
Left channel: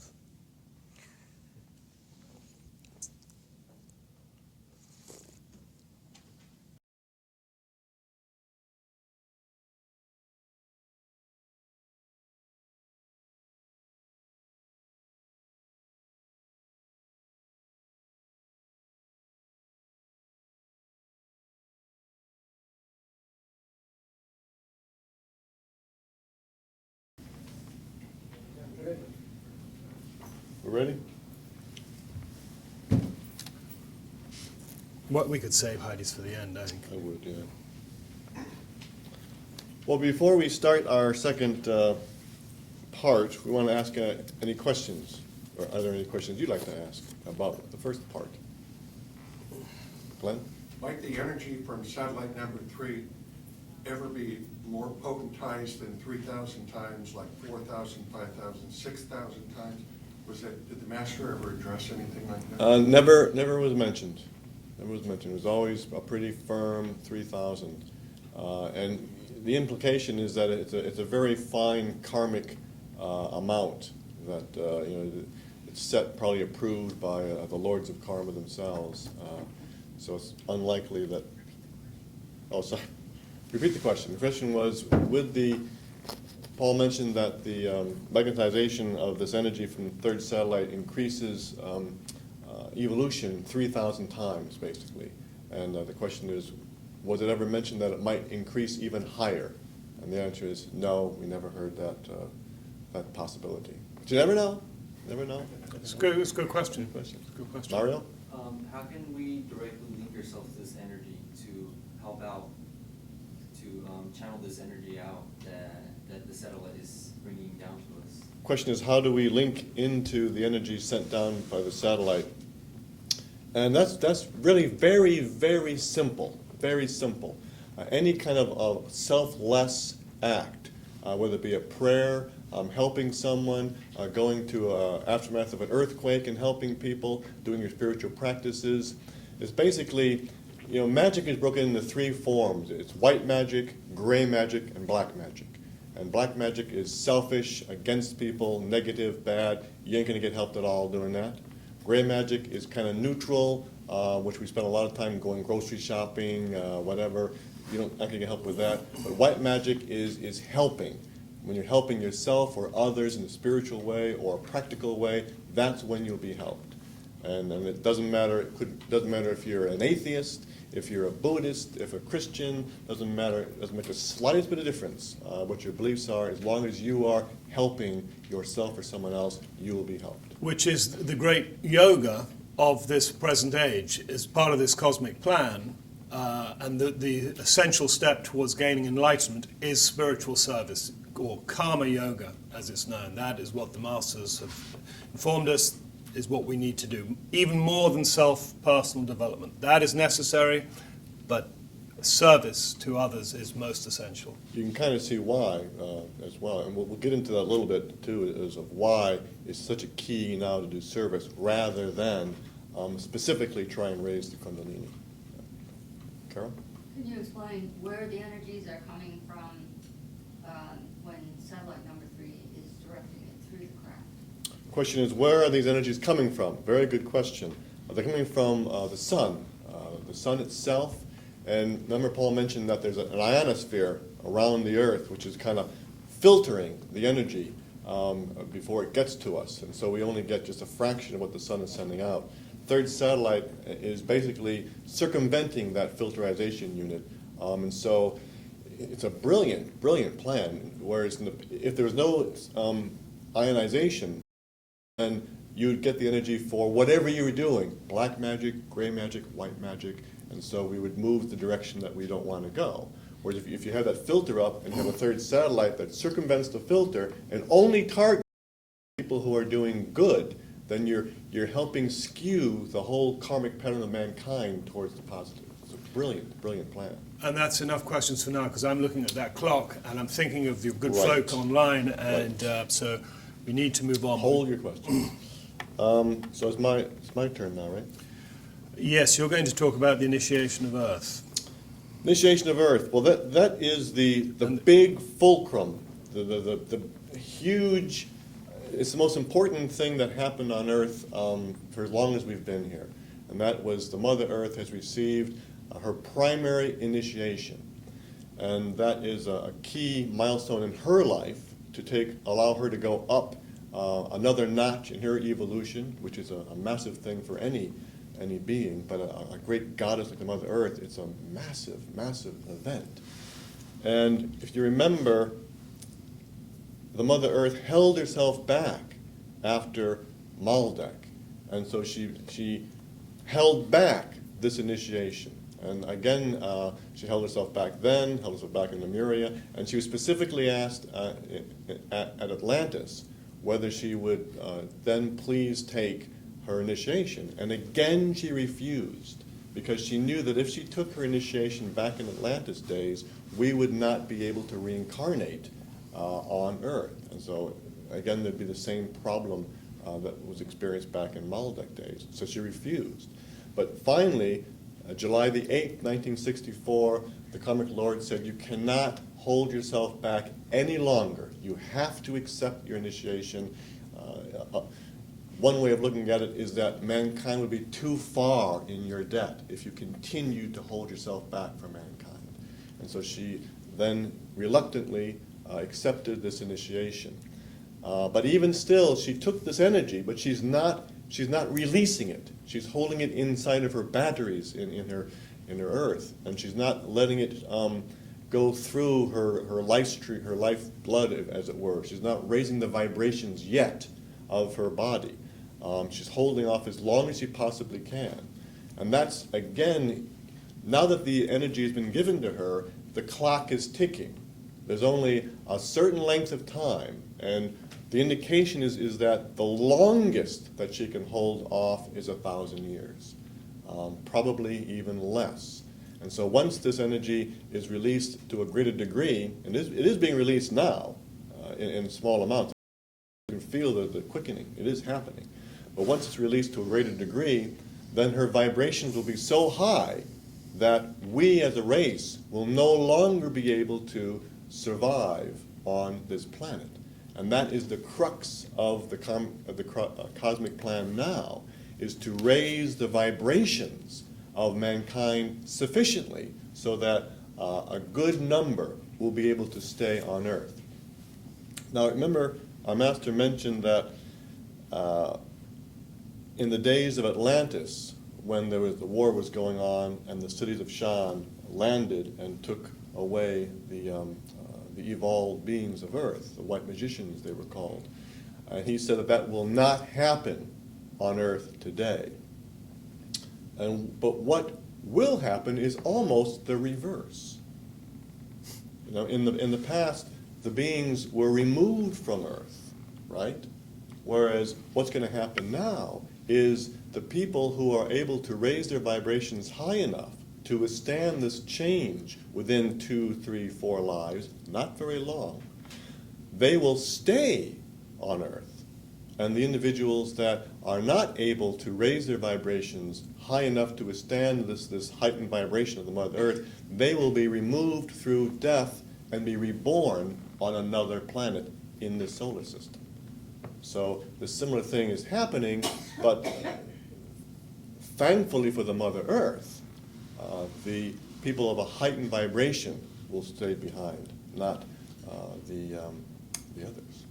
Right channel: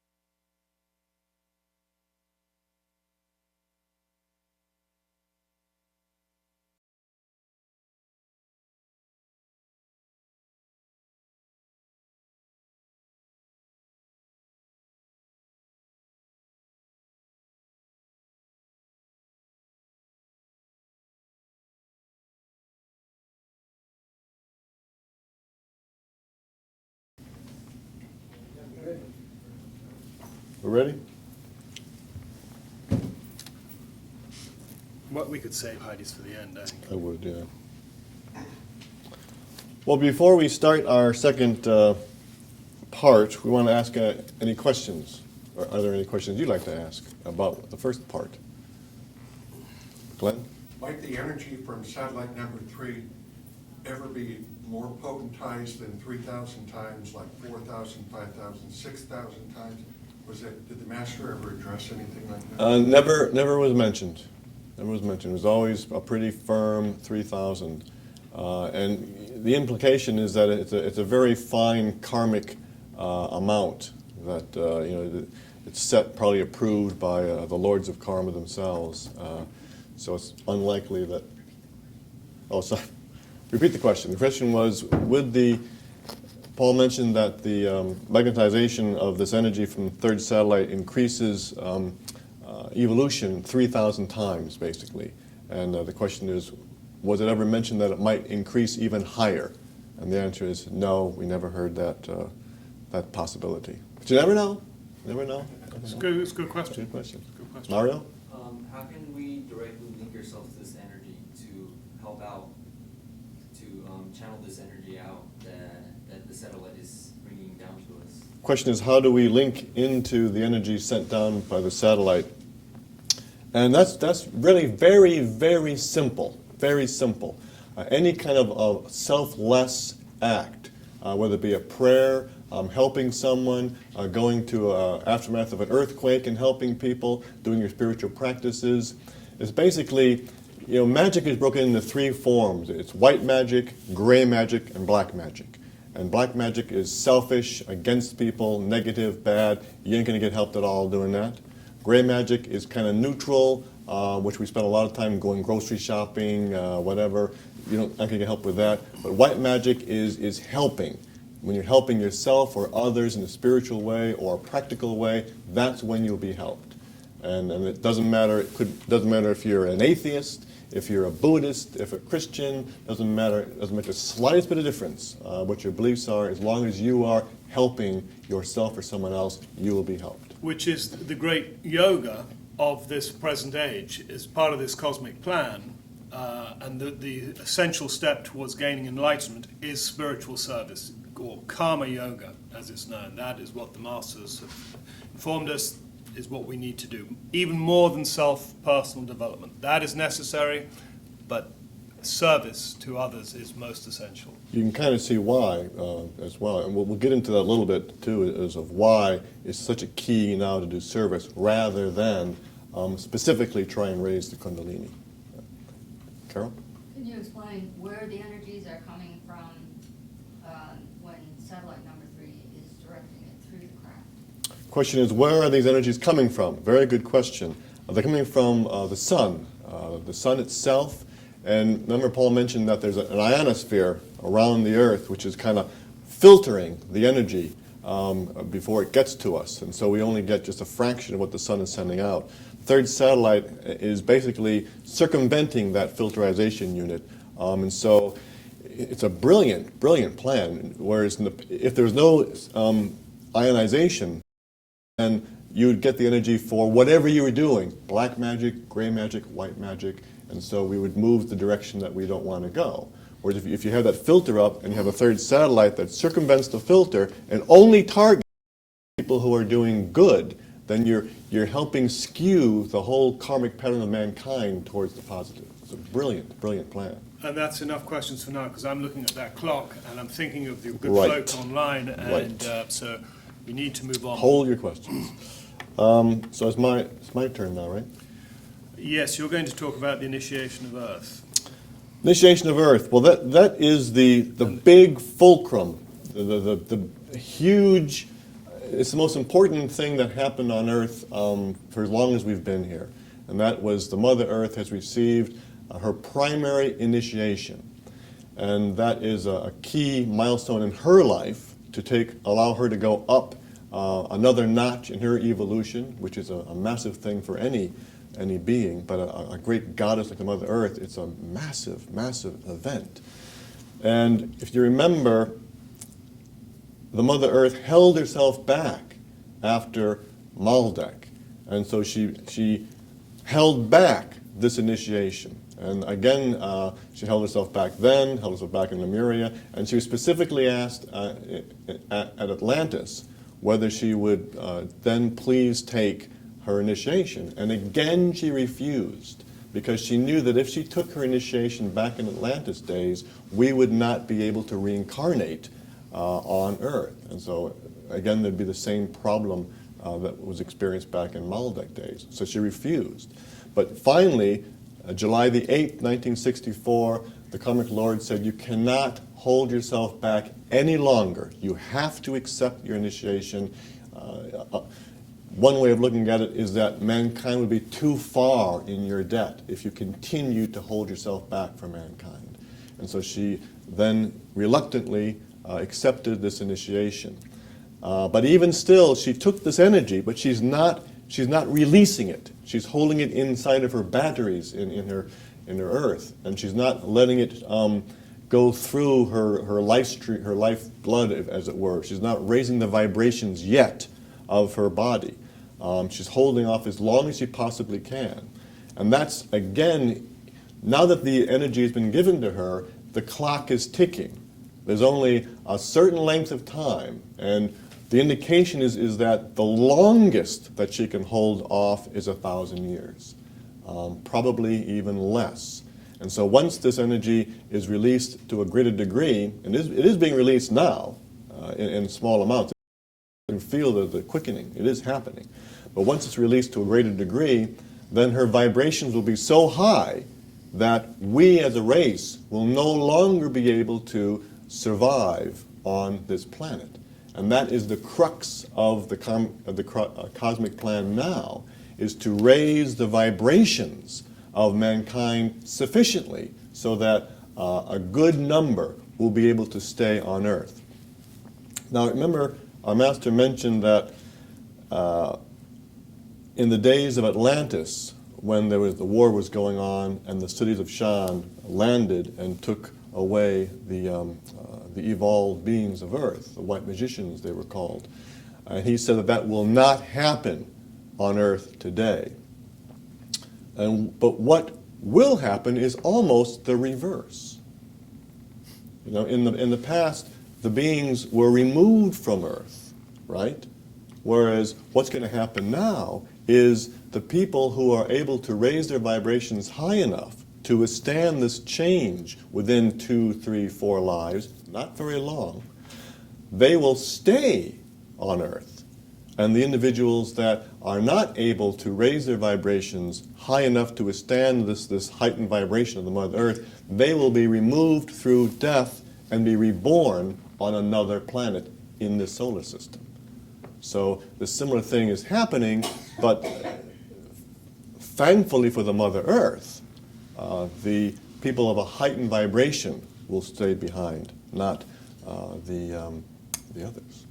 We ready? What we could save Heidi's for the end, I think. I would, yeah. Well, before we start our second part, we want to ask any questions. Or are there any questions you'd like to ask about the first part? Glenn? Might the energy from satellite number 3 ever be more potentized than 3,000 times, like 4,000, 5,000, 6,000 times? Did the master ever address anything like that? Never was mentioned. Never was mentioned. It was always a pretty firm 3,000. And the implication is that it's a very fine karmic amount that, it's set, probably approved by the lords of karma themselves. So it's unlikely that, oh, sorry. Repeat the question. The question was, Paul mentioned that the magnetization of this energy from the third satellite increases evolution 3,000 times, basically. And the question is, was it ever mentioned that it might increase even higher? And the answer is no, we never heard that possibility. But you never know. Never know. It's a good question. Good question. It's a good question. Mario? How can we directly link ourselves to this energy to help out, to channel this energy out that the satellite is bringing down to us? Question is, how do we link into the energy sent down by the satellite? And that's really very, very simple. Very simple. Any kind of selfless act, whether it be a prayer, helping someone, going to aftermath of an earthquake and helping people, doing your spiritual practices. It's basically, magic is broken into 3 forms. It's white magic, gray magic, and black magic. And black magic is selfish, against people, negative, bad. You ain't going to get helped at all doing that. Gray magic is kind of neutral, which we spend a lot of time going grocery shopping, whatever. You not going to get help with that. But white magic is helping. When you're helping yourself or others in a spiritual way or a practical way, that's when you'll be helped. And it doesn't matter. Doesn't matter if you're an atheist, if you're a Buddhist, if a Christian. Doesn't matter. It doesn't make the slightest bit of difference what your beliefs are. As long as you are helping yourself or someone else, you will be helped. Which is the great yoga of this present age, is part of this cosmic plan. And the essential step towards gaining enlightenment is spiritual service, or karma yoga, as it's known. That is what the masters have informed us is what we need to do, even more than self-personal development. That is necessary, but service to others is most essential. You can kind of see why as well, and we'll get into that a little bit too, is of why it's such a key now to do service rather than specifically try and raise the Kundalini. Carol? Can you explain where the energies are coming from when satellite number 3 is directing it through the craft? Question is, where are these energies coming from? Very good question. They're coming from the sun itself. And remember Paul mentioned that there's an ionosphere around the Earth which is kind of filtering the energy before it gets to us. And so we only get just a fraction of what the sun is sending out. Third satellite is basically circumventing that filterization unit. And so it's a brilliant, brilliant plan. Whereas if there was no ionization, then you would get the energy for whatever you were doing. Black magic, gray magic, white magic. And so we would move the direction that we don't want to go. Whereas if you have that filter up and you have a third satellite that circumvents the filter and only targets people who are doing good, then you're helping skew the whole karmic pattern of mankind towards the positive. It's a brilliant, brilliant plan. And that's enough questions for now, because I'm looking at that clock and I'm thinking of the good Right. folk online, and so we need to move on. Hold your questions. So it's my turn now, right? Yes, you're going to talk about the initiation of Earth. Initiation of Earth. Well, that is the big fulcrum the huge, it's the most important thing that happened on Earth for as long as we've been here. And that was the Mother Earth has received her primary initiation. And that is a key milestone in her life to allow her to go up another notch in her evolution, which is a massive thing for any being, but a great goddess like the Mother Earth, it's a massive, massive event. And if you remember, the Mother Earth held herself back after Maldek. And so she held back this initiation. And again, she held herself back then, held herself back in Lemuria, and she was specifically asked at Atlantis whether she would then please take her initiation. And again, she refused, because she knew that if she took her initiation back in Atlantis days, we would not be able to reincarnate on Earth. And so, again, there'd be the same problem that was experienced back in Maldek days. So she refused. But finally, July the 8th, 1964, the Karmic Lord said, you cannot hold yourself back any longer. You have to accept your initiation. One way of looking at it is that mankind would be too far in your debt if you continue to hold yourself back from mankind. And so she then reluctantly accepted this initiation. But even still, she took this energy, but she's not releasing it. She's holding it inside of her batteries in her earth, and she's not letting it go through her lifeblood, as it were. She's not raising the vibrations yet of her body. She's holding off as long as she possibly can. And that's, again, now that the energy has been given to her, the clock is ticking. There's only a certain length of time, and the indication is that the longest that she can hold off is 1,000 years, probably even less. And so once this energy is released to a greater degree, and it is being released now in small amounts, you can feel the quickening, it is happening. But once it's released to a greater degree, then her vibrations will be so high that we as a race will no longer be able to survive on this planet. And that is the crux of the cosmic plan now, is to raise the vibrations of mankind sufficiently so that a good number will be able to stay on Earth. Now remember, our master mentioned that in the days of Atlantis, when the war was going on and the cities of Shan landed and took away the evolved beings of Earth, the white magicians they were called. And he said that will not happen on Earth today. But what will happen is almost the reverse. You know, in the past, the beings were removed from Earth, right? Whereas what's going to happen now is the people who are able to raise their vibrations high enough to withstand this change within 2, 3, 4 lives, not very long, they will stay on Earth. And the individuals that are not able to raise their vibrations high enough to withstand this heightened vibration of the Mother Earth, they will be removed through death and be reborn on another planet in this solar system. So the similar thing is happening, but thankfully for the Mother Earth, the people of a heightened vibration will stay behind, not the others.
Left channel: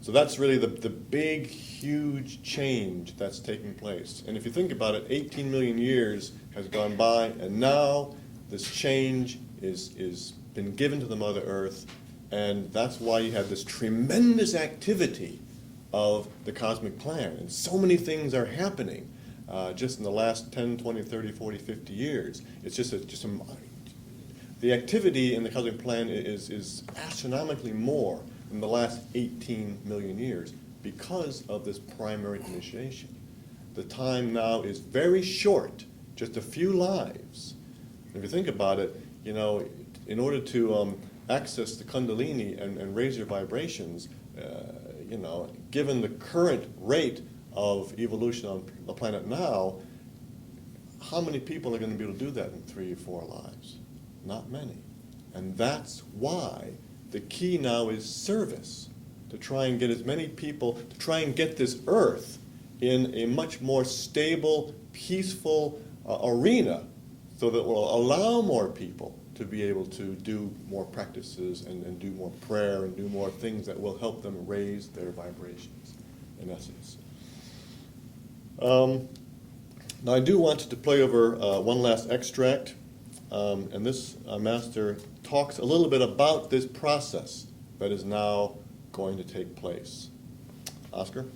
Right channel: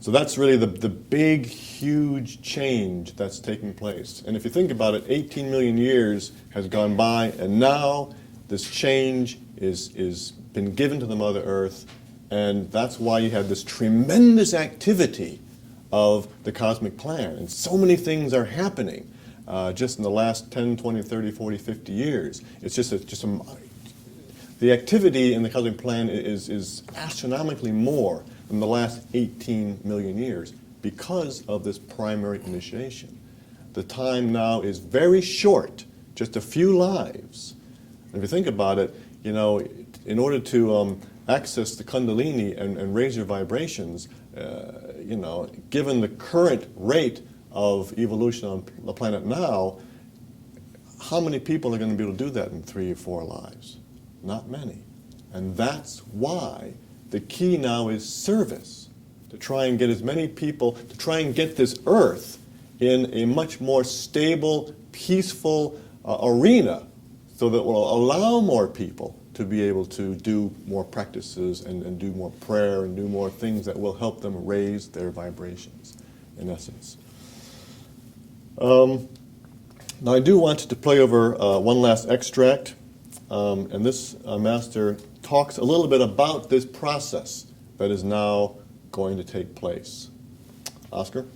So that's really the big, huge change that's taking place. And if you think about it, 18 million years has gone by, and now this change is been given to the Mother Earth, and that's why you have this tremendous activity of the cosmic plan. And so many things are happening just in the last 10, 20, 30, 40, 50 years. It's just the activity in the cosmic plan is astronomically more than the last 18 million years because of this primary initiation. The time now is very short, just a few lives. And if you think about it, you know, in order to access the Kundalini and raise your vibrations, you know, given the current rate of evolution on the planet now, how many people are going to be able to do that in 3 or 4 lives? Not many. And that's why The key now is service, to try and get as many people, to try and get this earth in a much more stable, peaceful arena, so that will allow more people to be able to do more practices and do more prayer and do more things that will help them raise their vibrations, in essence. Now I do want to play over one last extract, and this master talks a little bit about this process that is now going to take place. Oscar?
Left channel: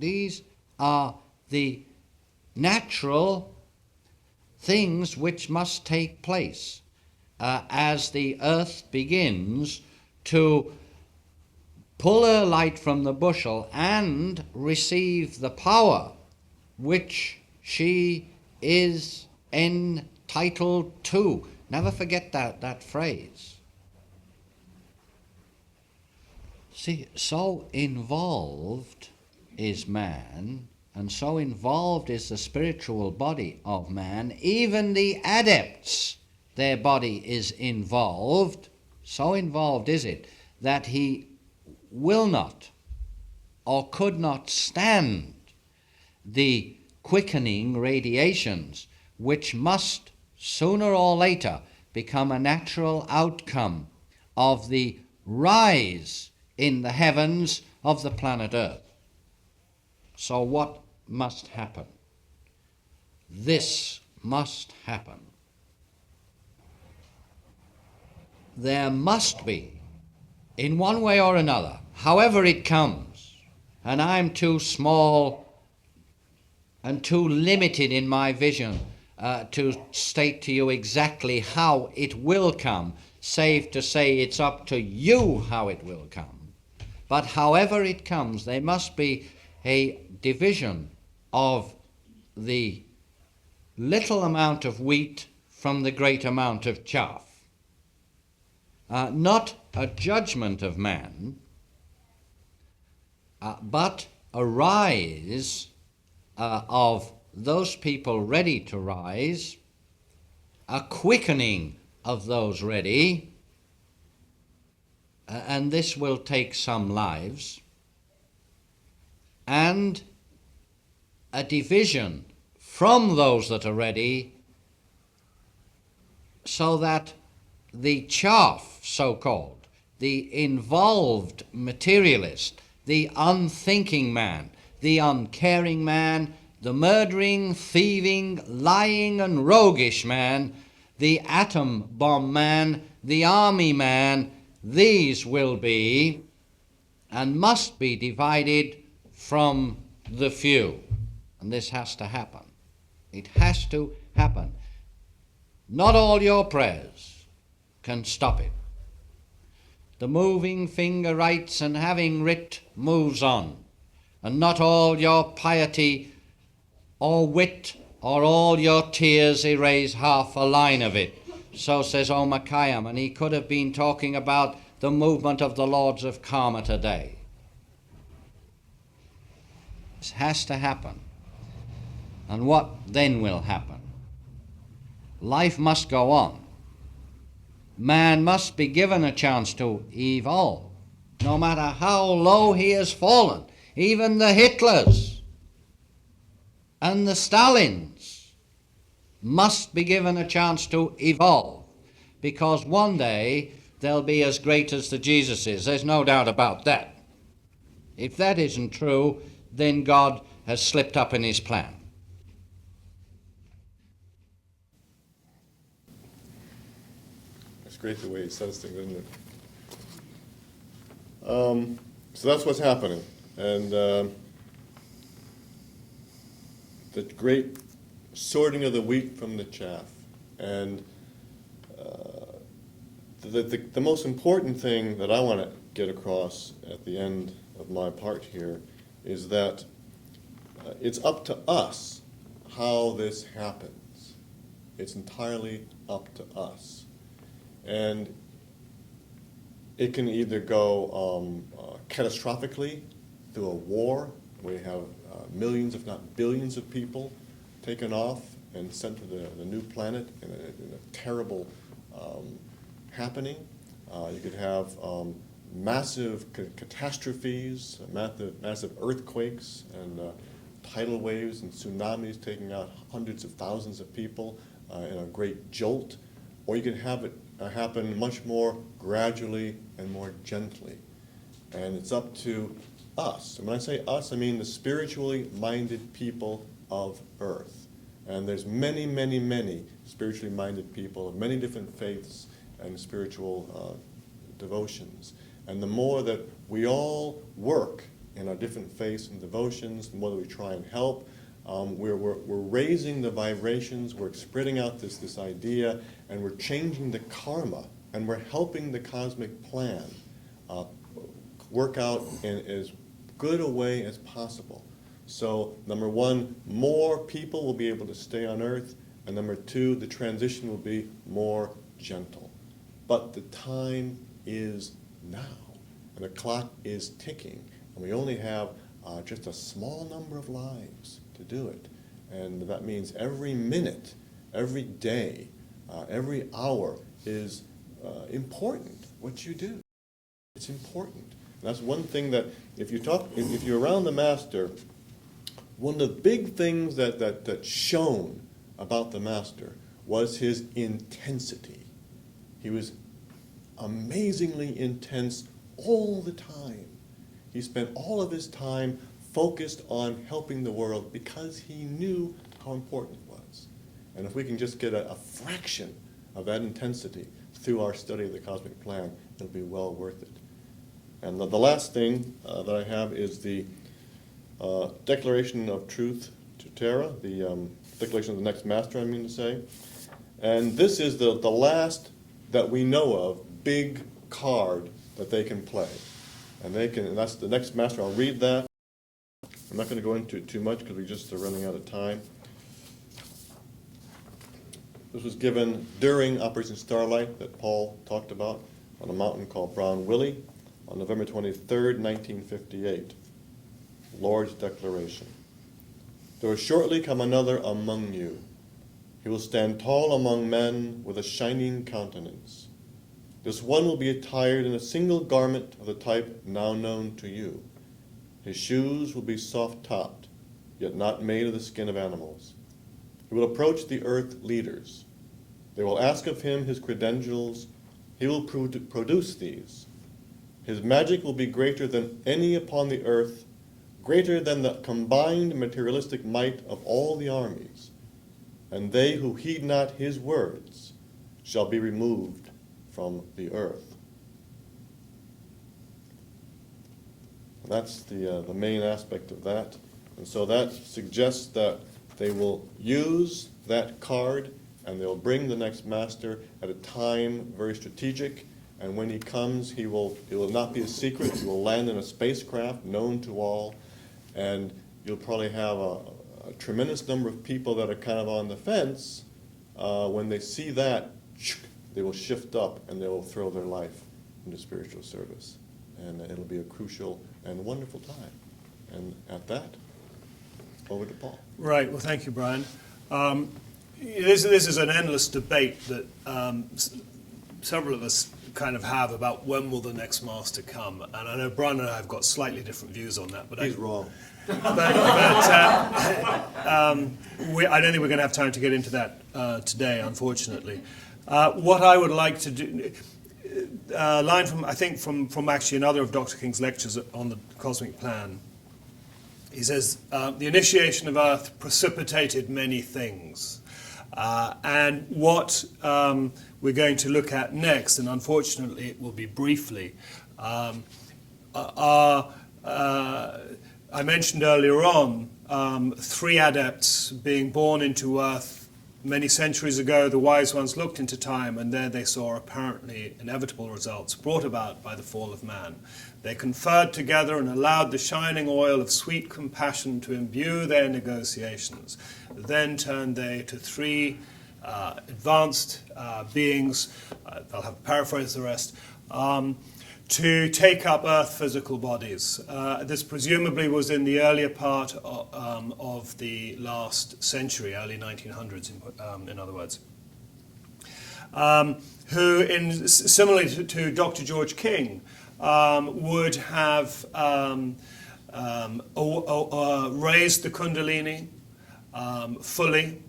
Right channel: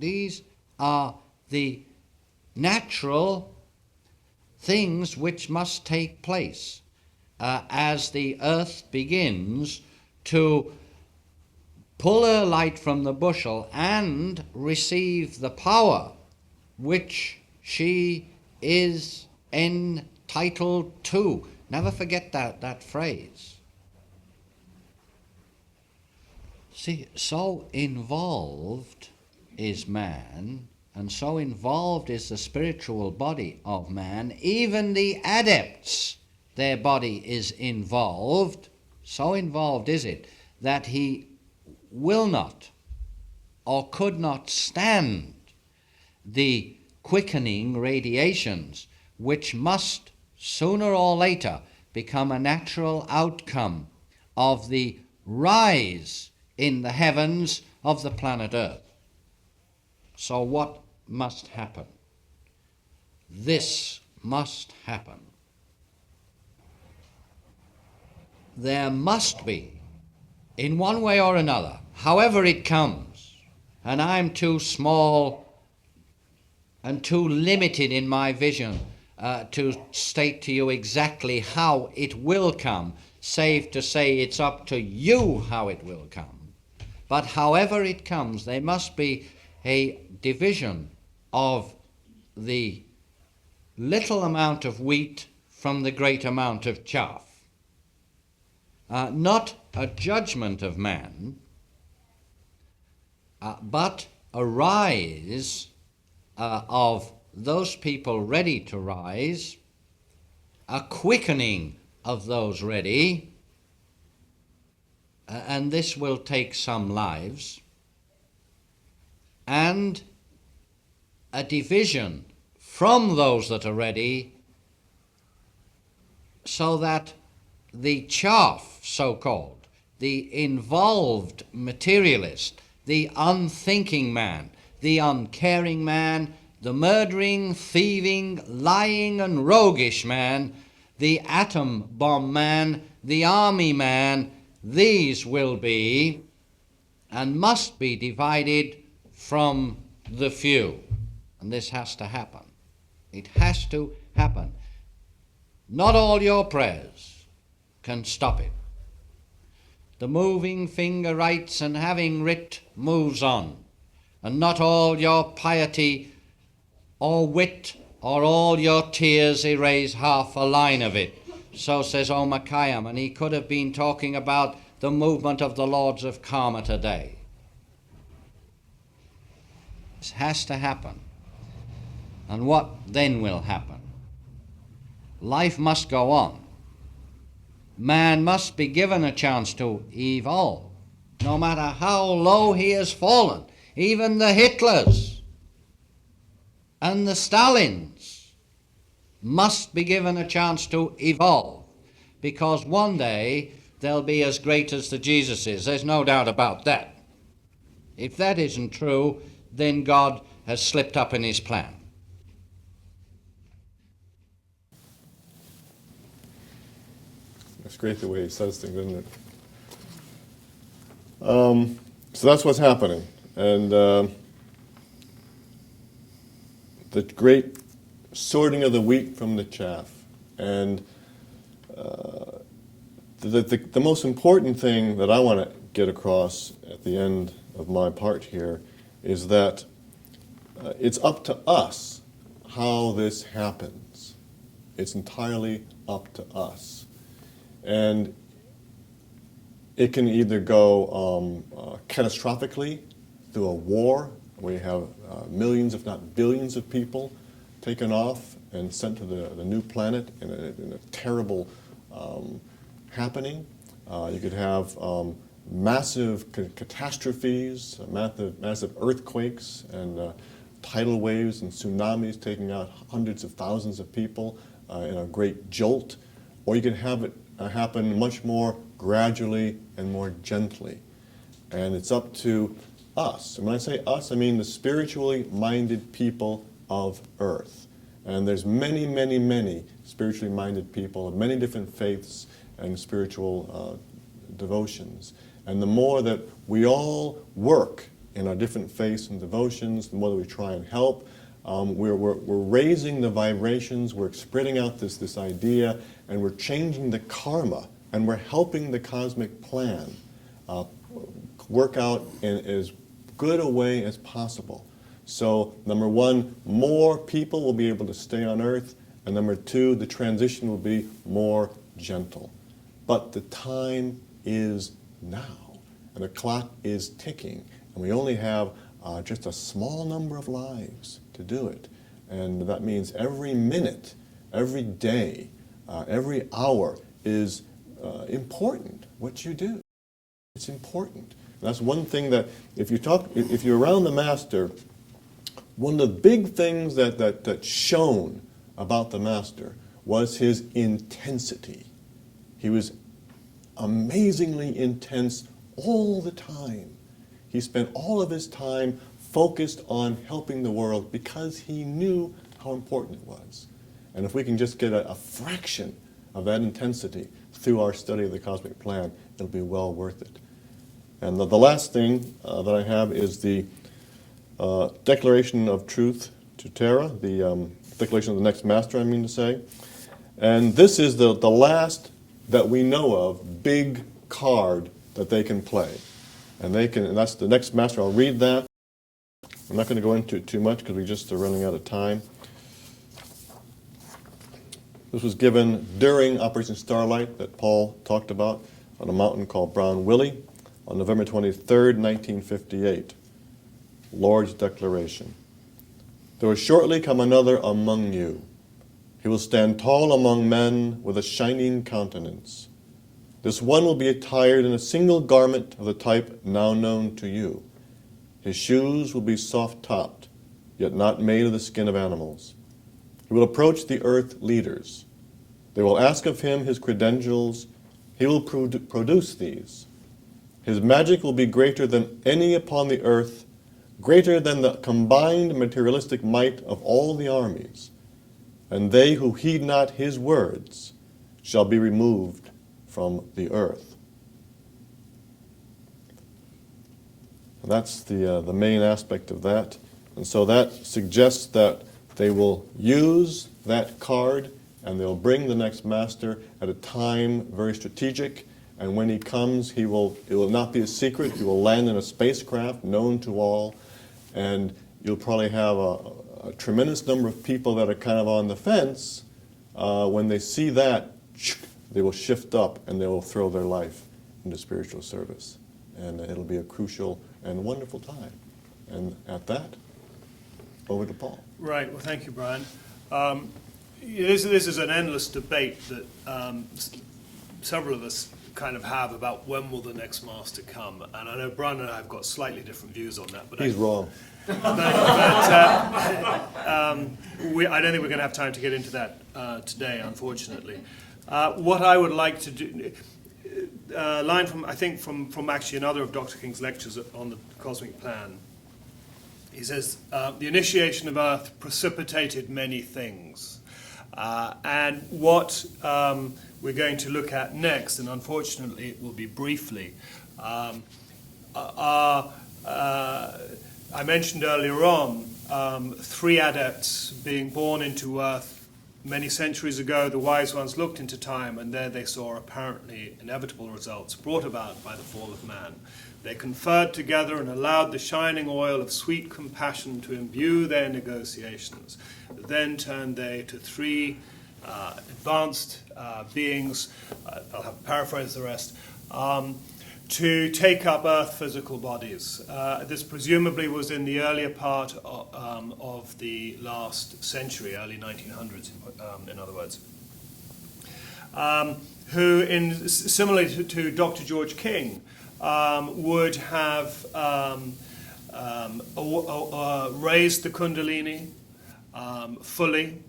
These are the natural things which must take place as the earth begins to pull her light from the bushel and receive the power which she is entitled to. Never forget that phrase. See, so involved is man, and so involved is the spiritual body of man, even the adepts, their body is involved. So involved is it that he will not or could not stand the quickening radiations which must sooner or later become a natural outcome of the rise in the heavens of the planet Earth. So what must happen? This must happen. There must be, in one way or another, however it comes, and I'm too small and too limited in my vision to state to you exactly how it will come, save to say it's up to you how it will come. But however it comes, there must be a division of the little amount of wheat from the great amount of chaff. Not a judgment of man, but a rise of those people ready to rise, a quickening of those ready, and this will take some lives, and a division from those that are ready, so that the chaff, so-called, the involved materialist, the unthinking man, the uncaring man, the murdering, thieving, lying and roguish man, the atom bomb man, the army man, these will be and must be divided from the few. And this has to happen. It has to happen. Not all your prayers can stop it. The moving finger writes, and having writ moves on. And not all your piety or wit or all your tears erase half a line of it. So says Omar Khayyam, and he could have been talking about the movement of the Lords of Karma today. This has to happen. And what then will happen? Life must go on. Man must be given a chance to evolve, no matter how low he has fallen. Even the Hitlers and the Stalins must be given a chance to evolve, because one day they'll be as great as the Jesuses. There's no doubt about that. If that isn't true, then God has slipped up in his plan. It's great the way he says things, isn't it? So that's what's happening. And the great sorting of the wheat from the chaff. And the most important thing that I want to get across at the end of my part here is that it's up to us how this happens. It's entirely up to us. And it can either go catastrophically through a war, where you have millions, if not billions of people taken off and sent to the new planet in a terrible happening. You could have massive catastrophes, massive earthquakes, and tidal waves and tsunamis taking out hundreds of thousands of people in a great jolt. Or you can have it happen much more gradually and more gently. And it's up to us. And when I say us, I mean the spiritually minded people of Earth. And there's many, many, many spiritually minded people of many different faiths and spiritual devotions. And the more that we all work in our different faiths and devotions, the more that we try and help, we're raising the vibrations, we're spreading out this idea, and we're changing the karma, and we're helping the cosmic plan work out in as good a way as possible. So, number one, more people will be able to stay on Earth, and number two, the transition will be more gentle. But the time is now, and the clock is ticking, and we only have just a small number of lives to do it. And that means every minute, every day, every hour is important, what you do. It's important. That's one thing that, if you're around the Master, one of the big things that shone about the Master was his intensity. He was amazingly intense all the time. He spent all of his time focused on helping the world because he knew how important it was. And if we can just get a fraction of that intensity through our study of the cosmic plan, it'll be well worth it. And the last thing that I have is the Declaration of Truth to Terra, the Declaration of the Next Master, I mean to say. And this is the last that we know of big card that they can play. And that's the Next Master. I'll read that. I'm not going to go into it too much because we just are running out of time. This was given during Operation Starlight that Paul talked about on a mountain called Brown Willie on November 23rd, 1958. Lord's Declaration. There will shortly come another among you. He will stand tall among men with a shining countenance. This one will be attired in a single garment of the type now known to you. His shoes will be soft-topped, yet not made of the skin of animals. He will approach the earth leaders. They will ask of him his credentials. He will produce these. His magic will be greater than any upon the earth, greater than the combined materialistic might of all the armies. And they who heed not his words shall be removed from the earth. And that's the main aspect of that. And so that suggests that they will use that card and they'll bring the next master at a time very strategic. And when he comes, it will not be a secret. He will land in a spacecraft known to all. And you'll probably have a tremendous number of people that are kind of on the fence. When they see that, they will shift up and they will throw their life into spiritual service. And it'll be a crucial and wonderful time. And at that, over to Paul. Right. Well, thank you, Brian. This is an endless debate that several of us kind of have about when will the next master come. And I know Brian and I have got slightly different views on that. But He's wrong. I don't think we're going to have time to get into that today, unfortunately. What I would like to do, line from, I think, from actually another of Dr. King's lectures on the cosmic plan. He says, the initiation of Earth precipitated many things. And what we're going to look at next, and unfortunately it will be briefly, are, I mentioned earlier on, 3 adepts being born into Earth many centuries ago. The wise ones looked into time, and there they saw apparently inevitable results brought about by the fall of man. They conferred together and allowed the shining oil of sweet compassion to imbue their negotiations. Then turned they to 3 advanced beings. I'll have to paraphrase the rest. to take up Earth physical bodies. This presumably was in the earlier part of the last century, early 1900s, in other words. Who, similarly to Dr. George King, would have raised the Kundalini fully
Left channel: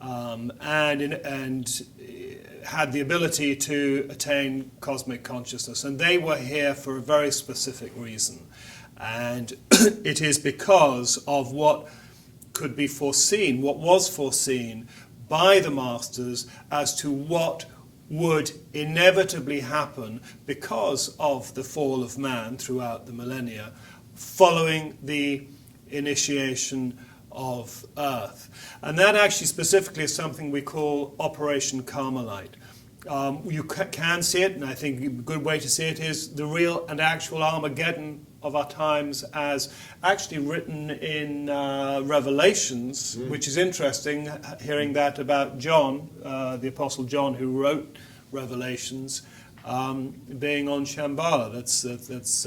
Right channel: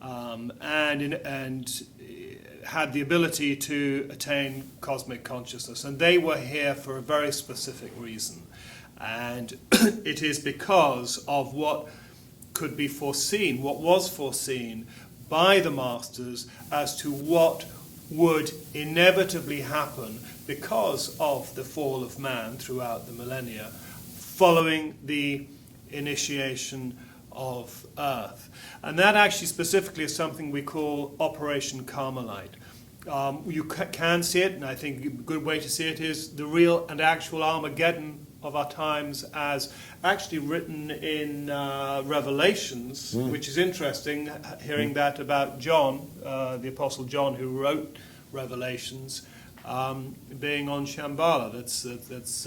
and had the ability to attain cosmic consciousness. And they were here for a very specific reason. And it is because of what could be foreseen, what was foreseen by the masters as to what would inevitably happen because of the fall of man throughout the millennia, following the initiation of Earth. And that actually specifically is something we call Operation Carmelite. You can see it, and I think a good way to see it is the real and actual Armageddon of our times, as actually written in Revelations, which is interesting, hearing that about John, the Apostle John, who wrote Revelations, being on Shambala. That's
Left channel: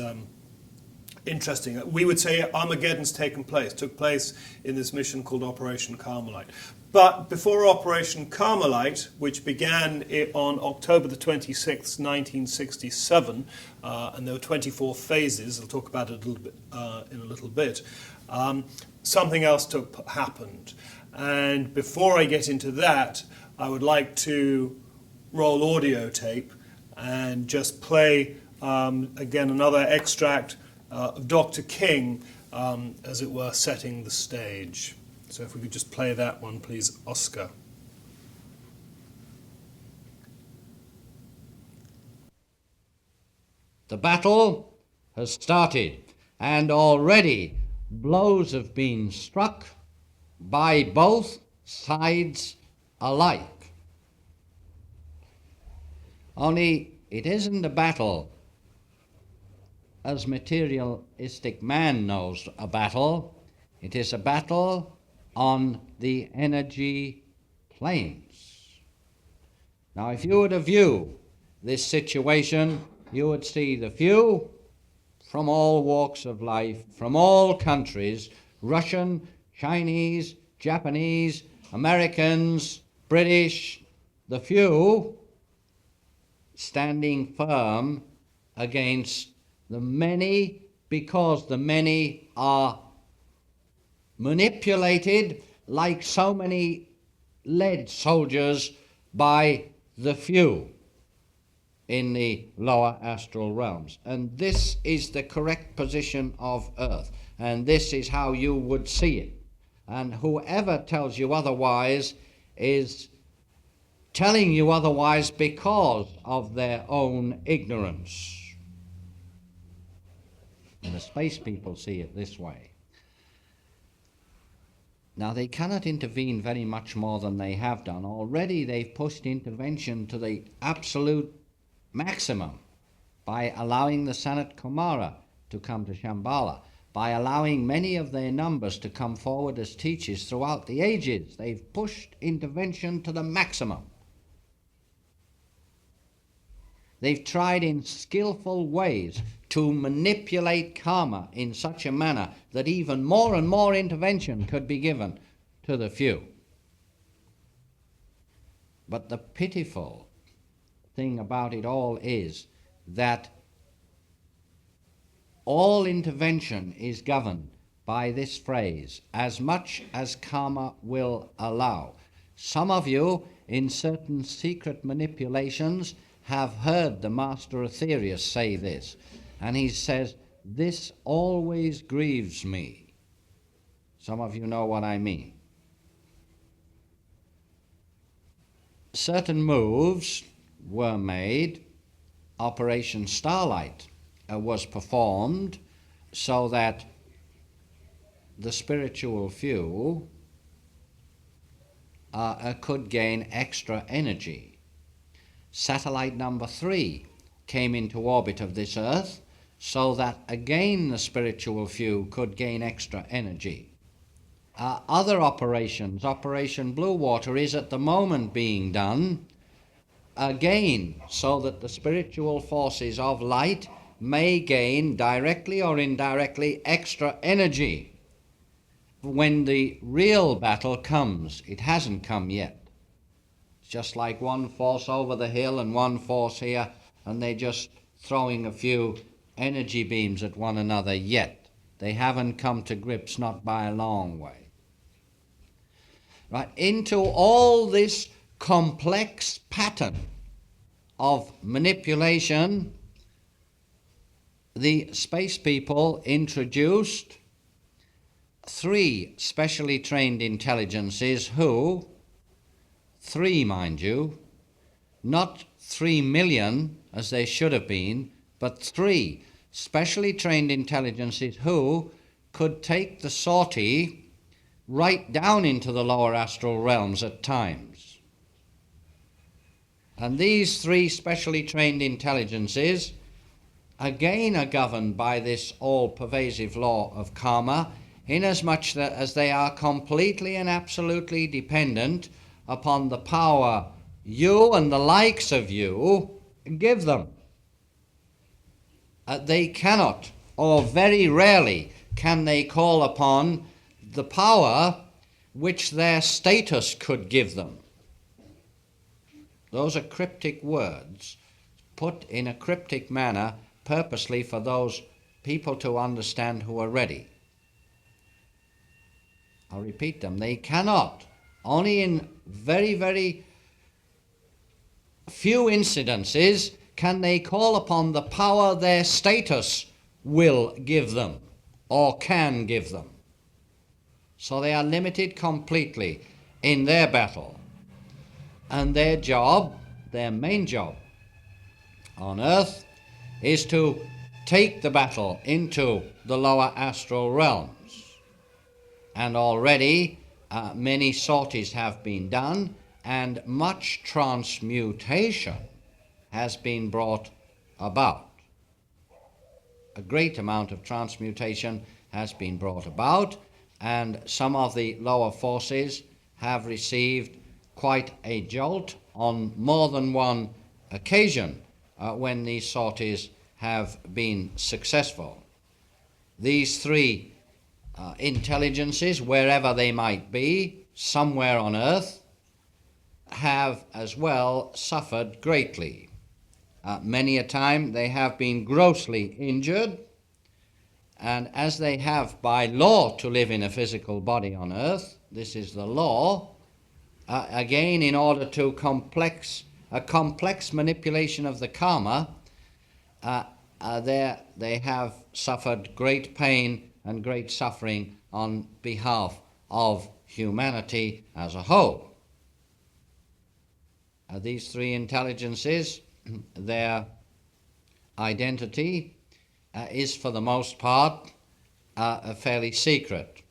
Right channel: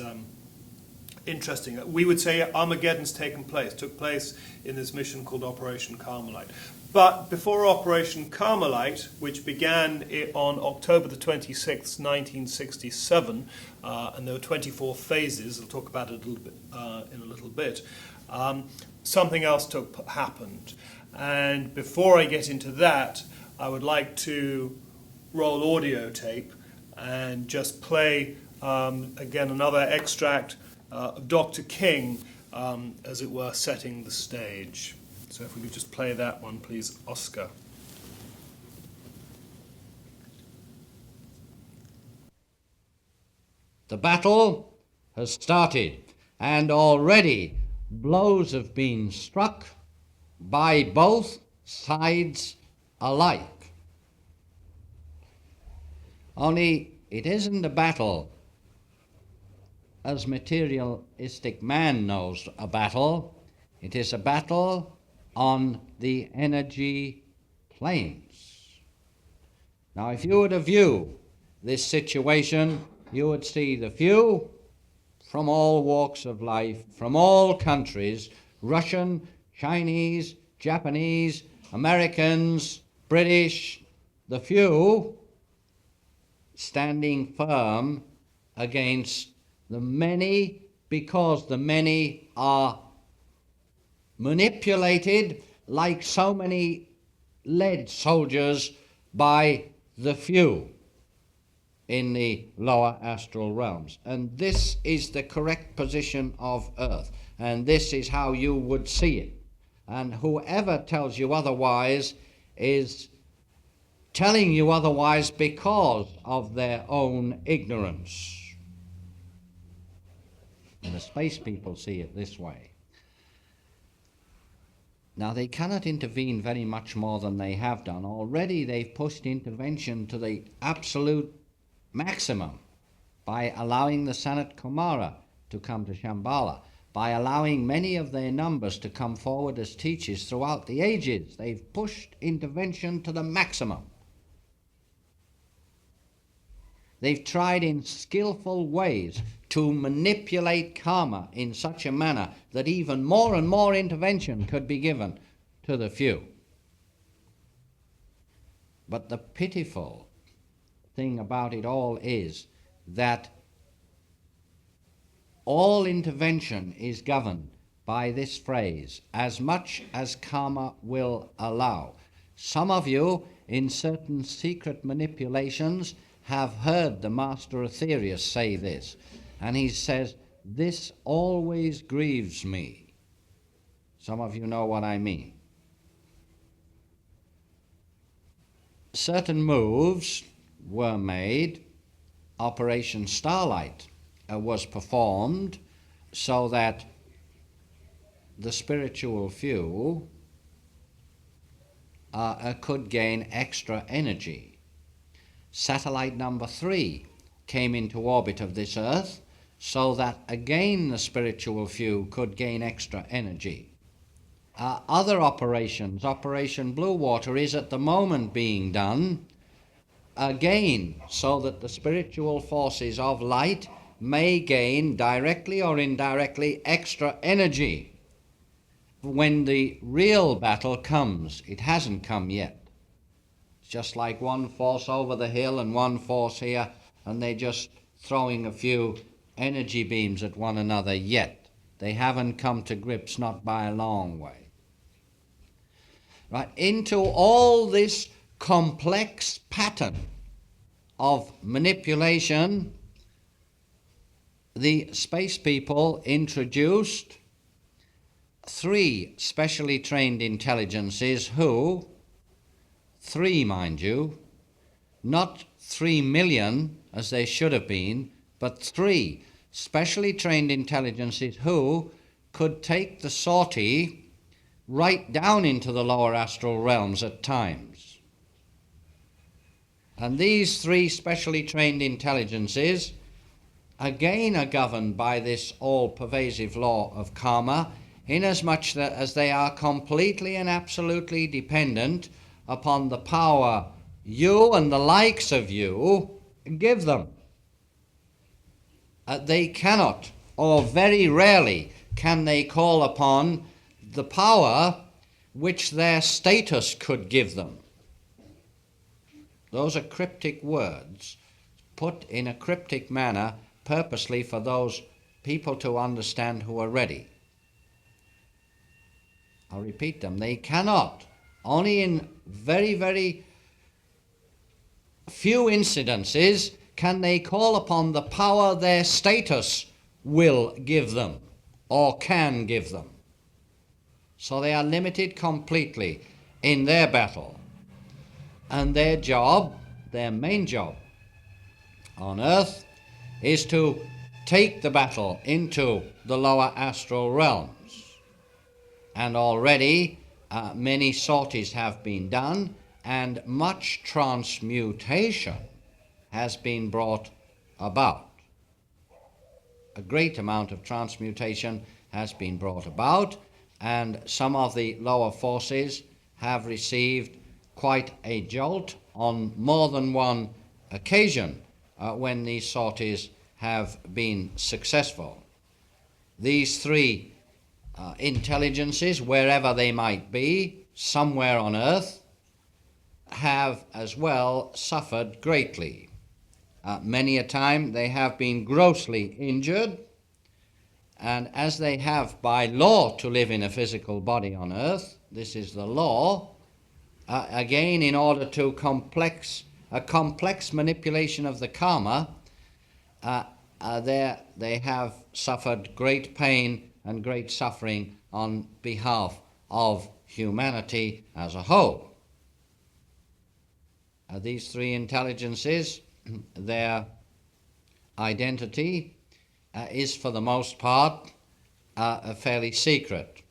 interesting. We would say Armageddon's took place in this mission called Operation Carmelite. But before Operation Carmelite, which began on October the 26th, 1967, and there were 24 phases, I'll talk about it a little bit, in a little bit, something else happened. And before I get into that, I would like to roll audio tape and just play, again, another extract of Dr. King, as it were, setting the stage. So if we could just play that one, please, Oscar. The battle has started, and already blows have been struck by both sides alike. Only it isn't a battle as materialistic man knows a battle. It is a battle on the energy planes. Now, if you were to view this situation, you would see the few from all walks of life, from all countries, Russian, Chinese, Japanese, Americans, British, the few standing firm against the many, because the many are manipulated like so many lead soldiers by the few in the lower astral realms. And this is the correct position of Earth, and this is how you would see it. And whoever tells you otherwise is telling you otherwise because of their own ignorance. And the space people see it this way. Now, they cannot intervene very much more than they have done. Already they've pushed intervention to the absolute maximum by allowing the Sanat Kumara to come to Shambala, by allowing many of their numbers to come forward as teachers throughout the ages. They've pushed intervention to the maximum. They've tried in skillful ways to manipulate karma in such a manner that even more and more intervention could be given to the few. But the pitiful thing about it all is that all intervention is governed by this phrase, as much as karma will allow. Some of you, in certain secret manipulations, have heard the master Aetherius say this, and he says, "This always grieves me." Some of you know what I mean. Certain moves were made. Operation Starlight was performed so that the spiritual few could gain extra energy. Satellite number 3 came into orbit of this Earth so that again the spiritual few could gain extra energy. Other operations, Operation Blue Water, is at the moment being done again so that the spiritual forces of light may gain, directly or indirectly, extra energy when the real battle comes. It hasn't come yet. It's just like one force over the hill and one force here, and they're just throwing a few energy beams at one another yet. They haven't come to grips, not by a long way. Right, into all this complex pattern of manipulation, the space people introduced 3 specially trained intelligences who, 3 mind you, not 3 million as they should have been, but 3 specially trained intelligences who could take the sortie right down into the lower astral realms at times. And these 3 specially trained intelligences again are governed by this all-pervasive law of karma, inasmuch that as they are completely and absolutely dependent upon the power you and the likes of you give them. They cannot, or very rarely can they call upon the power which their status could give them. Those are cryptic words put in a cryptic manner purposely for those people to understand who are ready. I'll repeat them. They cannot, only in very, very few incidences can they call upon the power their status will give them or can give them. So they are limited completely in their battle. And their job, their main job on Earth, is to take the battle into the lower astral realms. And already many sorties have been done, and much transmutation has been brought about. A great amount of transmutation has been brought about, and some of the lower forces have received quite a jolt on more than one occasion when these sorties have been successful. These 3 intelligences, wherever they might be, somewhere on Earth, have as well suffered greatly. Many a time they have been grossly injured, and as they have by law to live in a physical body on Earth, this is the law, again in order to a complex manipulation of the karma, they have suffered great pain and great suffering on behalf of humanity as a whole. These 3 intelligences, their identity is for the most part fairly secret.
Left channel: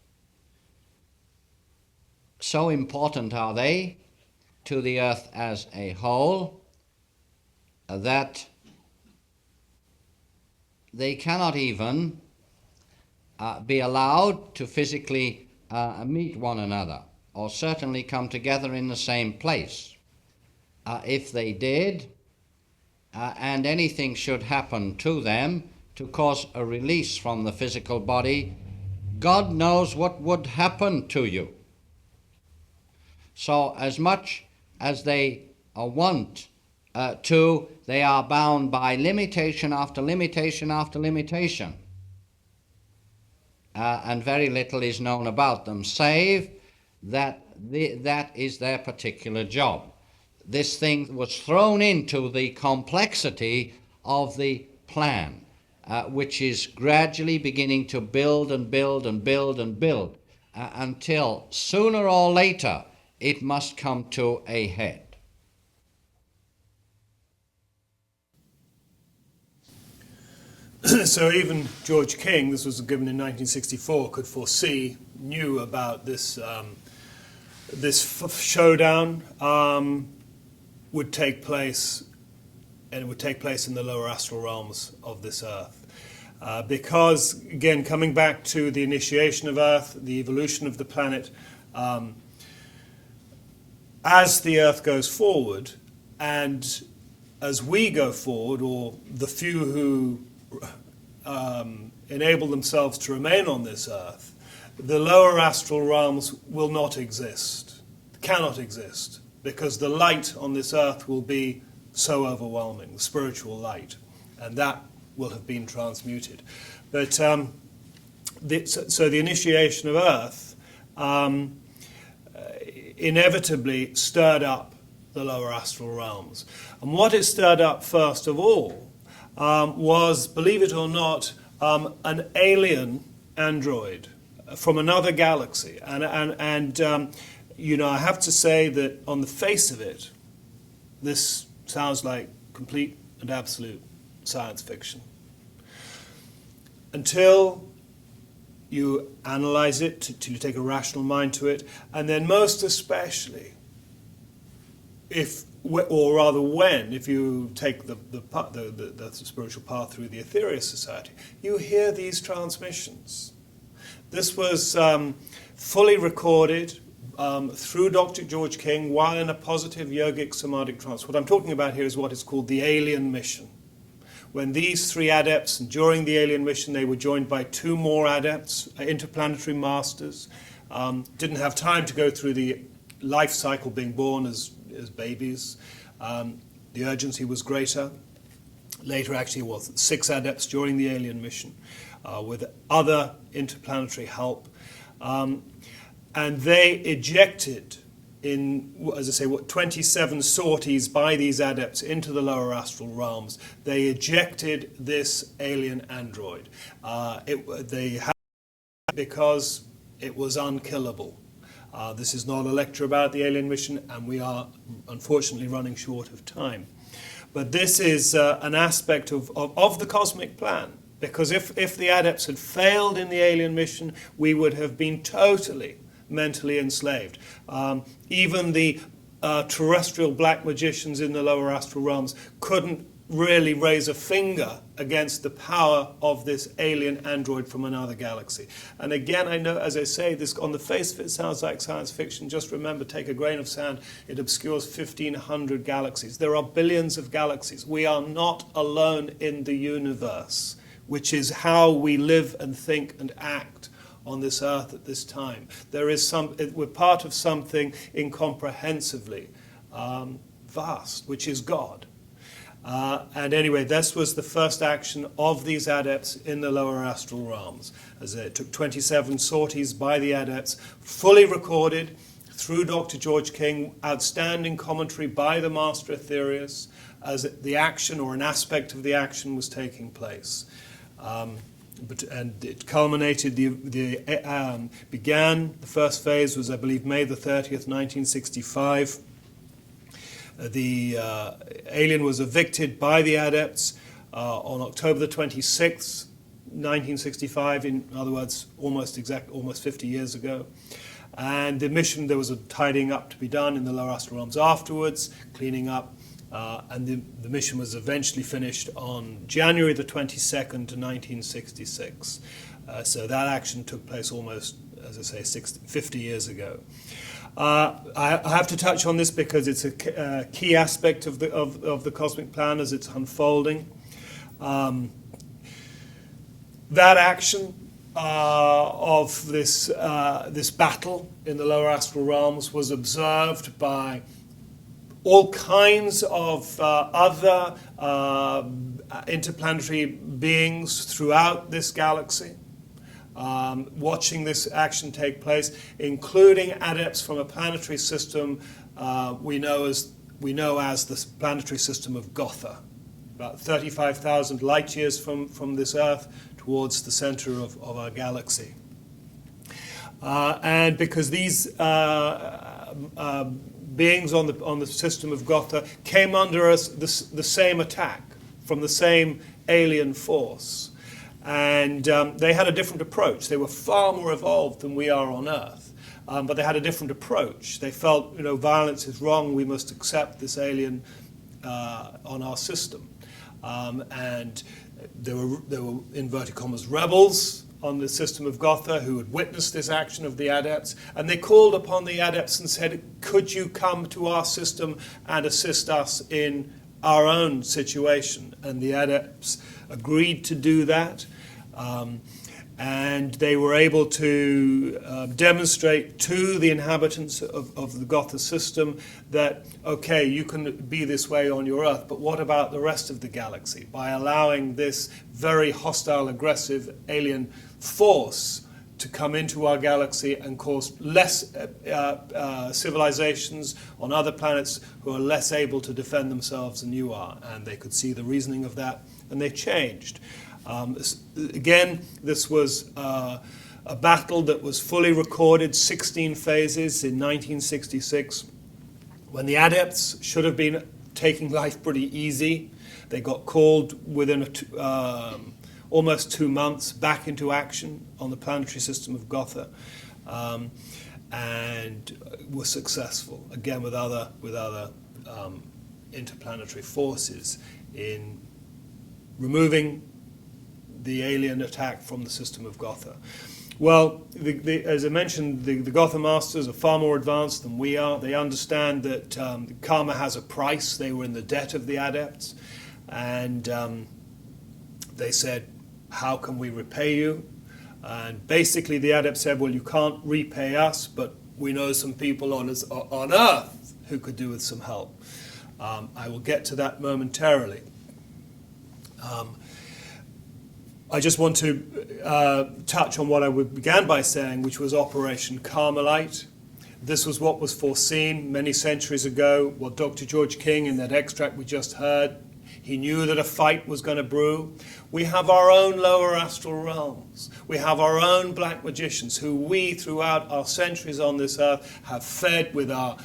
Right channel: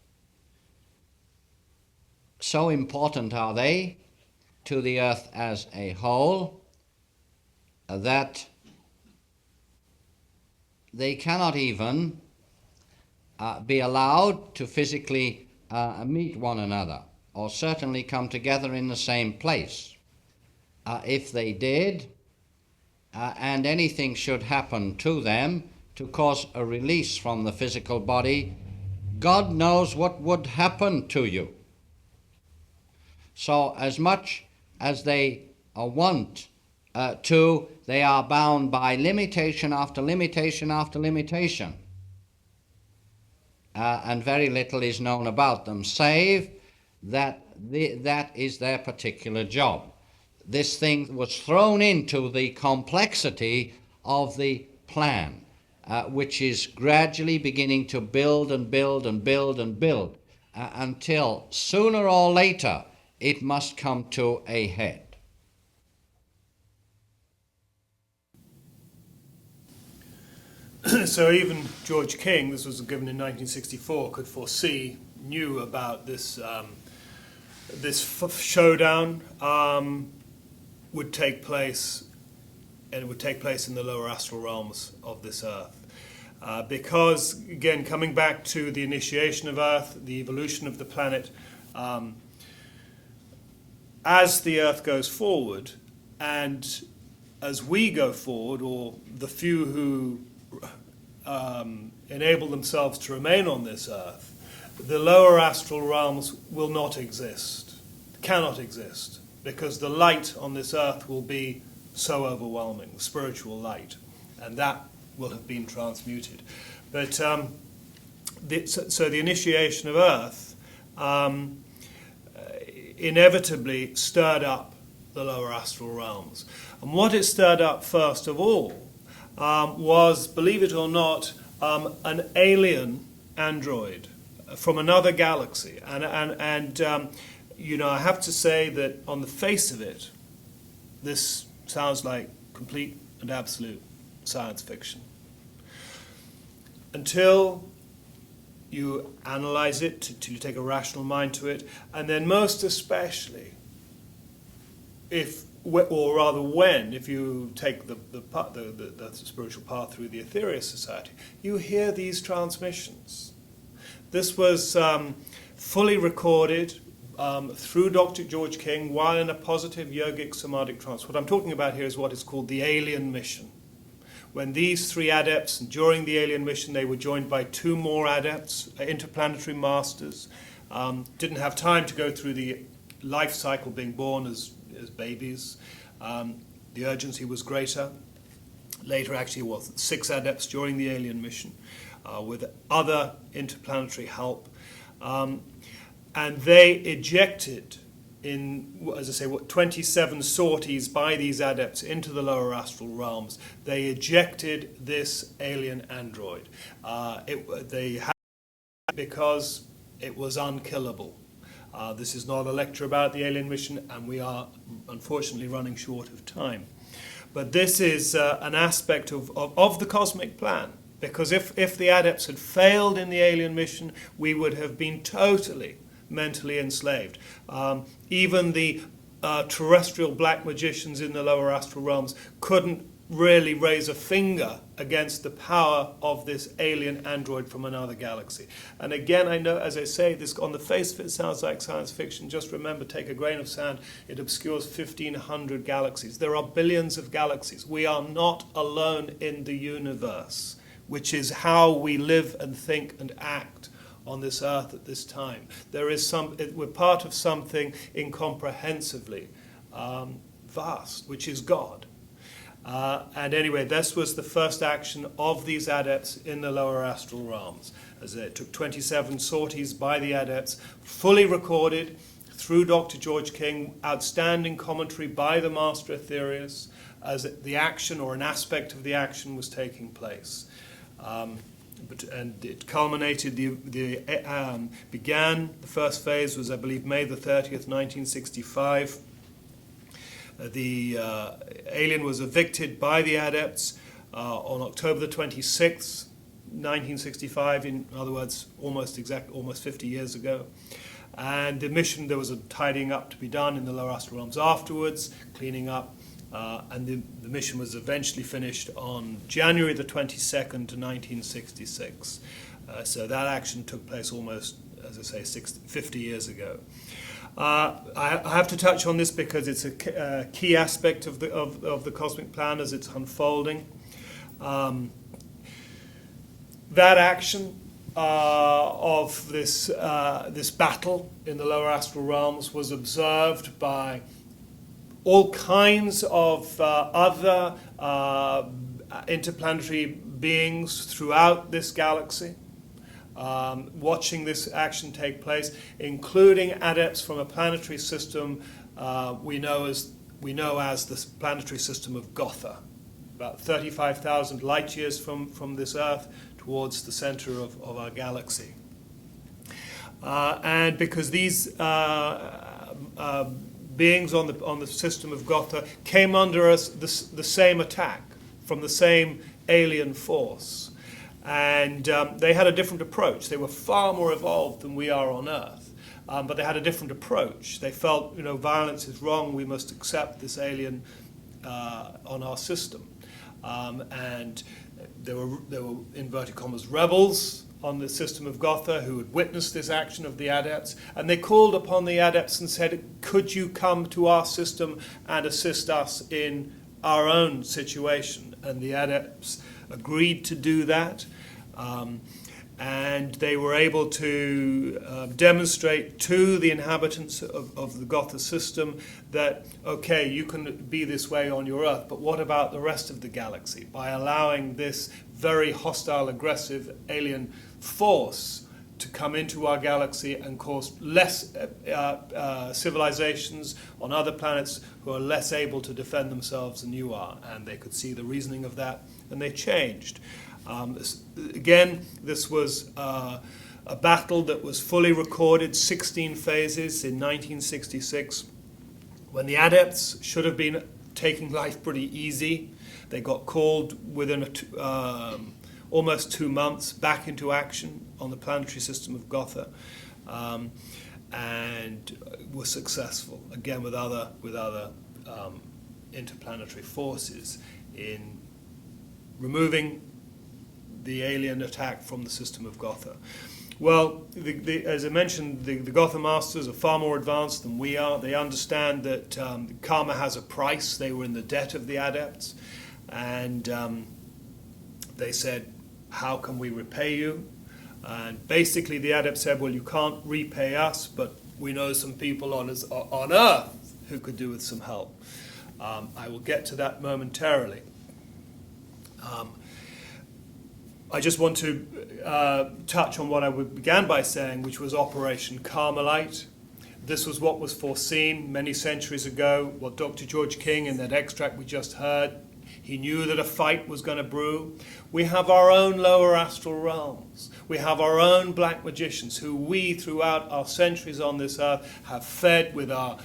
So important are they to the Earth as a whole that they cannot even be allowed to physically meet one another, or certainly come together in the same place. If they did, and anything should happen to them to cause a release from the physical body, God knows what would happen to you. So as much as they want to, they are bound by limitation after limitation after limitation. And very little is known about them, save that that is their particular job. This thing was thrown into the complexity of the plan, which is gradually beginning to build and build and build and build, until sooner or later it must come to a head. So even George King, this was given in 1964, could foresee, knew about this showdown would take place, and it would take place in the lower astral realms of this Earth. Because, again, coming back to the initiation of Earth, the evolution of the planet, as the Earth goes forward, and as we go forward, or the few who enable themselves to remain on this earth, the lower astral realms will not exist, cannot exist, because the light on this earth will be so overwhelming, the spiritual light, and that will have been transmuted. But so the initiation of earth inevitably stirred up the lower astral realms. And what it stirred up first of all was, believe it or not, an alien android from another galaxy. And you know, I have to say that on the face of it, this sounds like complete and absolute science fiction. Until you analyze it, to take a rational mind to it, and then most especially, if you take the spiritual path through the Ethereal Society, you hear these transmissions. This was fully recorded through Dr. George King while in a positive yogic somatic trance. What I'm talking about here is what is called the alien mission. When these three adepts, and during the alien mission, they were joined by two more adepts, interplanetary masters, didn't have time to go through the life cycle being born as babies. The urgency was greater. Later, actually, it was 6 adepts during the alien mission with other interplanetary help. And they ejected as I say, 27 sorties by these adepts into the lower astral realms. They ejected this alien android. They had it because it was unkillable. This is not a lecture about the alien mission, and we are unfortunately running short of time. But this is an aspect of the cosmic plan, because if the adepts had failed in the alien mission, we would have been totally mentally enslaved. Even the terrestrial black magicians in the lower astral realms couldn't really raise a finger against the power of this alien android from another galaxy. And again, I know, as I say, this on the face of it sounds like science fiction. Just remember, take a grain of sand, it obscures 1,500 galaxies. There are billions of galaxies. We are not alone in the universe, which is how we live and think and act on this earth at this time. We're part of something incomprehensibly vast, which is God. And anyway, this was the first action of these adepts in the lower astral realms. As it took 27 sorties by the adepts, fully recorded through Dr. George King, outstanding commentary by the Master Aetherius, as the action or an aspect of the action was taking place. And it culminated, began, the first phase was, I believe, May the 30th, 1965. The alien was evicted by the adepts on October the 26th, 1965, in other words, almost 50 years ago. And the mission, there was a tidying up to be done in the lower astral realms afterwards, cleaning up, and the mission was eventually finished on January the 22nd, 1966. So that action took place almost, as I say, 50 years ago. I have to touch on this because it's a key aspect of the cosmic plan as it's unfolding. That action of this battle in the lower astral realms was observed by all kinds of other interplanetary beings throughout this galaxy. Watching this action take place, including adepts from a planetary system we know as the planetary system of Gotha, about 35,000 light years from this Earth towards the center of our galaxy. And because these beings on the system of Gotha came under the same attack from the same alien force. And they had a different approach. They were far more evolved than we are on Earth, but they had a different approach. They felt, violence is wrong. We must accept this alien on our system. And there were inverted commas rebels on the system of Gotha who had witnessed this action of the adepts, and they called upon the adepts and said, "Could you come to our system and assist us in our own situation. And the adepts agreed to do that. And they were able to demonstrate to the inhabitants of the Gotha system that, okay, you can be this way on your Earth, but what about the rest of the galaxy? By allowing this very hostile, aggressive alien force to come into our galaxy and cause less civilizations on other planets who are less able to defend themselves than you are. And they could see the reasoning of that, and they changed. Again, this was a battle that was fully recorded, 16 phases in 1966, when the adepts should have been taking life pretty easy. They got called within almost 2 months back into action on the planetary system of Gotha, and were successful, again with other interplanetary forces, in removing the alien attack from the system of Gotha. Well, as I mentioned, the Gotha Masters are far more advanced than we are. They understand that karma has a price. They were in the debt of the adepts. And they said, how can we repay you? And basically the adepts said, well, you can't repay us, but we know some people on Earth who could do with some help. I will get to that momentarily. I just want to touch on what I began by saying, which was Operation Carmelite. This was what was foreseen many centuries ago. What Dr. George King, in that extract we just heard, he knew that a fight was going to brew. We have our own lower astral realms. We have our own black magicians who we, throughout our centuries on this earth, have fed with our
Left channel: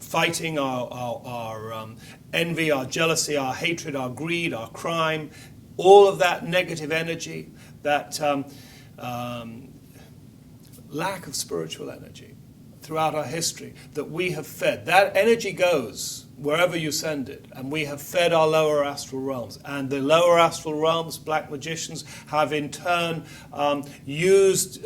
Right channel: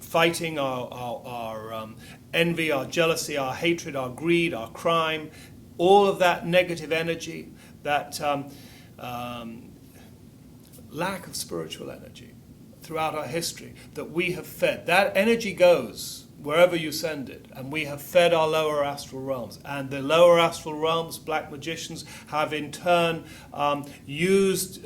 fighting, our envy, our jealousy, our hatred, our greed, our crime. All of that negative energy, that lack of spiritual energy throughout our history that we have fed. That energy goes wherever you send it, and we have fed our lower astral realms. And the lower astral realms, black magicians, have in turn used,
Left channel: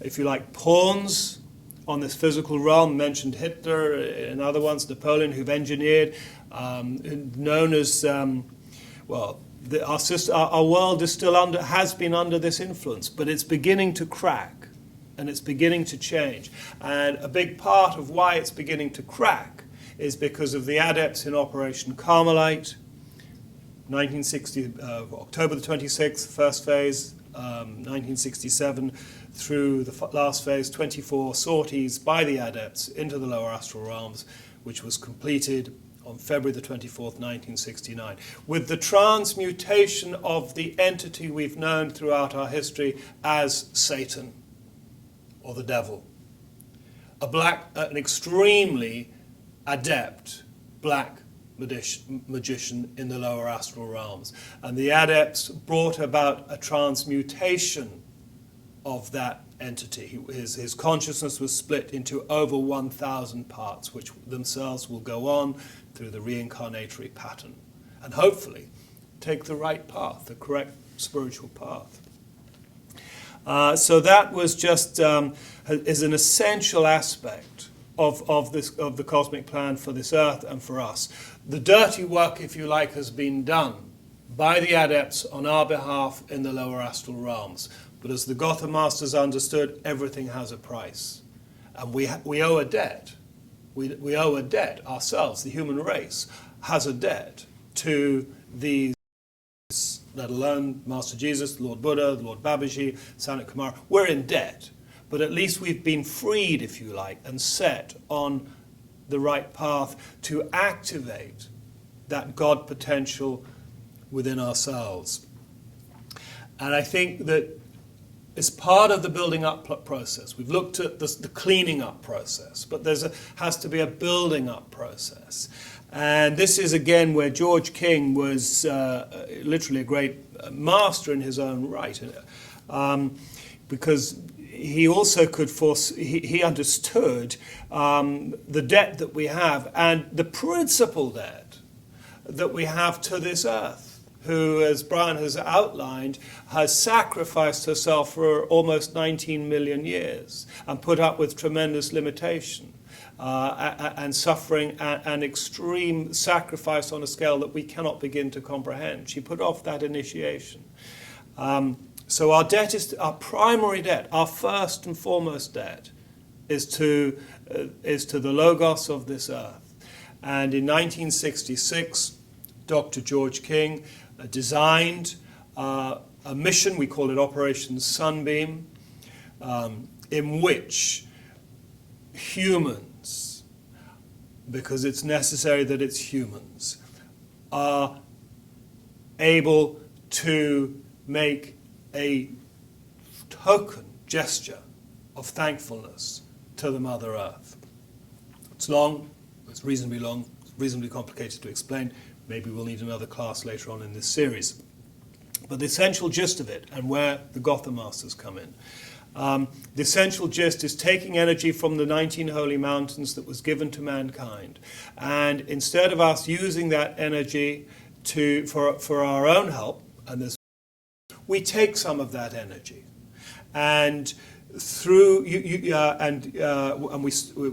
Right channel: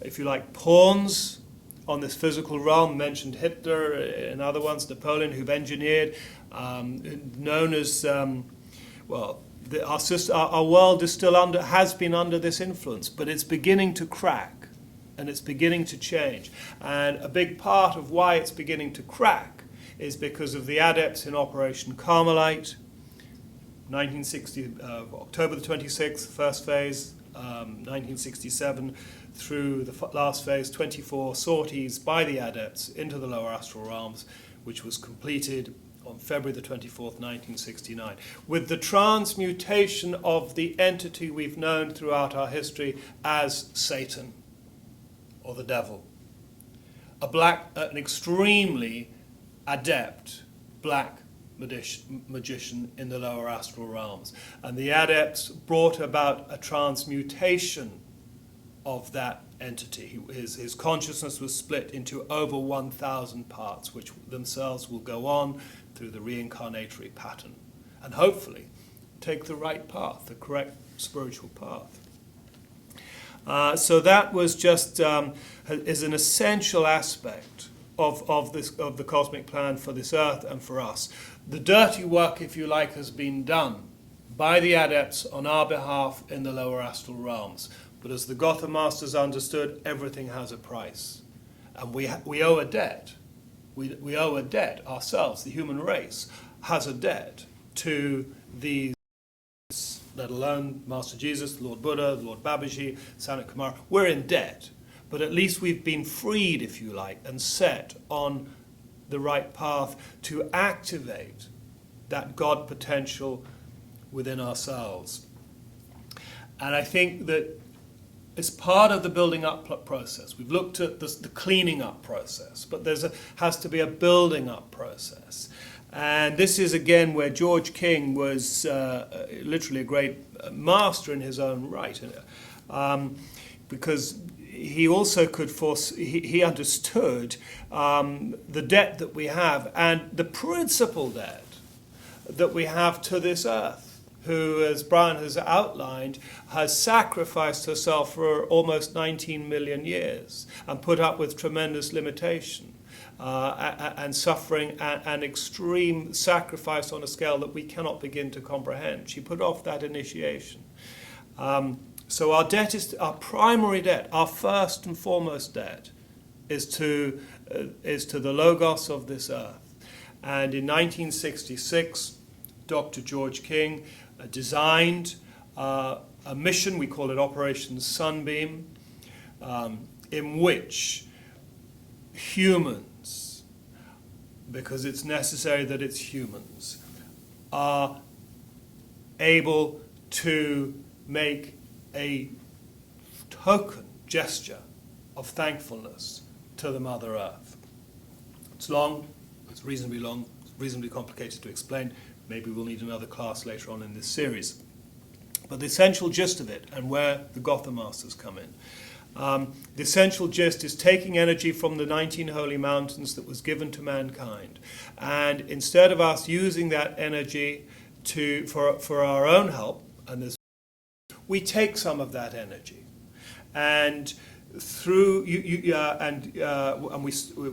if you like, pawns on this physical realm. Mentioned Hitler and other ones, Napoleon, who've engineered, known as, our world is still has been under this influence, but it's beginning to crack, and it's beginning to change. And a big part of why it's beginning to crack is because of the adepts in Operation Carmelite, 1960, October the 26th, first phase, 1967, through the last phase, 24 sorties by the adepts into the lower astral realms, which was completed on February the 24th, 1969, with the transmutation of the entity we've known throughout our history as Satan, or the devil. An extremely adept black magician in the lower astral realms. And the adepts brought about a transmutation of that entity. His consciousness was split into over 1,000 parts, which themselves will go on through the reincarnatory pattern, and hopefully take the right path, the correct spiritual path. So that was just is an essential aspect of the cosmic plan for this earth and for us. The dirty work, if you like, has been done by the adepts on our behalf in the lower astral realms. But as the Gotha Masters understood, everything has a price, and we owe a debt. We owe a debt ourselves. The human race has a debt to these, let alone Master Jesus, the Lord Buddha, the Lord Babaji, Sanat, Kumara. We're in debt, but at least we've been freed, if you like, and set on the right path to activate that God potential within ourselves. And I think that it's part of the building up process. We've looked at the cleaning up process, but has to be a building up process. And this is, again, where George King was literally a great master in his own right, because he also could he understood the debt that we have, and the principal debt that we have to this earth, who, as Brian has outlined, has sacrificed herself for almost 19 million years and put up with tremendous limitation. and suffering and extreme sacrifice on a scale that we cannot begin to comprehend. She put off that initiation. So our debt is our primary debt, our first and foremost debt, is to the Logos of this earth. And in 1966, Dr. George King designed a mission, we call it Operation Sunbeam, in which humans, because it's necessary that it's humans, are able to make a token gesture of thankfulness to the Mother Earth. It's long, it's reasonably complicated to explain. Maybe we'll need another class later on in this series. But the essential gist of it, and where the Gotha Masters come in, the essential gist is taking energy from the 19 holy mountains that was given to mankind, and instead of us using that energy for our own help, and we take some of that energy, and through it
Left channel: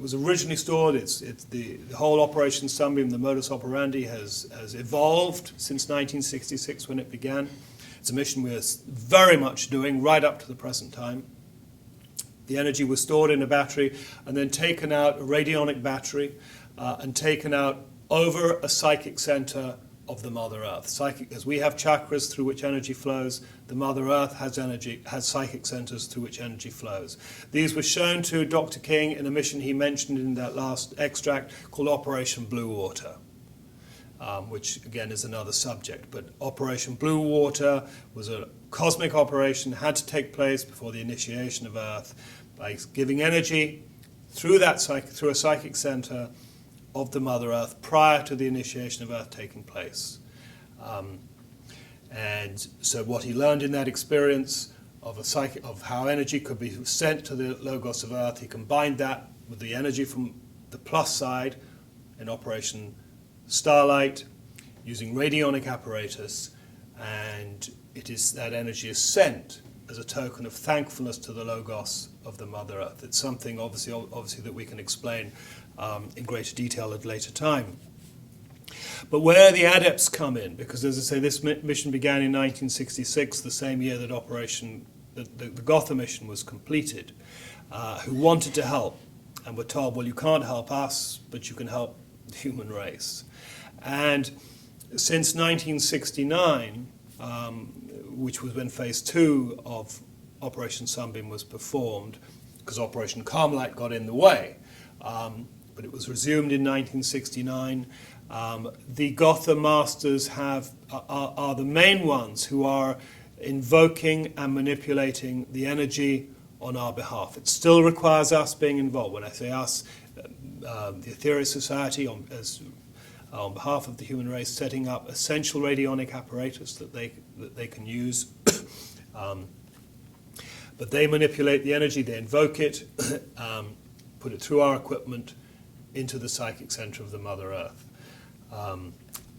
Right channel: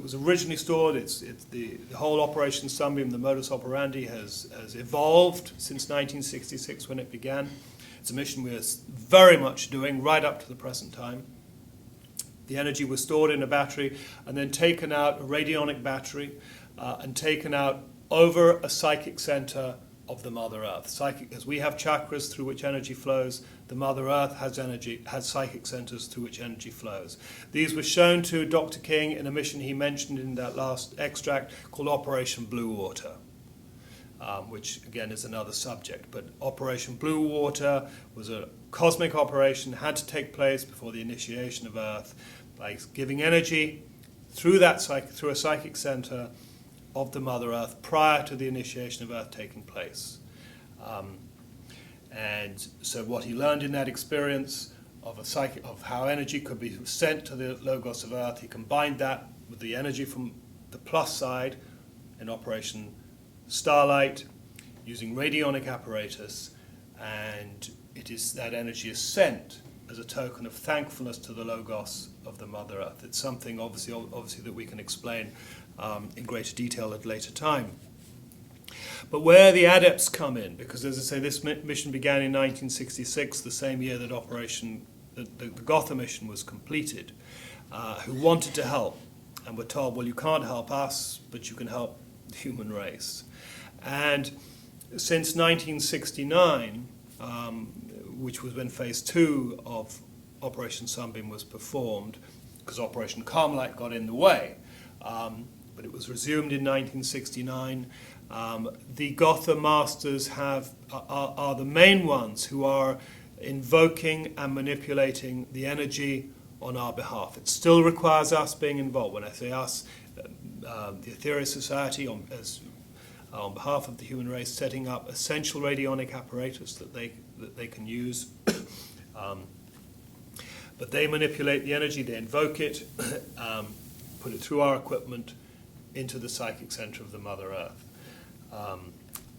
was originally stored. It's the whole Operation Sunbeam, the modus operandi has evolved since 1966 when it began. It's a mission we're very much doing right up to the present time. The energy was stored in a battery and then taken out, a radionic battery, and taken out over a psychic center of the Mother Earth. As we have chakras through which energy flows, the Mother Earth has psychic centers through which energy flows. These were shown to Dr. King in a mission he mentioned in that last extract called Operation Blue Water, which again is another subject. But Operation Blue Water was a cosmic operation, had to take place before the initiation of Earth by giving energy through a psychic center of the Mother Earth prior to the initiation of Earth taking place. And so what he learned in that experience of how energy could be sent to the Logos of Earth, he combined that with the energy from the plus side in Operation Starlight using radionic apparatus, and that energy is sent as a token of thankfulness to the Logos of the Mother Earth. It's something obviously that we can explain in greater detail at a later time. But where the adepts come in, because as I say, this mission began in 1966, the same year that the Gotha mission was completed, who wanted to help and were told, well, you can't help us, but you can help the human race. And since 1969, which was when phase 2 of Operation Sunbeam was performed, because Operation Carmelite got in the way, but it was resumed in 1969. The Gotha Masters are the main ones who are invoking and manipulating the energy on our behalf. It still requires us being involved. When I say us, the Ethereal Society on behalf of the human race, setting up essential radionic apparatus that they can use. But they manipulate the energy, they invoke it, put it through our equipment into the psychic center of the Mother Earth.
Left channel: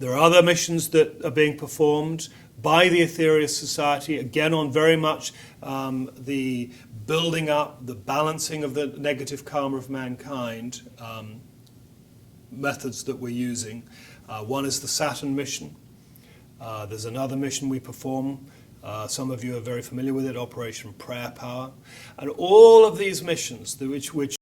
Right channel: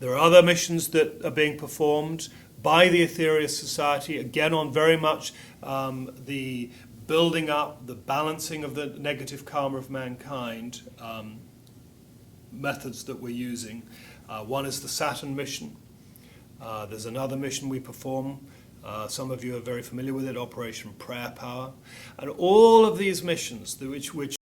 There are other missions that are being performed by the Ethereal Society, again on very much the building up, the balancing of the negative karma of mankind methods that we're using. One is the Saturn mission. There's another mission we perform. Some of you are very familiar with it, Operation Prayer Power. And all of these missions which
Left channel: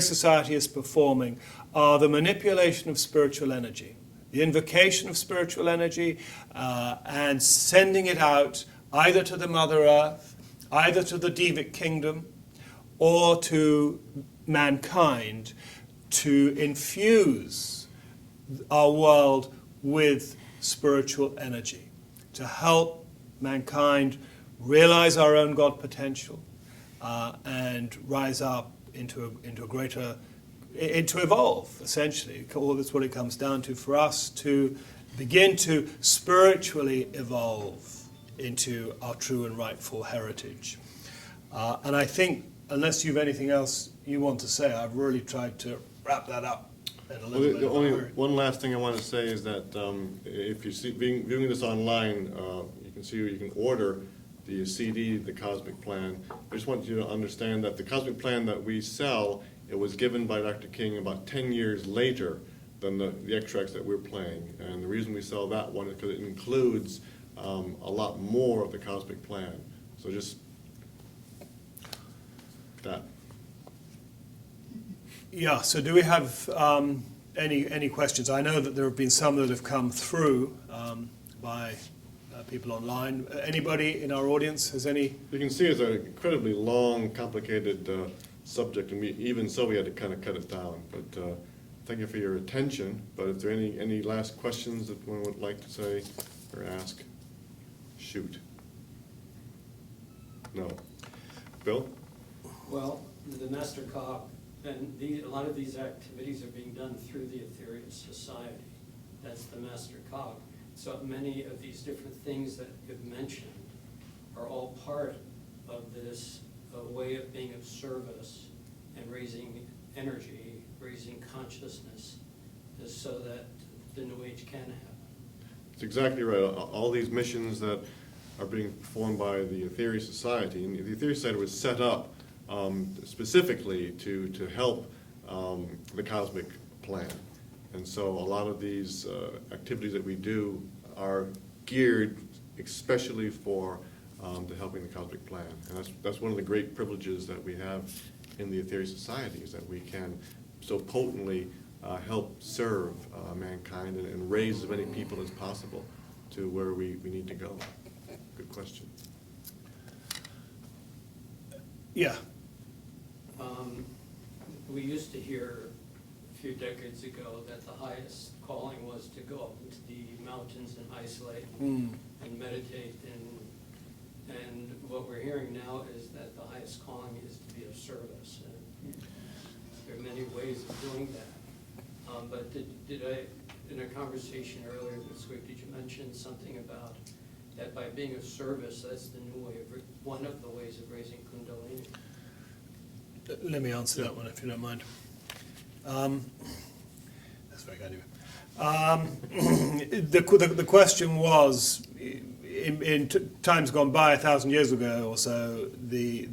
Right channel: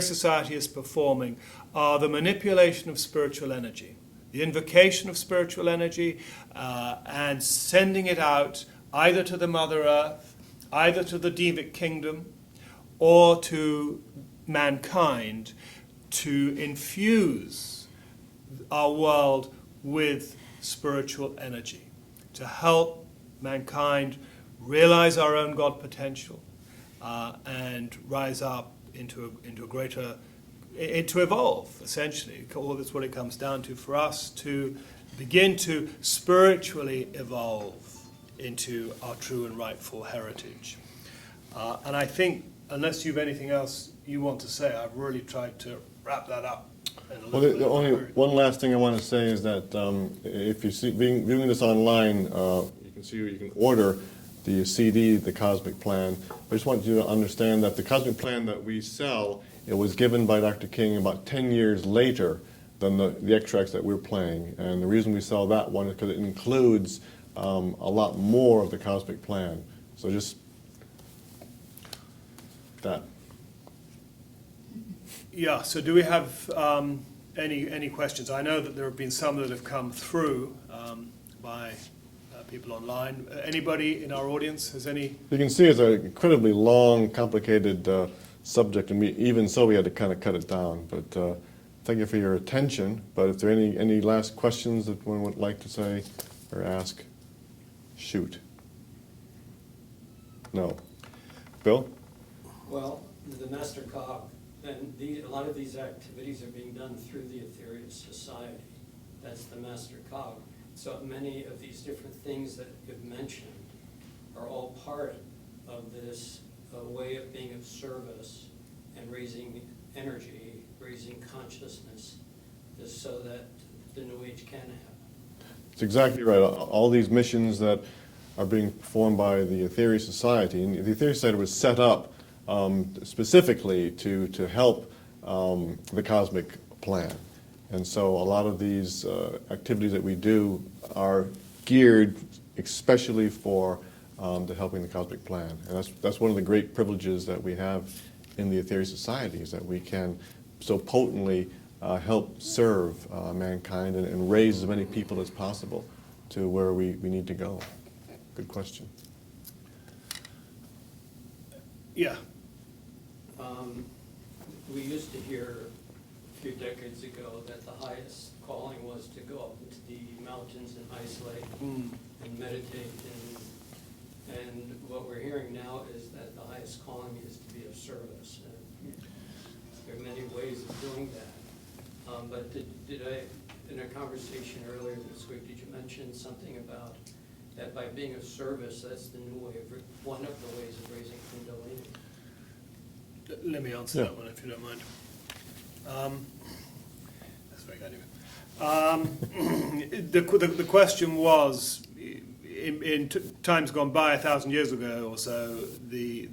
society is performing are the manipulation of spiritual energy, the invocation of spiritual energy, and sending it out either to the Mother Earth, either to the Devic kingdom, or to mankind to infuse our world with spiritual energy, to help mankind realize our own God potential and rise up into a greater, to evolve, essentially. All that's what it comes down to for us, to begin to spiritually evolve into our true and rightful heritage. And I think, unless you've anything else you want to say, I've really tried to wrap that up in a little bit. The only one last thing I want to say is that if you see viewing this online, you can order the CD, the Cosmic Plan. I just want you to understand that the Cosmic Plan that we sell It was given by Dr. King about 10 years later than the extracts that we're playing. And the reason we sell that one is because it includes a lot more of the cosmic plan. So just that. Yeah, so do we have any questions? I know that there have been some that have come through by people online. Anybody in our audience has any? You can see it's an incredibly long, complicated subject, and even so we had to kind of cut it down. But thank you for your attention. But if there are any last questions that one would like to say or ask, shoot. No. Bill? Well, the Master Cog, and a lot of these activities are being done through the Ethereal Society. That's the Master Cog. So many of these different things that you've mentioned are all part of this way of being of service and raising energy, raising consciousness, just so that the New Age can happen. It's exactly right. All these missions that are being performed by the Ethereal Society, and the Ethereal Society was set up specifically to help the cosmic plan. And so a lot of these activities that we do are geared especially for the helping the cosmic plan. And that's one of the great privileges that we have in the Ethereal Society, is that we can so potently help serve mankind and raise as many people as possible to where we need to go. Good question. Yeah. We used to hear a few decades ago that the highest calling was to go up into the mountains and isolate and meditate. And what we're hearing now is that the highest calling is to be of service. And there are many ways of doing that. But did I, in a conversation earlier this week, did you mention something about that by being of service, that's the new way of, one of the ways of raising Kundalini? Let me answer that one if you don't mind. That's very kind of you. The question was, in times gone by, 1,000 years ago or so, the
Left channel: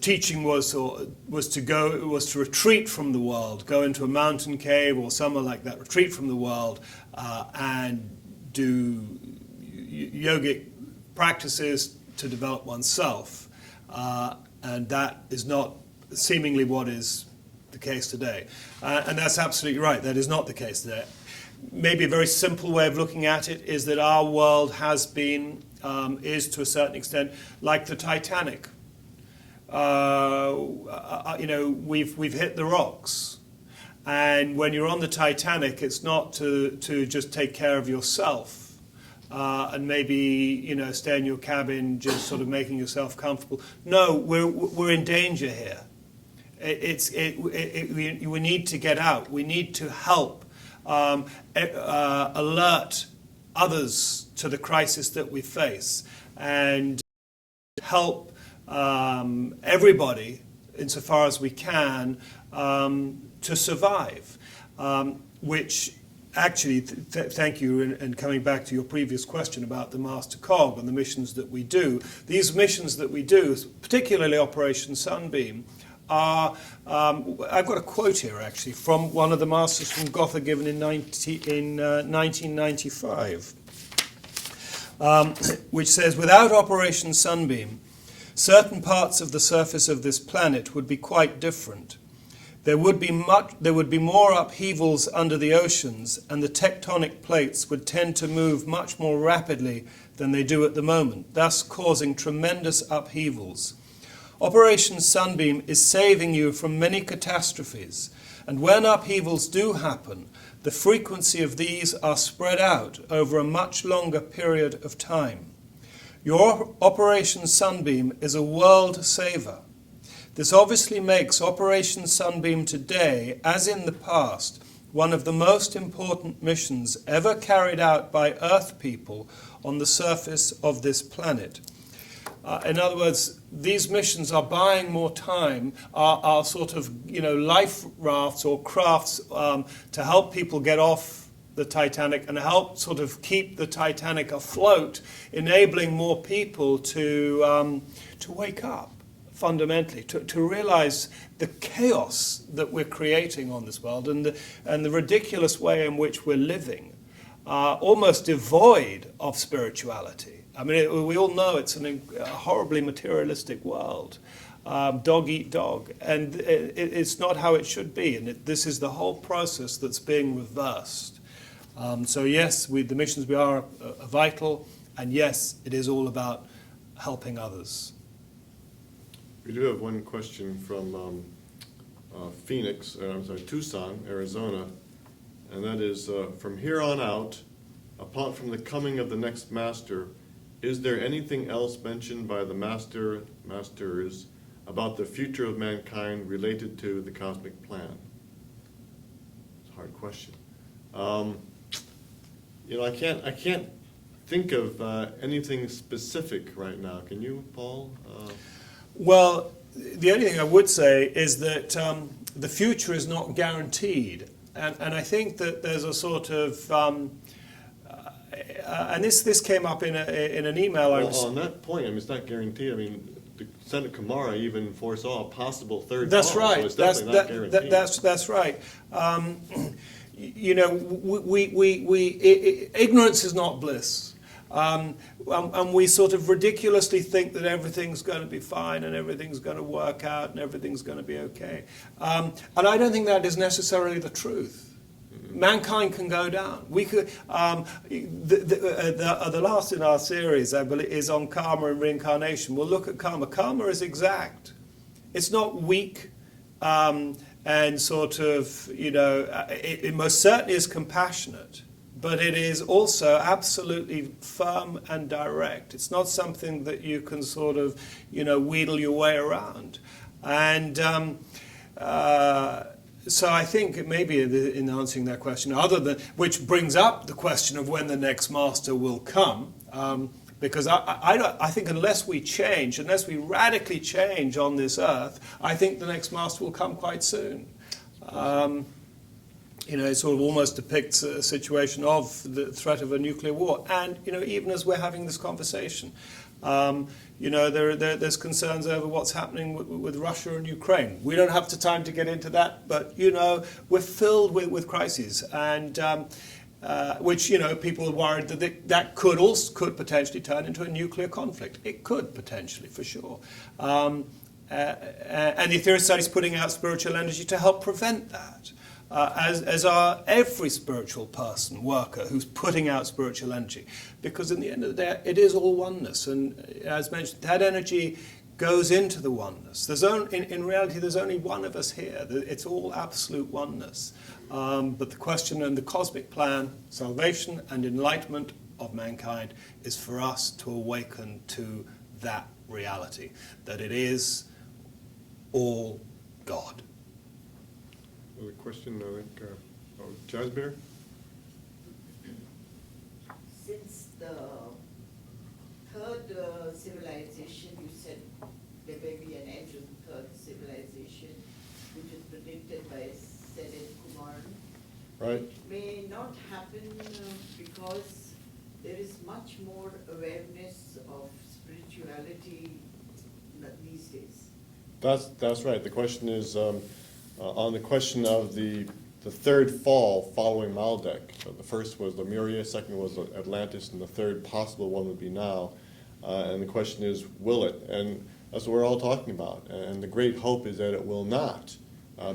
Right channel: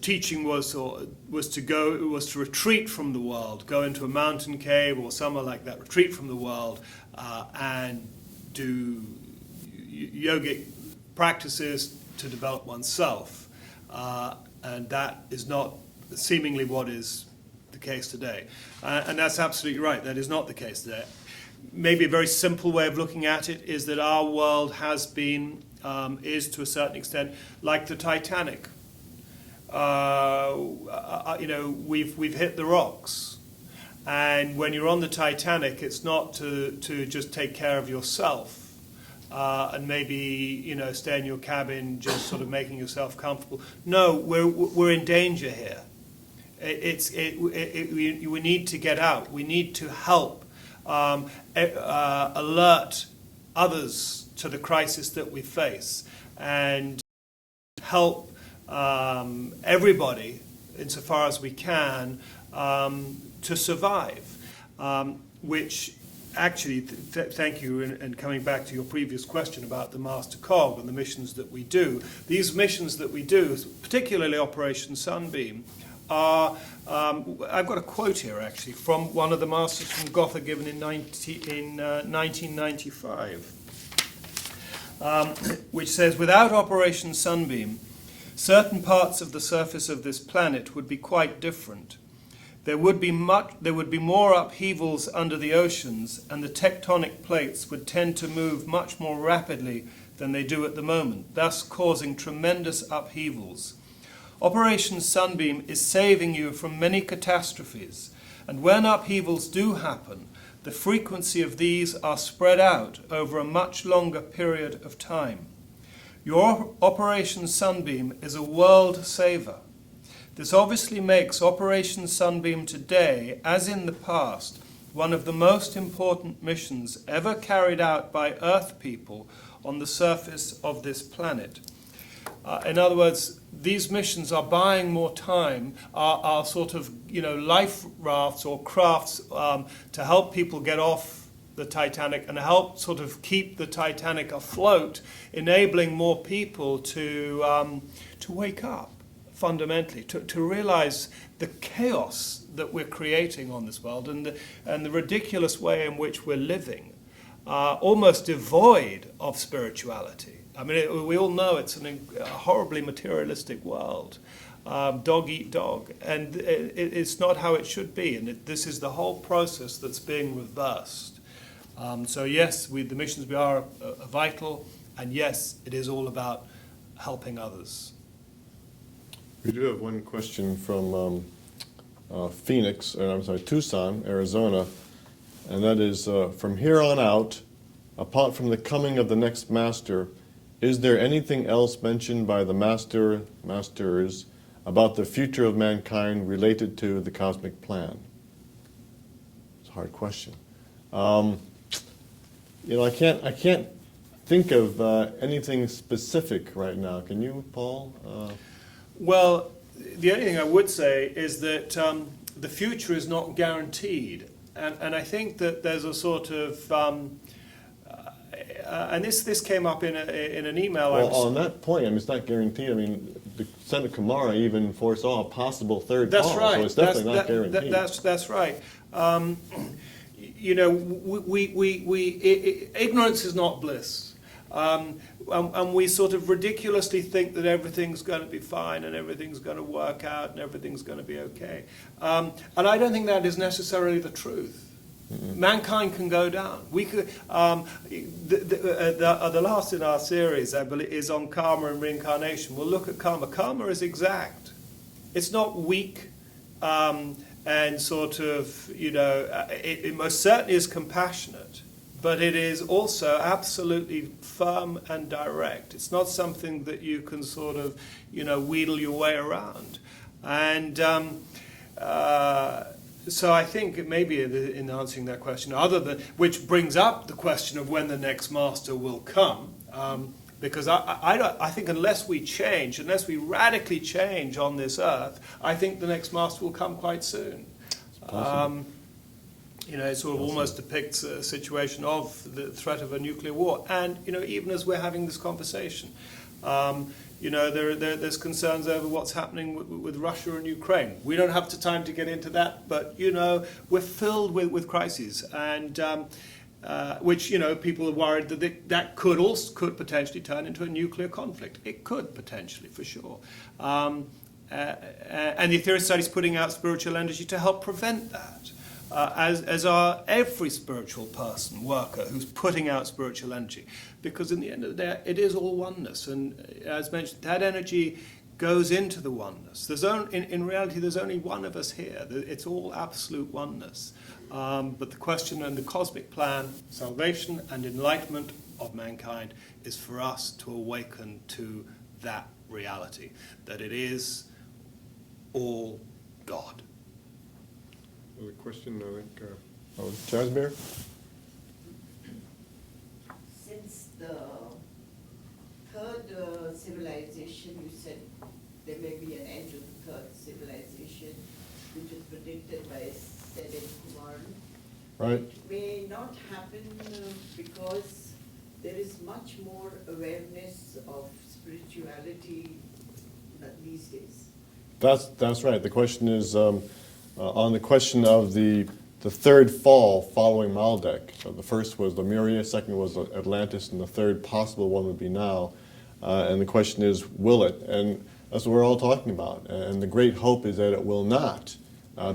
teaching was to retreat from the world, go into a mountain cave or somewhere like that, retreat from the world, and do yogic practices to develop oneself. And that is not seemingly what is the case today. And that's absolutely right. That is not the case today. Maybe a very simple way of looking at it is that our world has been, is to a certain extent, like the Titanic. We've hit the rocks. And when you're on the Titanic, it's not to just take care of yourself. And maybe stay in your cabin, just sort of making yourself comfortable. No, we're in danger here. We need to get out. We need to help alert others to the crisis that we face, and help everybody, insofar as we can, to survive, which. Actually, thank you, and coming back to your previous question about the Master Cog and the missions that we do, these missions that we do, particularly Operation Sunbeam, are, I've got a quote here actually from one of the Masters from Gotha given in 1995, which says, without Operation Sunbeam, certain parts of the surface of this planet would be quite different. There would be more upheavals under the oceans, and the tectonic plates would tend to move much more rapidly than they do at the moment, thus causing tremendous upheavals. Operation Sunbeam is saving you from many catastrophes, and when upheavals do happen, the frequency of these are spread out over a much longer period of time. Your Operation Sunbeam is a world saver. This obviously makes Operation Sunbeam today, as in the past, one of the most important missions ever carried out by Earth people on the surface of this planet. In other words, these missions are buying more time, are sort of, life rafts or crafts to help people get off the Titanic and help sort of keep the Titanic afloat, enabling more people to wake up fundamentally, to realize the chaos that we're creating on this world and the ridiculous way in which we're living, almost devoid of spirituality. I mean, we all know it's a horribly materialistic world. Dog eat dog, and it's not how it should be, and this is the whole process that's being reversed. So yes, the missions we are vital, and yes, it is all about helping others. We do have one question from Tucson, Arizona, and that is, from here on out, apart from the coming of the next master, is there anything else mentioned by the masters about the future of mankind related to the cosmic plan? It's a hard question. I can't think of anything specific right now. Can you, Paul? Well, the only thing I would say is that the future is not guaranteed, and I think that there's a sort of and this came up in an email. On that point, I mean, it's not guaranteed. I mean, the Senator Kumara even foresaw a possible third That's call, right. so it's definitely not guaranteed. That's right. Ignorance is not bliss. And we sort of ridiculously think that everything's going to be fine and everything's going to work out and everything's going to be okay. And I don't think that is necessarily the truth. Mm-hmm. Mankind can go down. We could. The last in our series, I believe, is on karma and reincarnation. We'll look at karma. Karma is exact. It's not weak. And sort of, it most certainly is compassionate, but it is also absolutely firm and direct. It's not something that you can sort of, wheedle your way around. And so I think maybe in answering that question, which brings up the question of when the next master will come, because I think unless we radically change on this earth, I think the next master will come quite soon. It sort of almost depicts a situation of the threat of a nuclear war. And, even as we're having this conversation, there's concerns over what's happening with Russia and Ukraine. We don't have the time to get into that, but, we're filled with crises. And which people are worried that could potentially turn into a nuclear conflict. It could potentially, for sure. And the Aetherius Society is putting out spiritual energy to help prevent that, as are every spiritual person, worker, who's putting out spiritual energy. Because in the end of the day, it is all oneness. And as mentioned, that energy goes into the oneness. In reality, there's only one of us here. It's all absolute oneness. But the question and the cosmic plan, salvation and enlightenment of mankind, is for us to awaken to that reality, that it is all God. Another question, I think, Jasmine? Since the third civilization, you said there may be an end to the third civilization, which is predicted by Sanat Kumara. Right. It may not happen because there is much more awareness of spirituality these days. That's right. The question is on the question of the third fall following Maldek. So the first was Lemuria, second was Atlantis, and the third possible one would be now. And the question is, will it? And that's what we're all talking about. And the great hope is that it will not,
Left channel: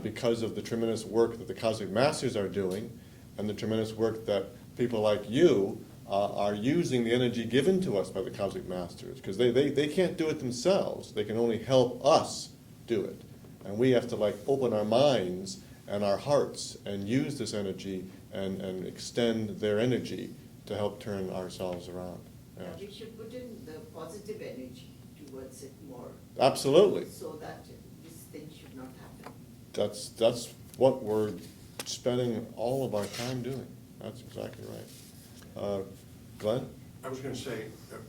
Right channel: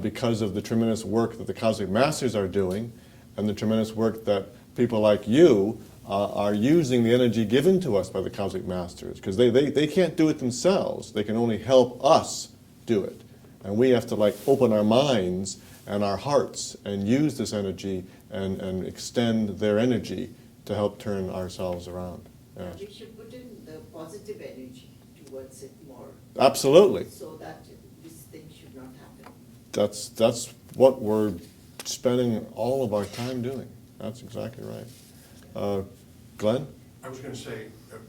because of the tremendous work that the Cosmic Masters are doing, and the tremendous work that people like you are using the energy given to us by the Cosmic Masters, because they can't do it themselves. They can only help us do it. And we have to open our minds and our hearts and use this energy and extend their energy to help turn ourselves around. Yes. We should put in the positive energy towards it more. Absolutely. So that this thing should not happen. That's what we're spending all of our time doing. That's exactly right. Glenn? I was going to say,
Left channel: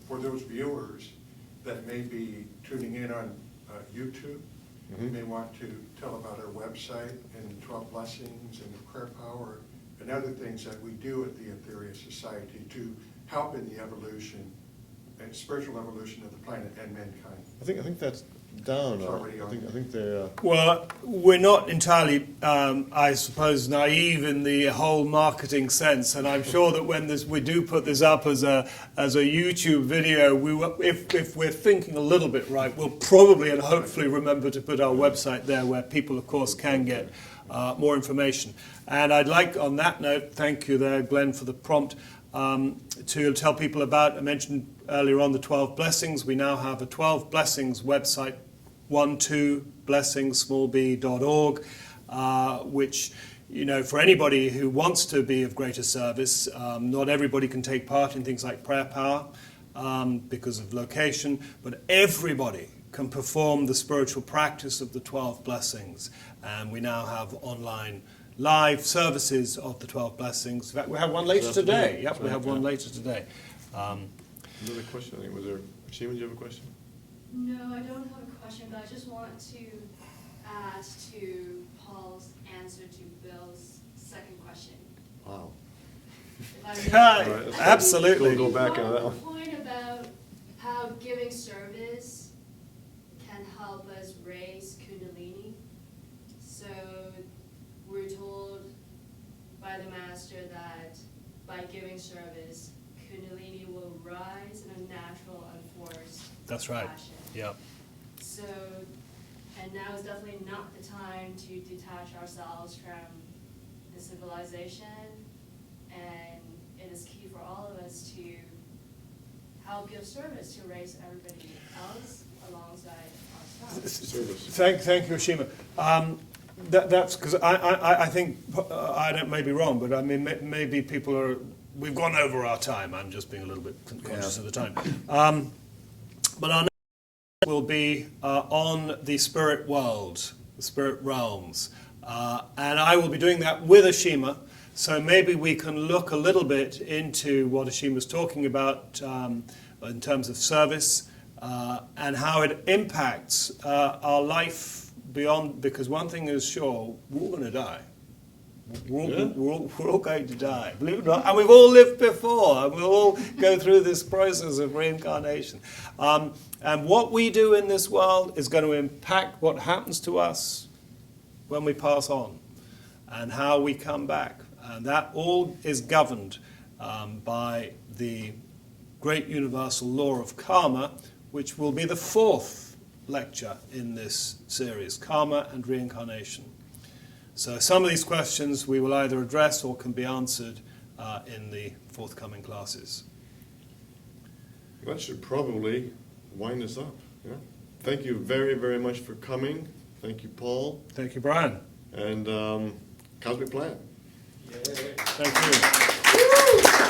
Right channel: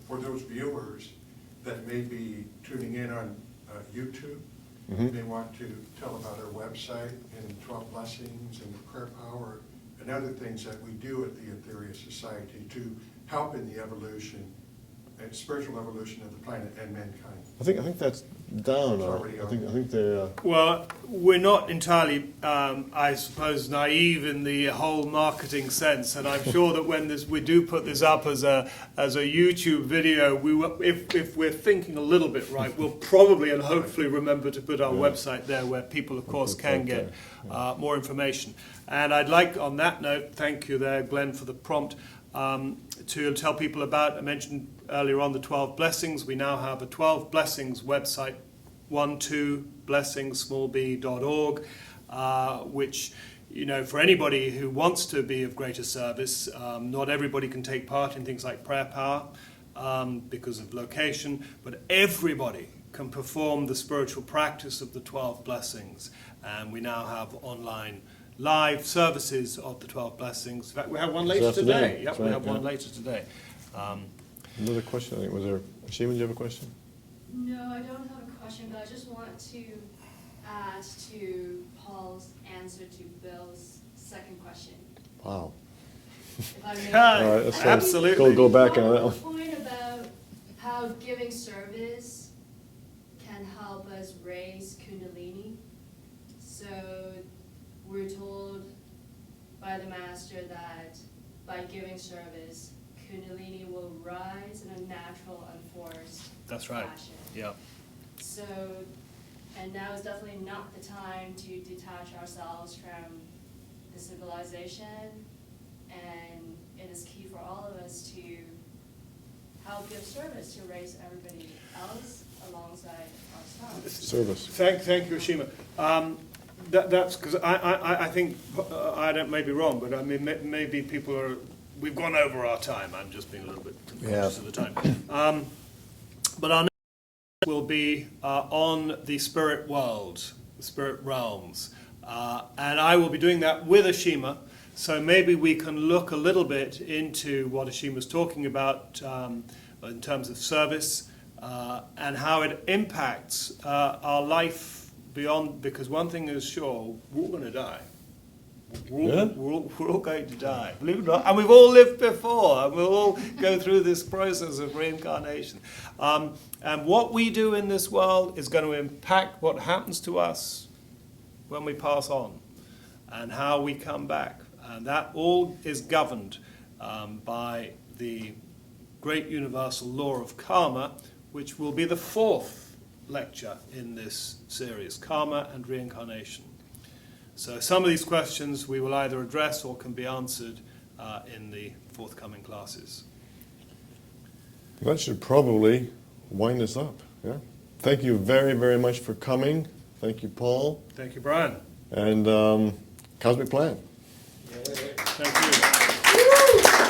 for those viewers that may be tuning in on YouTube, you may want to tell about our website and 12 blessings and the prayer power and other things that we do at the Aetherius Society to help in the evolution and spiritual evolution of the planet and mankind. I think that's down. It's already I on. think they. Well, we're not entirely, I suppose, naive in the whole marketing sense, and I'm sure that when we do put this up as a YouTube video, if we're thinking a little bit right, we'll probably and hopefully remember to put our website there, where people, of course, can get more information. And I'd like, on that note, thank you there, Glenn, for the prompt, to tell people about, I mentioned earlier on the 12 blessings. We now have a 12 blessings website, 12blessings.org, which, you know, for anybody who wants to be of greater service, not everybody can take part in things like prayer power because of location, but everybody can perform the spiritual practice of the 12 blessings. And we now have online live services of the 12 blessings. In fact, we have one later today. Yep, we have one later today. Another question, I think, was there, Shima, do you have a question? No, I don't have a question, but I just want to add to Paul's answer to Bill's second question. Wow. If I may. All right, let's Absolutely. We'll go back on that The one. point about how giving service can help us raise Kundalini. So we're told by the Master that by giving service, Kundalini will rise in a natural, unforced That's right. fashion. Yeah. So, and now is definitely not the time to detach ourselves from the civilization, and it is key for all of us to help give service to raise everybody else alongside ourselves. Service. Thank you, Shima. That's because I think, I may be wrong, but I mean, maybe people are, we've gone over our time. I'm just being a little bit conscious of the time. But our next will be on the spirit world, the spirit realms. And I will be doing that with Ashima. So maybe we can look a little bit into what Ashima's talking about in terms of service and how it impacts our life beyond, because one thing is sure, we're all going to die. We're all going to die, believe it or not. And we've all lived before, and we'll all go through this process of reincarnation. And what we do in this world is going to impact what happens to us when we pass on, and how we come back. And that all is governed by the great universal law of karma, which will be the fourth lecture in this series, Karma and Reincarnation. So some of these questions we will either address or can be answered in the forthcoming classes. That should probably wind us up. Yeah. Thank you very, very much for coming. Thank you, Paul. Thank you, Brian. And Cosmic Plan. Thank you.